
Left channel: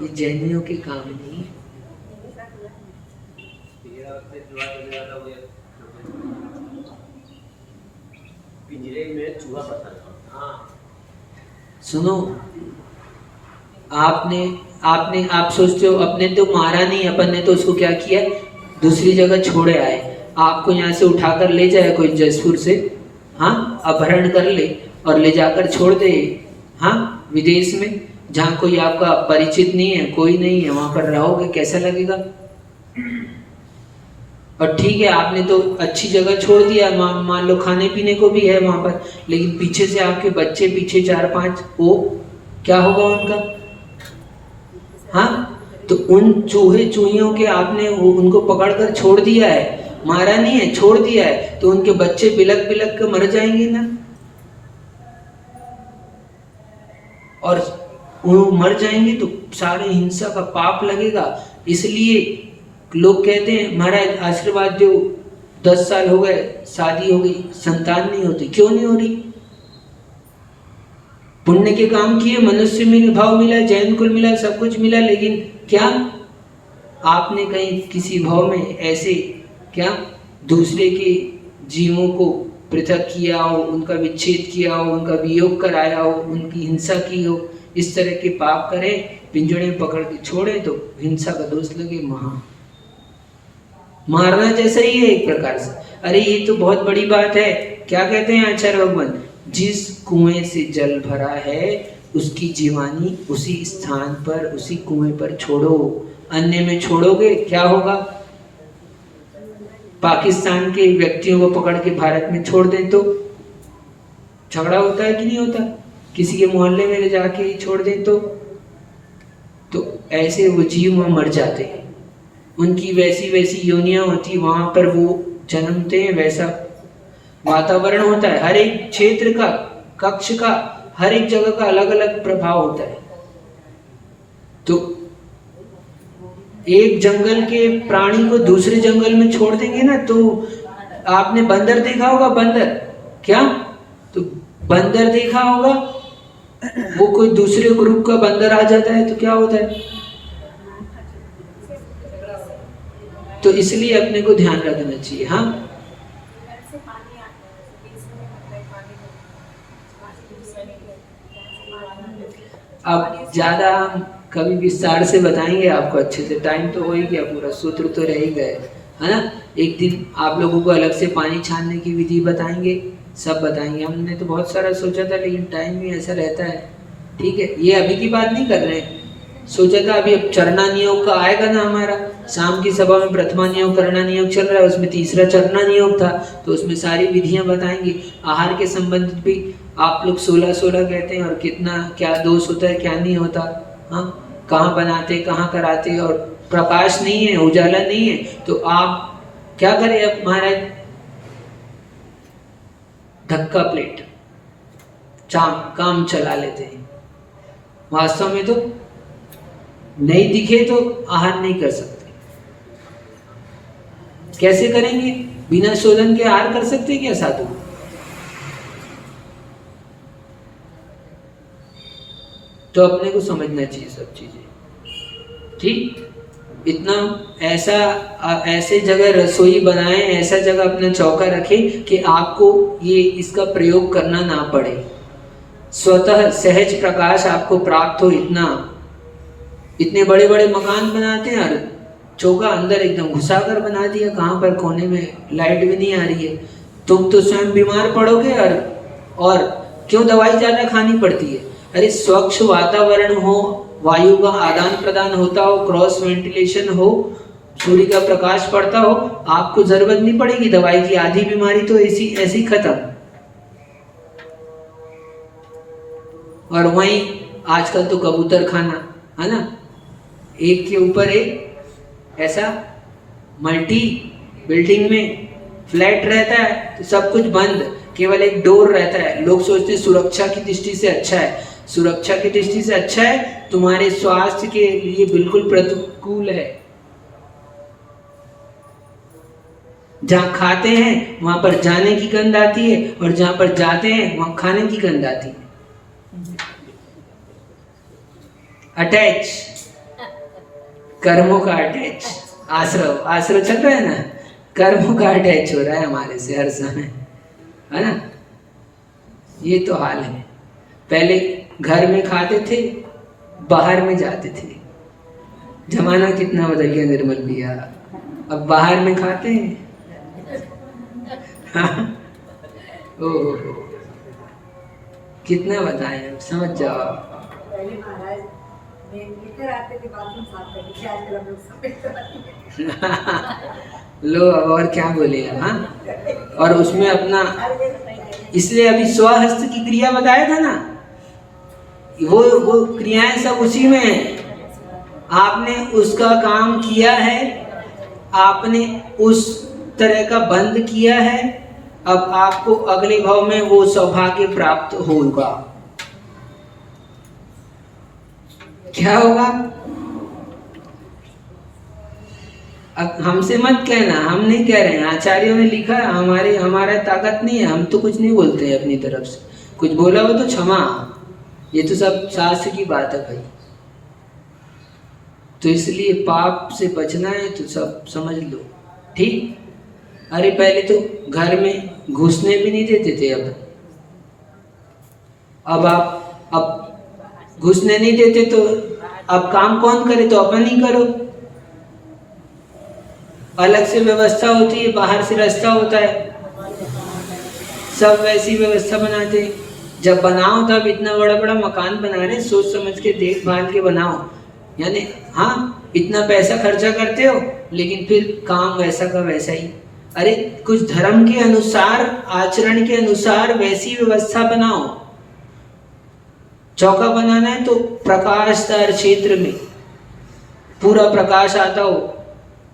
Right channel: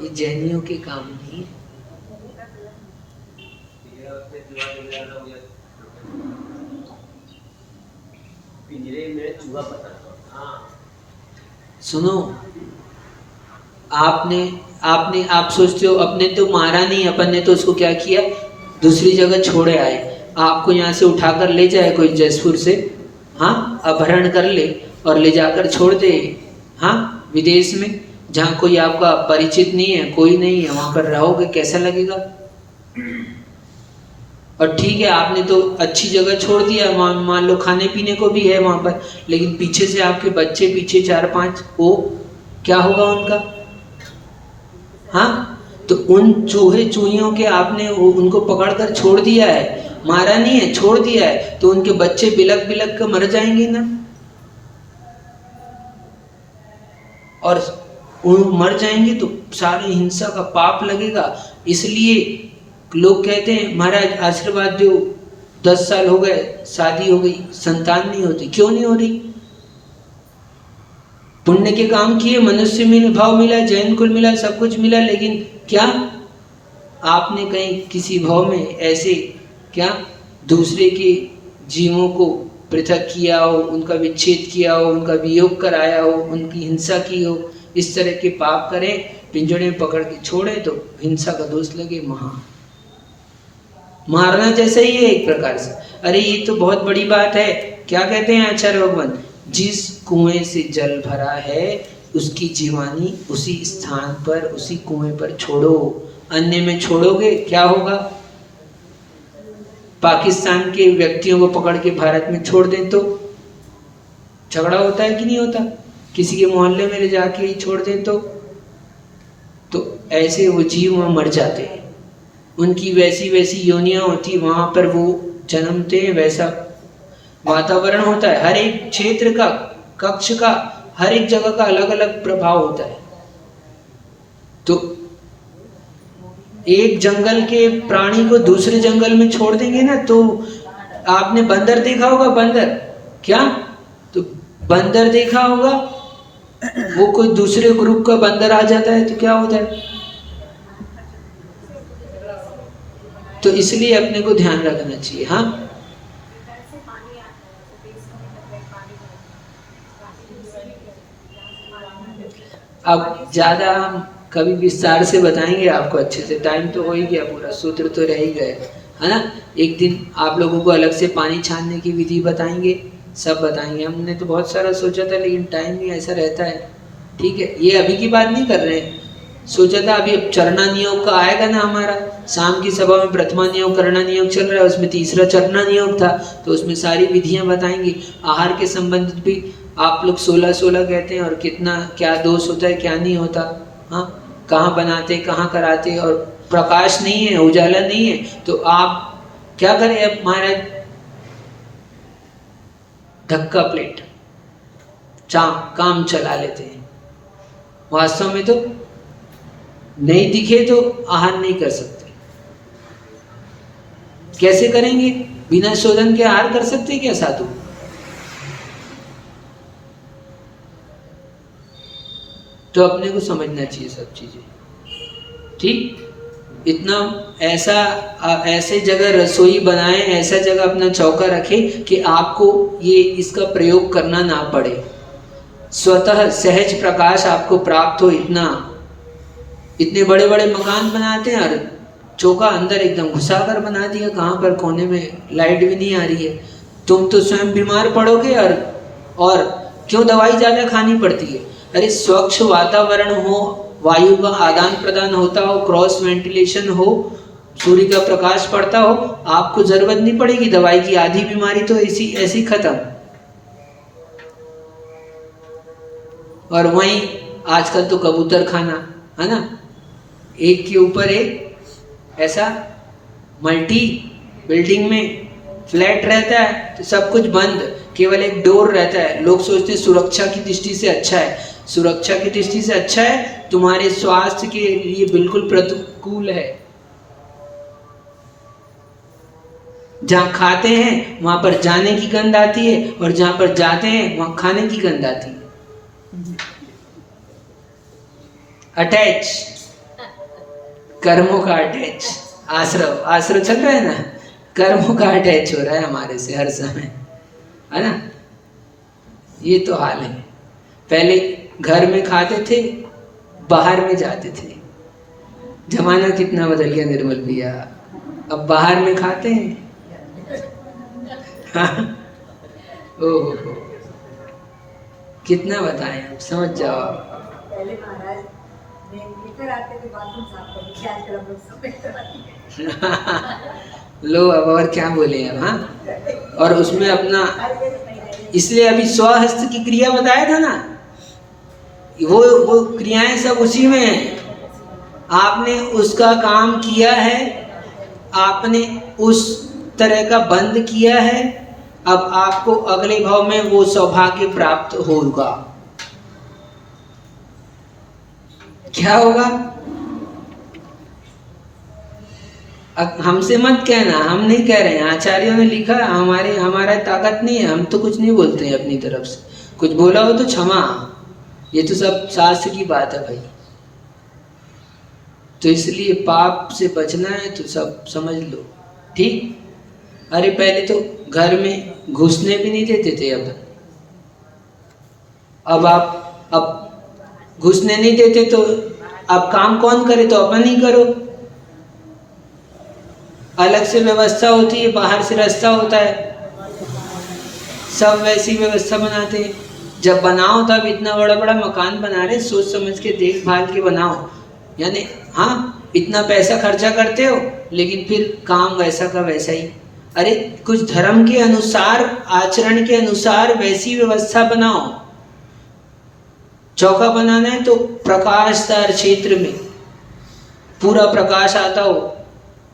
ये जैनियों के काम नहीं। सुनो, आप सोचते हो अपने तो मारा नहीं, अपन ने तो उसको क्या किया, दूसरी जगह छोड़े आए। आपको यहाँ से उठाकर ले जाए कोई जयपुर से, हाँ, अपहरण कर ले और ले जाकर छोड़ दे, हाँ, विदेश में, जहाँ कोई आपका परिचित नहीं है, कोई नहीं है, वहां पर रहोगे, कैसा लगेगा? और ठीक है, आपने तो अच्छी जगह छोड़ दिया, मान लो खाने पीने को भी है वहां पर, लेकिन पीछे से आपके बच्चे पीछे 4-5, वो क्या होगा उनका? हाँ, तो उन चूहे चूहियों के आपने उनको पकड़कर छोड़ दिया है, मारा नहीं है, छोड़ दिया है, तो उनके बच्चे बिलक बिलक कर मर जाएंगे ना। और वो मर जाएंगे तो सारी हिंसा का पाप लगेगा। इसलिए लोग कहते हैं महाराज आशीर्वाद दो, 10 साल हो गए, शादी हो गई, संतान नहीं होती। क्यों नहीं हो रही? पुण्य के काम किए, मनुष्य में भाव मिला, जैन कुल मिला, सब कुछ मिला, लेकिन क्या आपने कहीं किसी भाव में ऐसे क्या दूसरे के जीवों को पृथक किया हो, उनका विच्छेद किया हो, उनका वियोग कराया हो, उनकी हिंसा की हो? इस तरह के पाप करें, पिंजड़े में पकड़ के छोड़े तो हिंसा का दोष लगे, मारना जैसा ही है एक प्रकार से। अरे ये तो बहुत बड़ी बात है। क्या कहते हैं आचार्य भगवान, जिस कुएं से जल भरा है उसकी जीवानी उसी स्थान पर, उसी कुएं पर छोड़ो। अन्य में छोड़ोगे क्या होगा? पाकिस्तान के व्यक्तियों को पकड़ के भारत में छोड़ दे तो झगड़ा होता है कि नहीं होता? किसी के मोहल्ले में जाके ही छोड़ दे तो ऐसे वो जीव वहां मर जाते हैं। उनकी वैसी वैसी योनियां होती, वहां पर वो जन्मते हैं, वैसा वातावरण होता है। हर एक क्षेत्र का, कक्ष का, हर एक जगह का अलग अलग प्रभाव होता है। तो एक जंगल के प्राणी को दूसरे जंगल में छोड़ देंगे ना, तो आपने बंदर देखा होगा, बंदर क्या, तो बंदर देखा होगा, वो कोई दूसरे ग्रुप का बंदर आ जाता है तो क्या होता है? तो इसलिए अपने को ध्यान रखना चाहिए। हाँ, अब ज्यादा हम कभी विस्तार से बताएंगे आपको अच्छे से, टाइम तो हो ही गया, पूरा सूत्र तो रह ही गए, है ना। एक दिन आप लोगों को अलग से पानी छानने की विधि बताएंगे, सब बताएंगे। हमने तो बहुत सारा सोचा था, लेकिन टाइम भी ऐसा रहता है। ठीक है, ये अभी की बात नहीं कर रहे हैं, सोचा था अभी अब चरना नियोग का आएगा ना हमारा, शाम की सभा में प्रथमा नियोग करना नियोग चल रहा है, उसमें तीसरा चरना नियोग था, तो उसमें सारी विधियां बताएंगे। आहार के संबंधित भी आप लोग 16-16 कहते हैं, और कितना क्या दोष होता है, क्या नहीं होता, हाँ, कहाँ बनाते, कहाँ कराते, और प्रकाश नहीं है, उजाला नहीं है, तो आप क्या करें? अब महाराज धक्का प्लेट काम चला लेते हैं। वास्तव में तो नहीं दिखे तो आहार नहीं कर सकते। कैसे करेंगे? बिना शोधन के आहार कर सकते क्या साधु? तो अपने को समझना चाहिए सब चीजें, ठीक। इतना ऐसे जगह रसोई बनाए, ऐसा जगह अपना चौका रखे कि आपको ये इसका प्रयोग करना ना पड़े, स्वतः सहज प्रकाश आपको प्राप्त हो। इतने बड़े बड़े मकान बनाते हैं और चौका अंदर एकदम घुसा कर बना दिया, कहाँ पर कोने में लाइट भी नहीं आ रही है। तुम तो स्वयं बीमार पड़ोगे, और क्यों दवाई ज्यादा खानी पड़ती है? अरे स्वच्छ वातावरण हो, वायु का आदान प्रदान होता हो, क्रॉस वेंटिलेशन हो, सूर्य का प्रकाश पड़ता हो, आपको जरूरत नहीं पड़ेगी दवाई की। आधी बीमारी तो ऐसी खत्म। और वहीं आजकल तो कबूतर खाना, है ना, एक के ऊपर एक ऐसा मल्टी बिल्डिंग में फ्लैट रहता है तो सब कुछ बंद, केवल एक डोर रहता है। लोग सोचते हैं सुरक्षा की दृष्टि से अच्छा है, सुरक्षा की दृष्टि से अच्छा है, तुम्हारे स्वास्थ्य के लिए बिल्कुल प्रतिकूल है। जहाँ खाते हैं वहां पर जाने की गंध आती है, और जहां पर जाते हैं वहां खाने की गंध आती है। अटैच, कर्मों का अटैच, आश्रव चल रहा है ना, कर्मों का अटैच हो रहा है हमारे से हर समय, है ना। ये तो हाल है। पहले घर में खाते थे, बाहर में जाते थे। जमाना कितना बदल गया निर्मल भैया, अब बाहर में खाते हैं। ओहो, कितना बताएं, समझ जाओ। पहले महाराज लेकर आते थे बाथरूम साफ करने के, आजकल हम लोग सफेद कराते हैं। लो अब और क्या बोले अब, हाँ। और उसमें अपना, इसलिए अभी स्वहस्त की क्रिया बताया था ना, वो क्रियाएं सब उसी में है। आपने उसका काम किया है, आपने उस तरह का बंद किया है, अब आपको अगले भाव में वो सौभाग्य प्राप्त होगा। क्या होगा? हमसे मत कहना, हम नहीं कह रहे हैं, आचार्यों ने लिखा, हमारा ताकत नहीं है, हम तो कुछ नहीं बोलते हैं अपनी तरफ से। कुछ बोला हो तो क्षमा, ये तो सब शास्त्र की बात है भाई। तो इसलिए पाप से बचना है तो सब समझ लो, ठीक। अरे पहले तो घर में घुसने भी नहीं देते थे, अब घुसने नहीं देते तो अब काम कौन करे, तो अपन ही करो। अलग से व्यवस्था होती है, बाहर से रास्ता होता है, सब वैसी व्यवस्था बनाते हैं। जब बनाओ तब इतना बड़ा बड़ा मकान बना रहे, सोच समझ के देखभाल के बनाओ। यानी हाँ, इतना पैसा खर्चा करते हो लेकिन फिर काम वैसा का वैसा ही। अरे कुछ धर्म के अनुसार, आचरण के अनुसार वैसी व्यवस्था बनाओ। चौका बनाना है तो प्रकाशदार क्षेत्र में पूरा प्रकाश आता हो,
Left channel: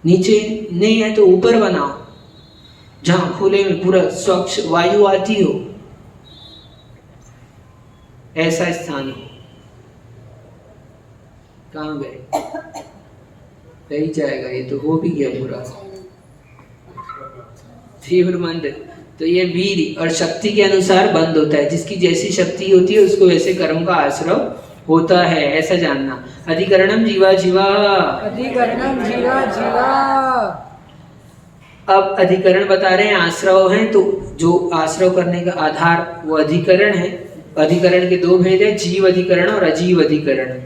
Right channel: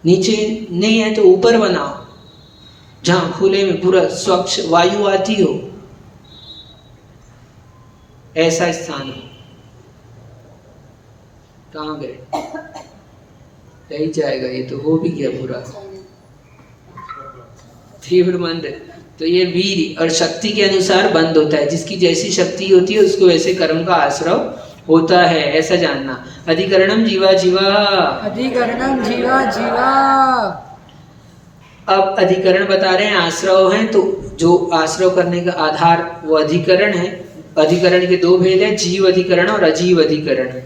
नीचे नहीं है तो ऊपर बनाओ, जहां खुले में पूरा स्वच्छ वायु आती हो, ऐसा स्थान हो। कहाँ गए? रह जाएगा, ये तो हो भी गया पूरा। तीव्र मंद, तो ये वीर और शक्ति के अनुसार बंद होता है। जिसकी जैसी शक्ति होती है उसको वैसे कर्म का आश्रव होता है, ऐसा जानना। अधिकरणम जीवा जीवा, अधिकरणम जीवा जीवा। अब अधिकरण बता रहे हैं, आश्रव हैं, तो जो आश्रव करने का आधार वो अधिकरण है। अधिकरण के दो भेद है, जीव अधिकरण और अजीव अधिकरण,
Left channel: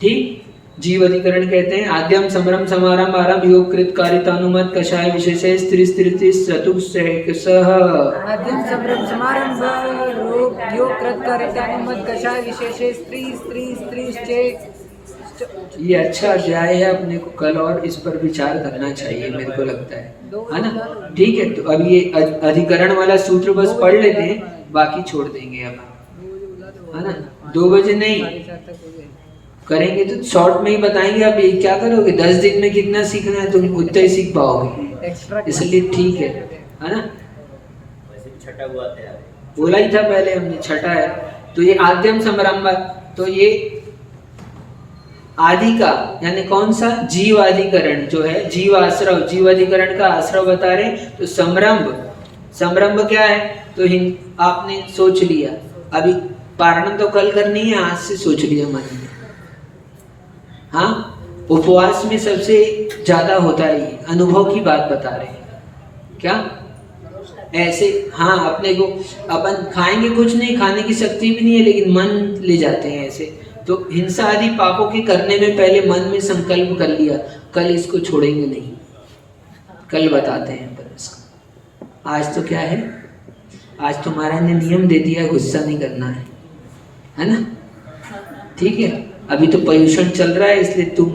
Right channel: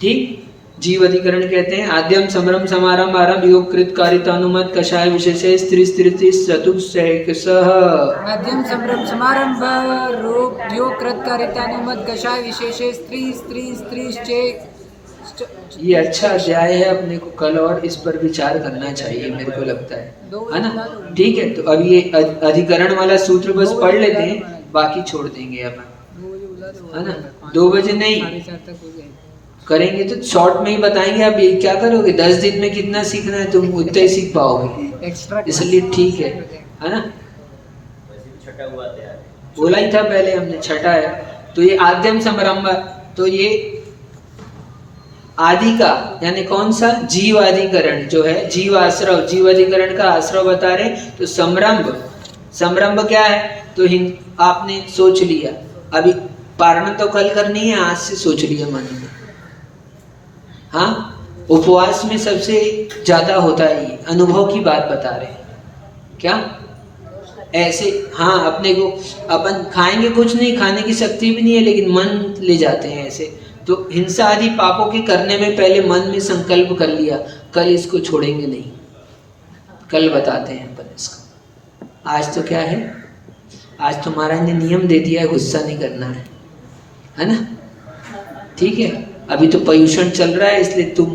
ठीक। जीव अधिकरण कहते हैं आद्यम समरम समारंभ आरंभ योग कृत कारितानुमत कषाय विशेष स्त्री स्त्री चतुस्सह। आद्यम समरम समारंभ योग कृत कारितानुमत कषाय विशेष स्त्री स्त्री स्त्री चेक। ये अच्छा अध्याय है, अपने को कल और इस पर विचार करना चाहिए, मेरे को लगता है ना। ठीक है, तो अब ये अधिकरण वाला सूत्र बस पढ़ लेते हैं, बाकी छोड़ देंगे अपन, है ना। 2 बजे नहीं करेंगे तो शॉर्ट में ही बताएंगे। आप ये क्या करोगे, 10 दिन में कितना सीखना है, तुम उतना ही सीख पाओगे, इसलिए ठीक है ना। छठा हुआ तैयार, बोला ही था पहले हमने, छठा है। तो ये आद्यम समारंभ, तो ये आदि का यानी कौन सा, जीव अधिकरण जो है, जीव आश्रव, जीव अधिकरण का आश्रव बता रहे। तो संरंभ क्या है, तो आपने सोच लिया, अभी पारणा तो कल करनी है, आज से सोच लिया मन में। हाँ, उपवास में सबसे ज्यादा होता है ये, अनुभव की बात बता रहे हैं क्या ऐसे। हाँ, अपने को अपन खाएंगे कुछ नहीं, खाने की शक्ति भी नहीं है, लेकिन मन ले जाते हैं ऐसे। तो हिंसा आदि पापों के करने में पहले मन में संकल्प कर लिया, कल इसको छोड़ेंगे नहीं, कल बताते हैं अपन इसको। आज तो क्या है, आज तो महाराज ने नियम दे दिया है, गुस्सा नहीं करना है ना, ठीक है। अभी तो प्रदूषण चल रहा है, इसलिए तुम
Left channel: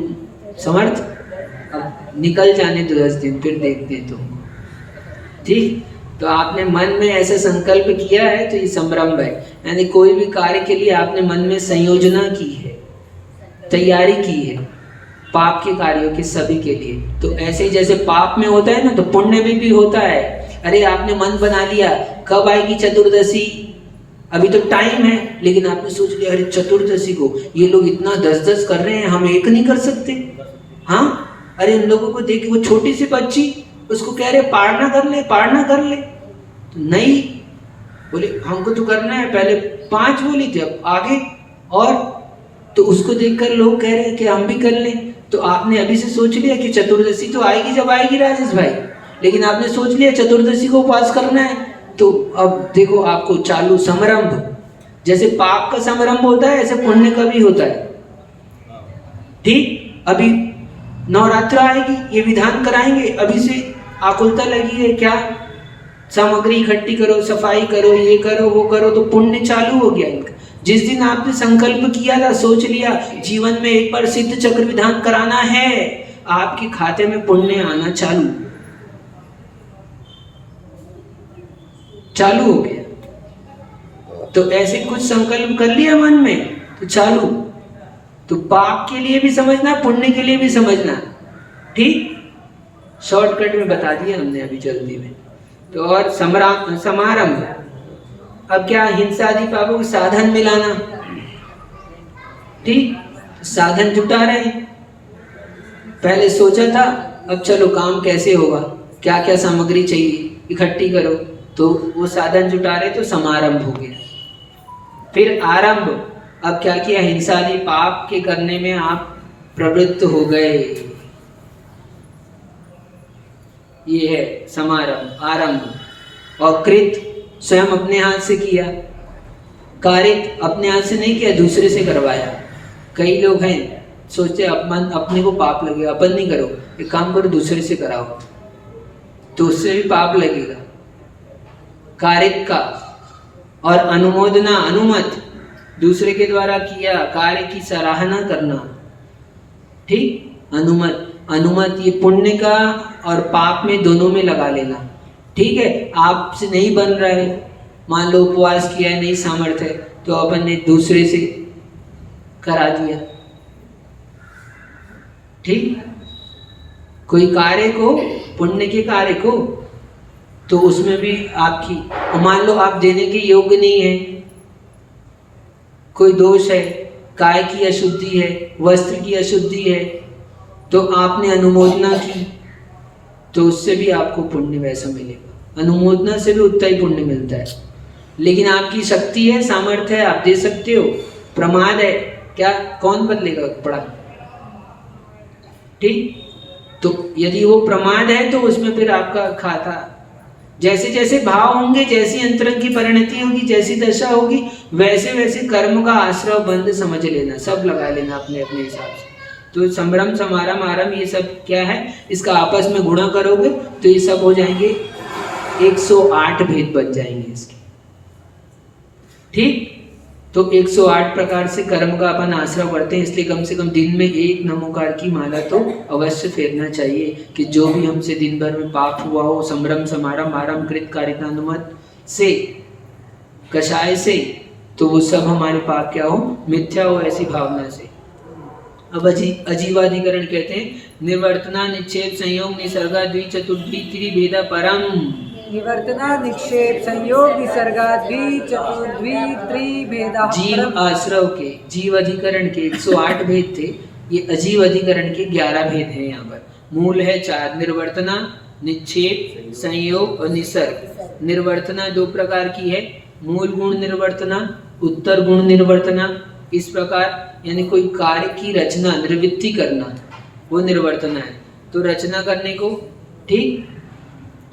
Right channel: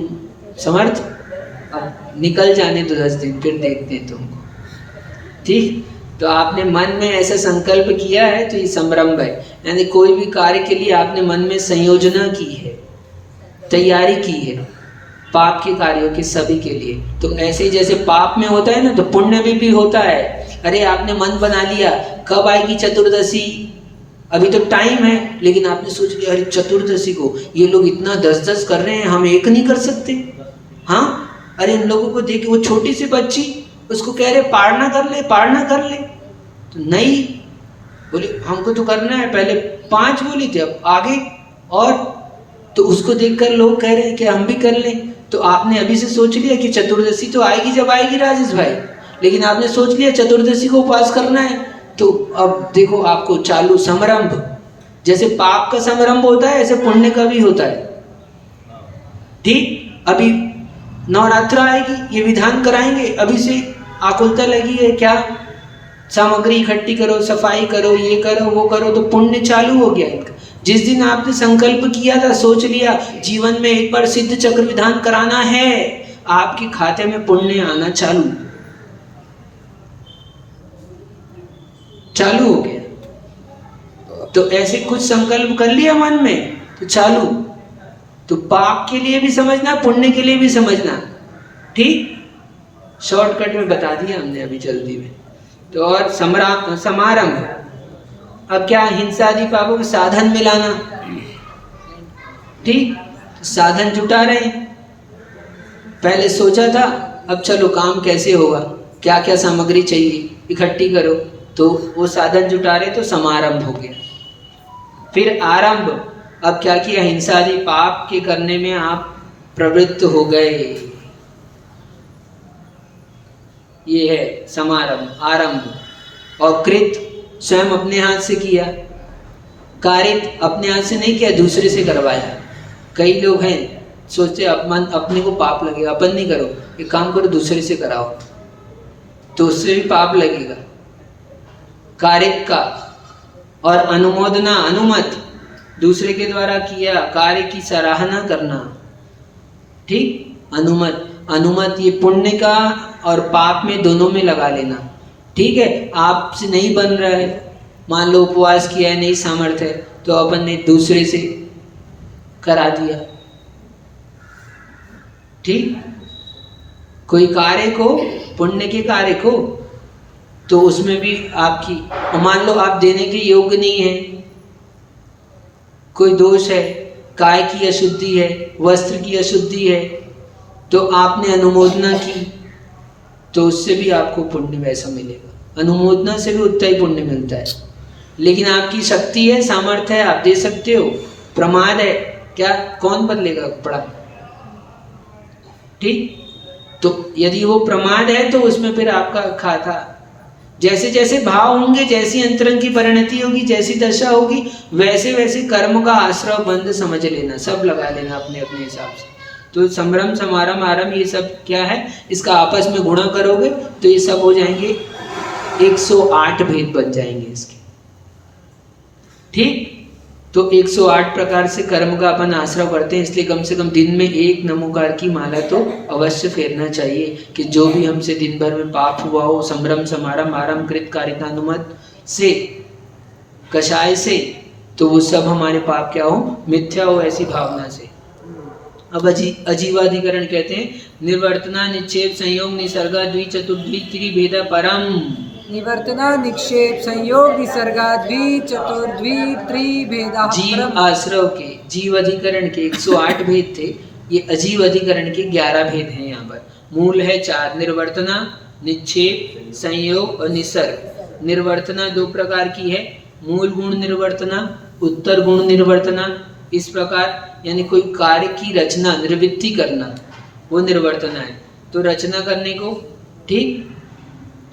समर्थ, अब निकल जाने तो 10 दिन, फिर देखते हैं तुमको, ठीक। तो आपने मन में ऐसा संकल्प किया है, तो ये संरंभ है। यानी कोई भी कार्य के लिए आपने मन में संयोजना की है, तैयारी की पाप के कार्यों के सभी के लिए। तो ऐसे ही जैसे पाप में होता है ना, तो पुण्य में भी होता है। अरे आपने मन बना लिया कब आएगी चतुर्दशी, अभी तो टाइम है, लेकिन आपने सोच लिया अरे चतुर्दशी को ये लोग इतना 10-10 कर रहे हैं, हम एक नहीं कर सकते। हाँ, अरे इन लोगों को देखिए, वो छोटी सी बच्ची, उसको कह रहे पारना कर ले, पारना कर ले, तो नहीं बोले हमको तो करना है, पहले 5 बोली थी अब आगे, और तो उसको देखकर लोग कह रहे हैं कि हम भी कर लें। तो आपने अभी से सोच लिया कि चतुर्दशी तो आएगी जब आएगी राजेश भाई, लेकिन आपने सोच लिया चतुर्दशी को उपवास करना है, तो अब देखो आपको चालू समारंभ, जैसे पाप का समारंभ होता है ऐसे पुण्य का भी होता है। ठीक, अभी नवरात्र आएगी, ये विधान कराएंगे, अभी से आकुलता लगी है, क्या सामग्री इकट्ठी करो, सफाई करो, ये करो वो करो, तो पुण्य चालू हो गया इनका। जिस दिन आपने संकल्प किया था, सोच लिया जीवन में एक बार सिद्ध चक्र विधान कराना है, आपके खाते में पुण्य आना चालू हो गया। तो ऐसे कुछ संकल्प कर लिया मन में तो चालू। तो पाप के लिए भी समझना, पुण्य के लिए भी समझना। ठीक, शॉर्टकट में बता दिया हमने अभी जल्दी में। तो और समारंभ, अब क्या, हिंसा आदि पापों के साधन मिलाना। ठीक, साधन जुटा रहे हैं, पहले सोचा था, अब चलो काम कैसे होगा, क्या क्या सामग्री चाहिए इकट्ठी करो, तो वो साधन जुटा रहे, तो समारंभ हो गया। फिर आरंभ, अब क्या किया, हिंसा आदि पाप के करने में आप प्रवृत्त हो गए, ये है समारंभ, आरंभ। और कृत, स्वयं अपने हाथ से किया, कारित अपने हाथ से नहीं किया, दूसरे से करवाया। कई लोग हैं सोचते अपने को पाप लगेगा, अपन नहीं करो, एक काम करो दूसरे से कराओ, तो उससे भी पाप लगेगा। कारित का, और अनुमोदना, अनुमत, दूसरे के द्वारा किया कार्य की सराहना करना। ठीक, अनुमत ये पुण्य का और पाप में दोनों में लगा लेना। ठीक है, आपसे नहीं बन रहा है, मान लो उपवास किया है, नहीं सामर्थ्य है, तो अपन ने दूसरे से करा दिया। ठीक, कोई कार्य को, पुण्य के कार्य को, तो उसमें भी आपकी, मान लो आप देने के योग्य नहीं है, कोई दोष है, काय की अशुद्धि है, वस्त्र की अशुद्धि है, तो आपने अनुमोदना की, तो उससे भी आपको पुण्य वैसा मिलेगा। अनुमोदना से भी उतना ही पुण्य मिलता है। लेकिन आपकी शक्ति है, सामर्थ्य है, आप दे सकते हो, प्रमाद है, क्या कौन बदलेगा कपड़ा। ठीक, तो यदि वो प्रमाद है तो उसमें फिर आपका खाता, जैसे जैसे भाव होंगे, जैसी अंतरंग की परिणति होगी, जैसी दशा होगी, वैसे वैसे कर्म का आश्रय बंध समझ लेना, सब लगा लेना अपने अपने हिसाब से। तो संभ्रम, समारंभ, आरंभ, ये सब क्या है, इसका आपस में गुणा करोगे तो ये सब हो जाएंगे 108 भेद बन जाएंगे इसके। ठीक, तो 108 प्रकार से कर्म का अपन आश्रय करते हैं, इसलिए कम से कम दिन में 1 नमोकार की माला तो अवश्य फेरना चाहिए, कि जो भी हमसे दिन भर में पाप हुआ हो, संभ्रम, समारंभ, आरंभ, कृत, कारितानुमत से, कषाय से, तो वो सब हमारे पाप क्या हो, मिथ्या हो, ऐसी भावना से। अब अजीवाधिकरण कहते हैं, निवर्तना, निक्षेप, संयोग, निसर्गा, द्विचतुर्द्वि त्रिभेदा परम। निवर्तना, निक्षेप, संयोग, निसर्गा, द्विचतुर्द्वि त्रिभेदा। जीव आश्रव के, जीव अधिकरण के 108 भेद थे, ये अजीव अधिकरण के 11 भेद हैं। यहाँ पर मूल है 4, निर्वर्तना, निक्षेप, संयोग और निसर्ग। निर्वर्तना 2 प्रकार की है, मूल गुण निर्वर्तना, उत्तर गुण निर्वर्तना। इस प्रकार यानी कोई कार्य की रचना, निर्वृत्ति करना, वो निर्वर्तना है। तो रचना करने को, ठीक,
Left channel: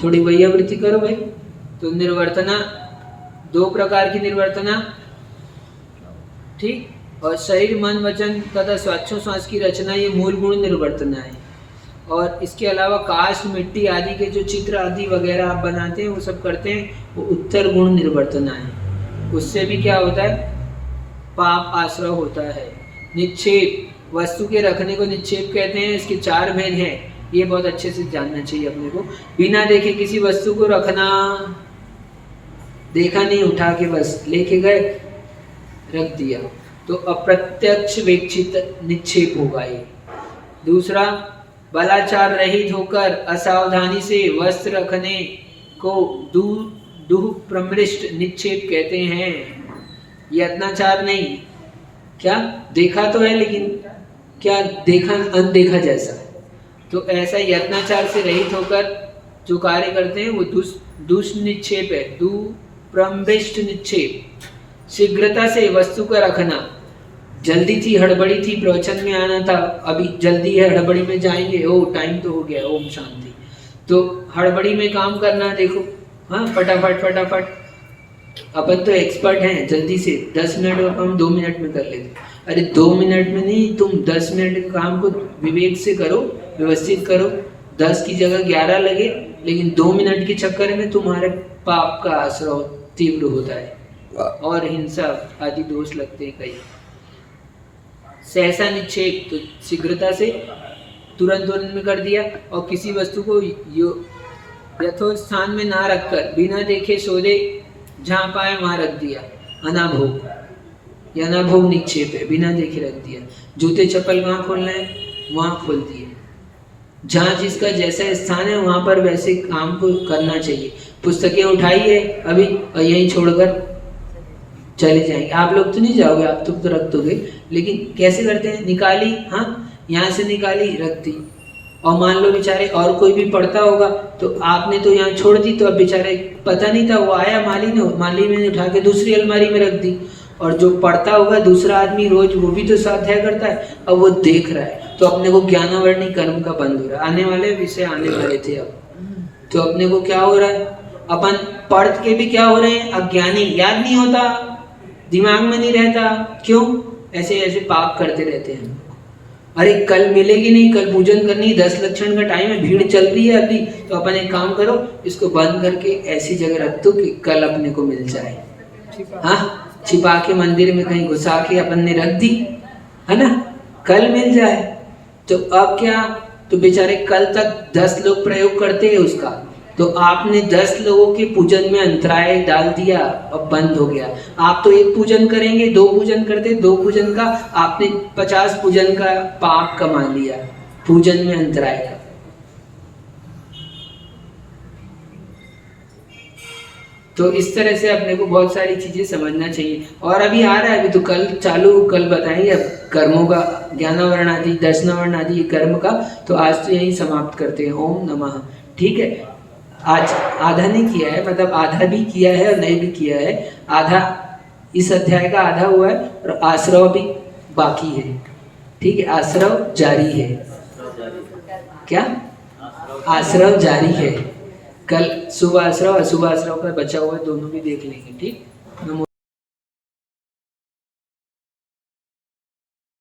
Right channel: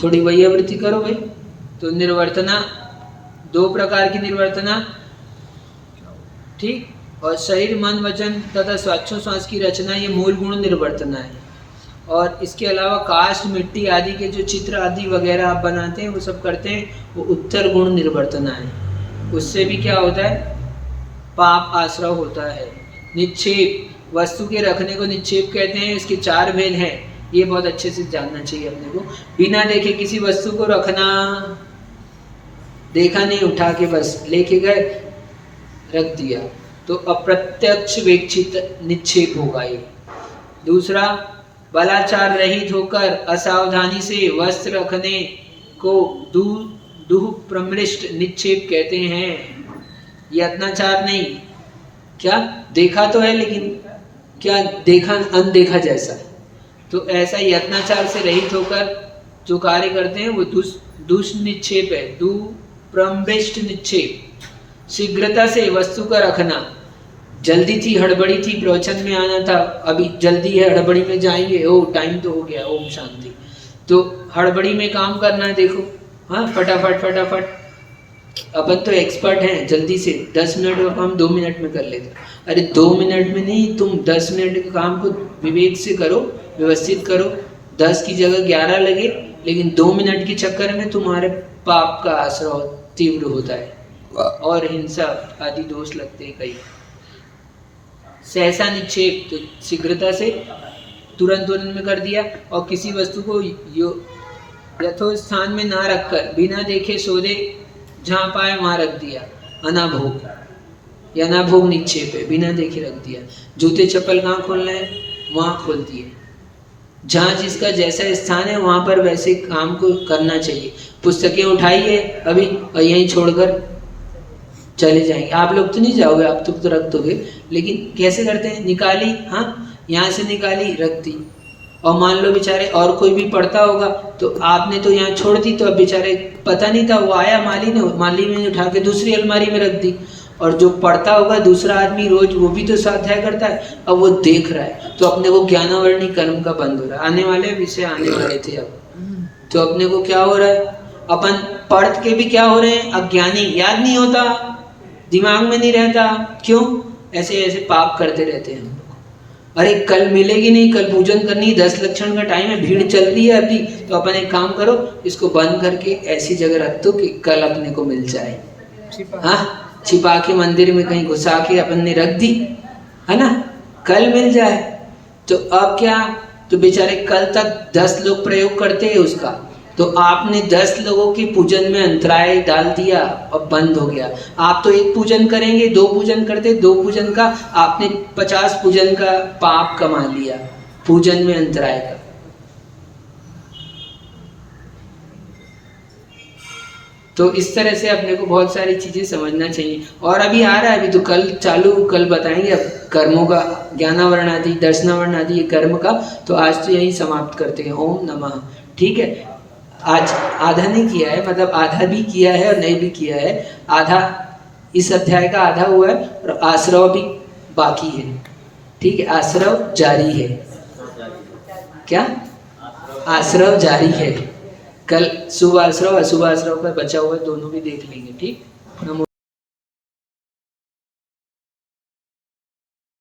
थोड़ी वैयावृत्ति करो भाई। तो निर्वर्तना 2 प्रकार की निर्वर्तना, ठीक, और शरीर, मन, वचन तथा श्वासोच्छ्वास की रचना, ये मूल गुण निर्वर्तना है। और इसके अलावा काष्ठ, मिट्टी आदि के जो चित्र आदि वगैरह आप बनाते हैं, वो सब करते हैं, वो उत्तर गुण निर्वर्तना है। उससे भी क्या होता है, पाप आश्रय होता है। निक्षेप, वस्तु के रखने को निक्षेप कहते हैं, इसके 4 भेद हैं, ये बहुत अच्छे से जानना चाहिए अपने को। बिना देखे किसी वस्तु को रखना, देखा नहीं, उठा के बस लेके गए, रख दिया, तो अप्रत्यक्ष वेक्षित निक्षेप होगा ये। दूसरा, बलाचार रहित होकर असावधानी से वस्त्र रखने को दुह प्रमृष्ट निक्षेप कहते हैं। यत्नाचार नहीं, क्या देखा तो है लेकिन क्या देखा अनदेखा जैसा, तो ऐसा यत्नाचार से रहित होकर जो कार्य करते हैं वो दुष्निक्षेप है, दुप्रमृष्ट निक्षेप। शीघ्रता से वस्तु का रखना, जल्दी थी, हड़बड़ी थी, प्रवचन में आना था, अभी जल्दी है, हड़बड़ी में जाएंगे, ओ टाइम तो हो गया, ओम शांति, तो हड़बड़ी में काम करना है। देखो हाँ, फटाफट फटाफट, अपन तो एक्सपर्ट हैं, जल्दी से 10 मिनट का काम 2 मिनट में कर लेते। अरे 2 मिनट में नहीं, तुम 10 मिनट के काम को विवेक से करो, व्यवस्थित करो, 10 की जगह 11 लगे, लेकिन 2 मिनट के चक्कर में तुम्हारे पाप का आश्रय तीव्र होता है और हिंसा आदि दोष लगते हैं कई। सहसा निक्षेप, तो शीघ्रता से तुरंत में कर दिया, और किसी वस्तु को यथोचित स्थान में ना रखकर बिना देखे सौदे जहाँ पाए वहाँ रख दिया, अनाभोग, या अनाभोग निक्षेप है, बिना देखे रख दिया। जूते चप्पल कहाँ खोलना है वहाँ खोल दिए, जहाँ जिसका जैसा स्थान है वहाँ पर वैसे काम को करना चाहिए। पुस्तकें उठाइए अभी और यहीं छोड़कर चले जाएंगे, आप लोग तो नहीं जाओगे, आप तो रख दोगे, लेकिन कैसे करते हैं, निकाली, हाँ यहाँ से निकाली रख दी, और मान लो बेचारे और कोई भी पढ़ता होगा तो आपने तो यहाँ छोड़ दी, तो अब बेचारे पता नहीं था, वो आया माली ने उठा के दूसरी अलमारी में रख दी, और जो पढ़ता होगा दूसरा आदमी रोज, वो भी तो स्वाध्याय करता है, अब वो देख रहा है, तो अपने को ज्ञानावरणी कर्म का बंद हो रहा है। आने वाले विषय आने वाले थे अब, तो अपने को क्या हो रहा है, अपन पढ़ के भी क्या हो रहे हैं, अज्ञानी, याद नहीं होता, दिमाग में नहीं रहता, क्यों, ऐसे ऐसे पाप करते रहते हैं। अरे कल मिलेगी नहीं, कल पूजन करनी, 10 लक्षण का टाइम है, भीड़ चल रही है अभी, तो अपन एक काम करो, इसको बंद करके ऐसी जगह रख दो कि कल अपने को मिल जाए। हाँ, छिपा के मंदिर में कहीं घुसा के अपन ने रख दी, है ना, कल मिल जाए। तो अब क्या, तो बेचारे कल तक 10 लोग प्रयोग करते हैं उसका, तो आपने 10 लोगों के पूजन में अंतराय डाल दिया और बंद हो गया। आप तो एक पूजन करेंगे, 2 पूजन करते, 2 पूजन का आपने 50 पूजन का पाप कमा लिया, पूजन में अंतराय का। तो इस तरह से अपने को बहुत सारी चीजें समझना चाहिए। और अभी आ रहा है, अभी तो कल चालू, कल बताएंगे अब कर्मों का, ज्ञानावरण आदि, दर्शनावरण आदि कर्म का। तो आज तो यही समाप्त करते हैं, ओम नमः। ठीक है, आज आधा नहीं किया है, मतलब आधा भी किया है और नहीं भी किया है, आधा इस अध्याय का आधा हुआ है और आश्रव भी बाकी है। ठीक है, आश्रव जारी है, क्या आश्रव जारी है, कल शुभ आश्रव अशुभ आश्रव का बचा हुआ है, दोनों भी देख लेंगे। ठीक, नमो।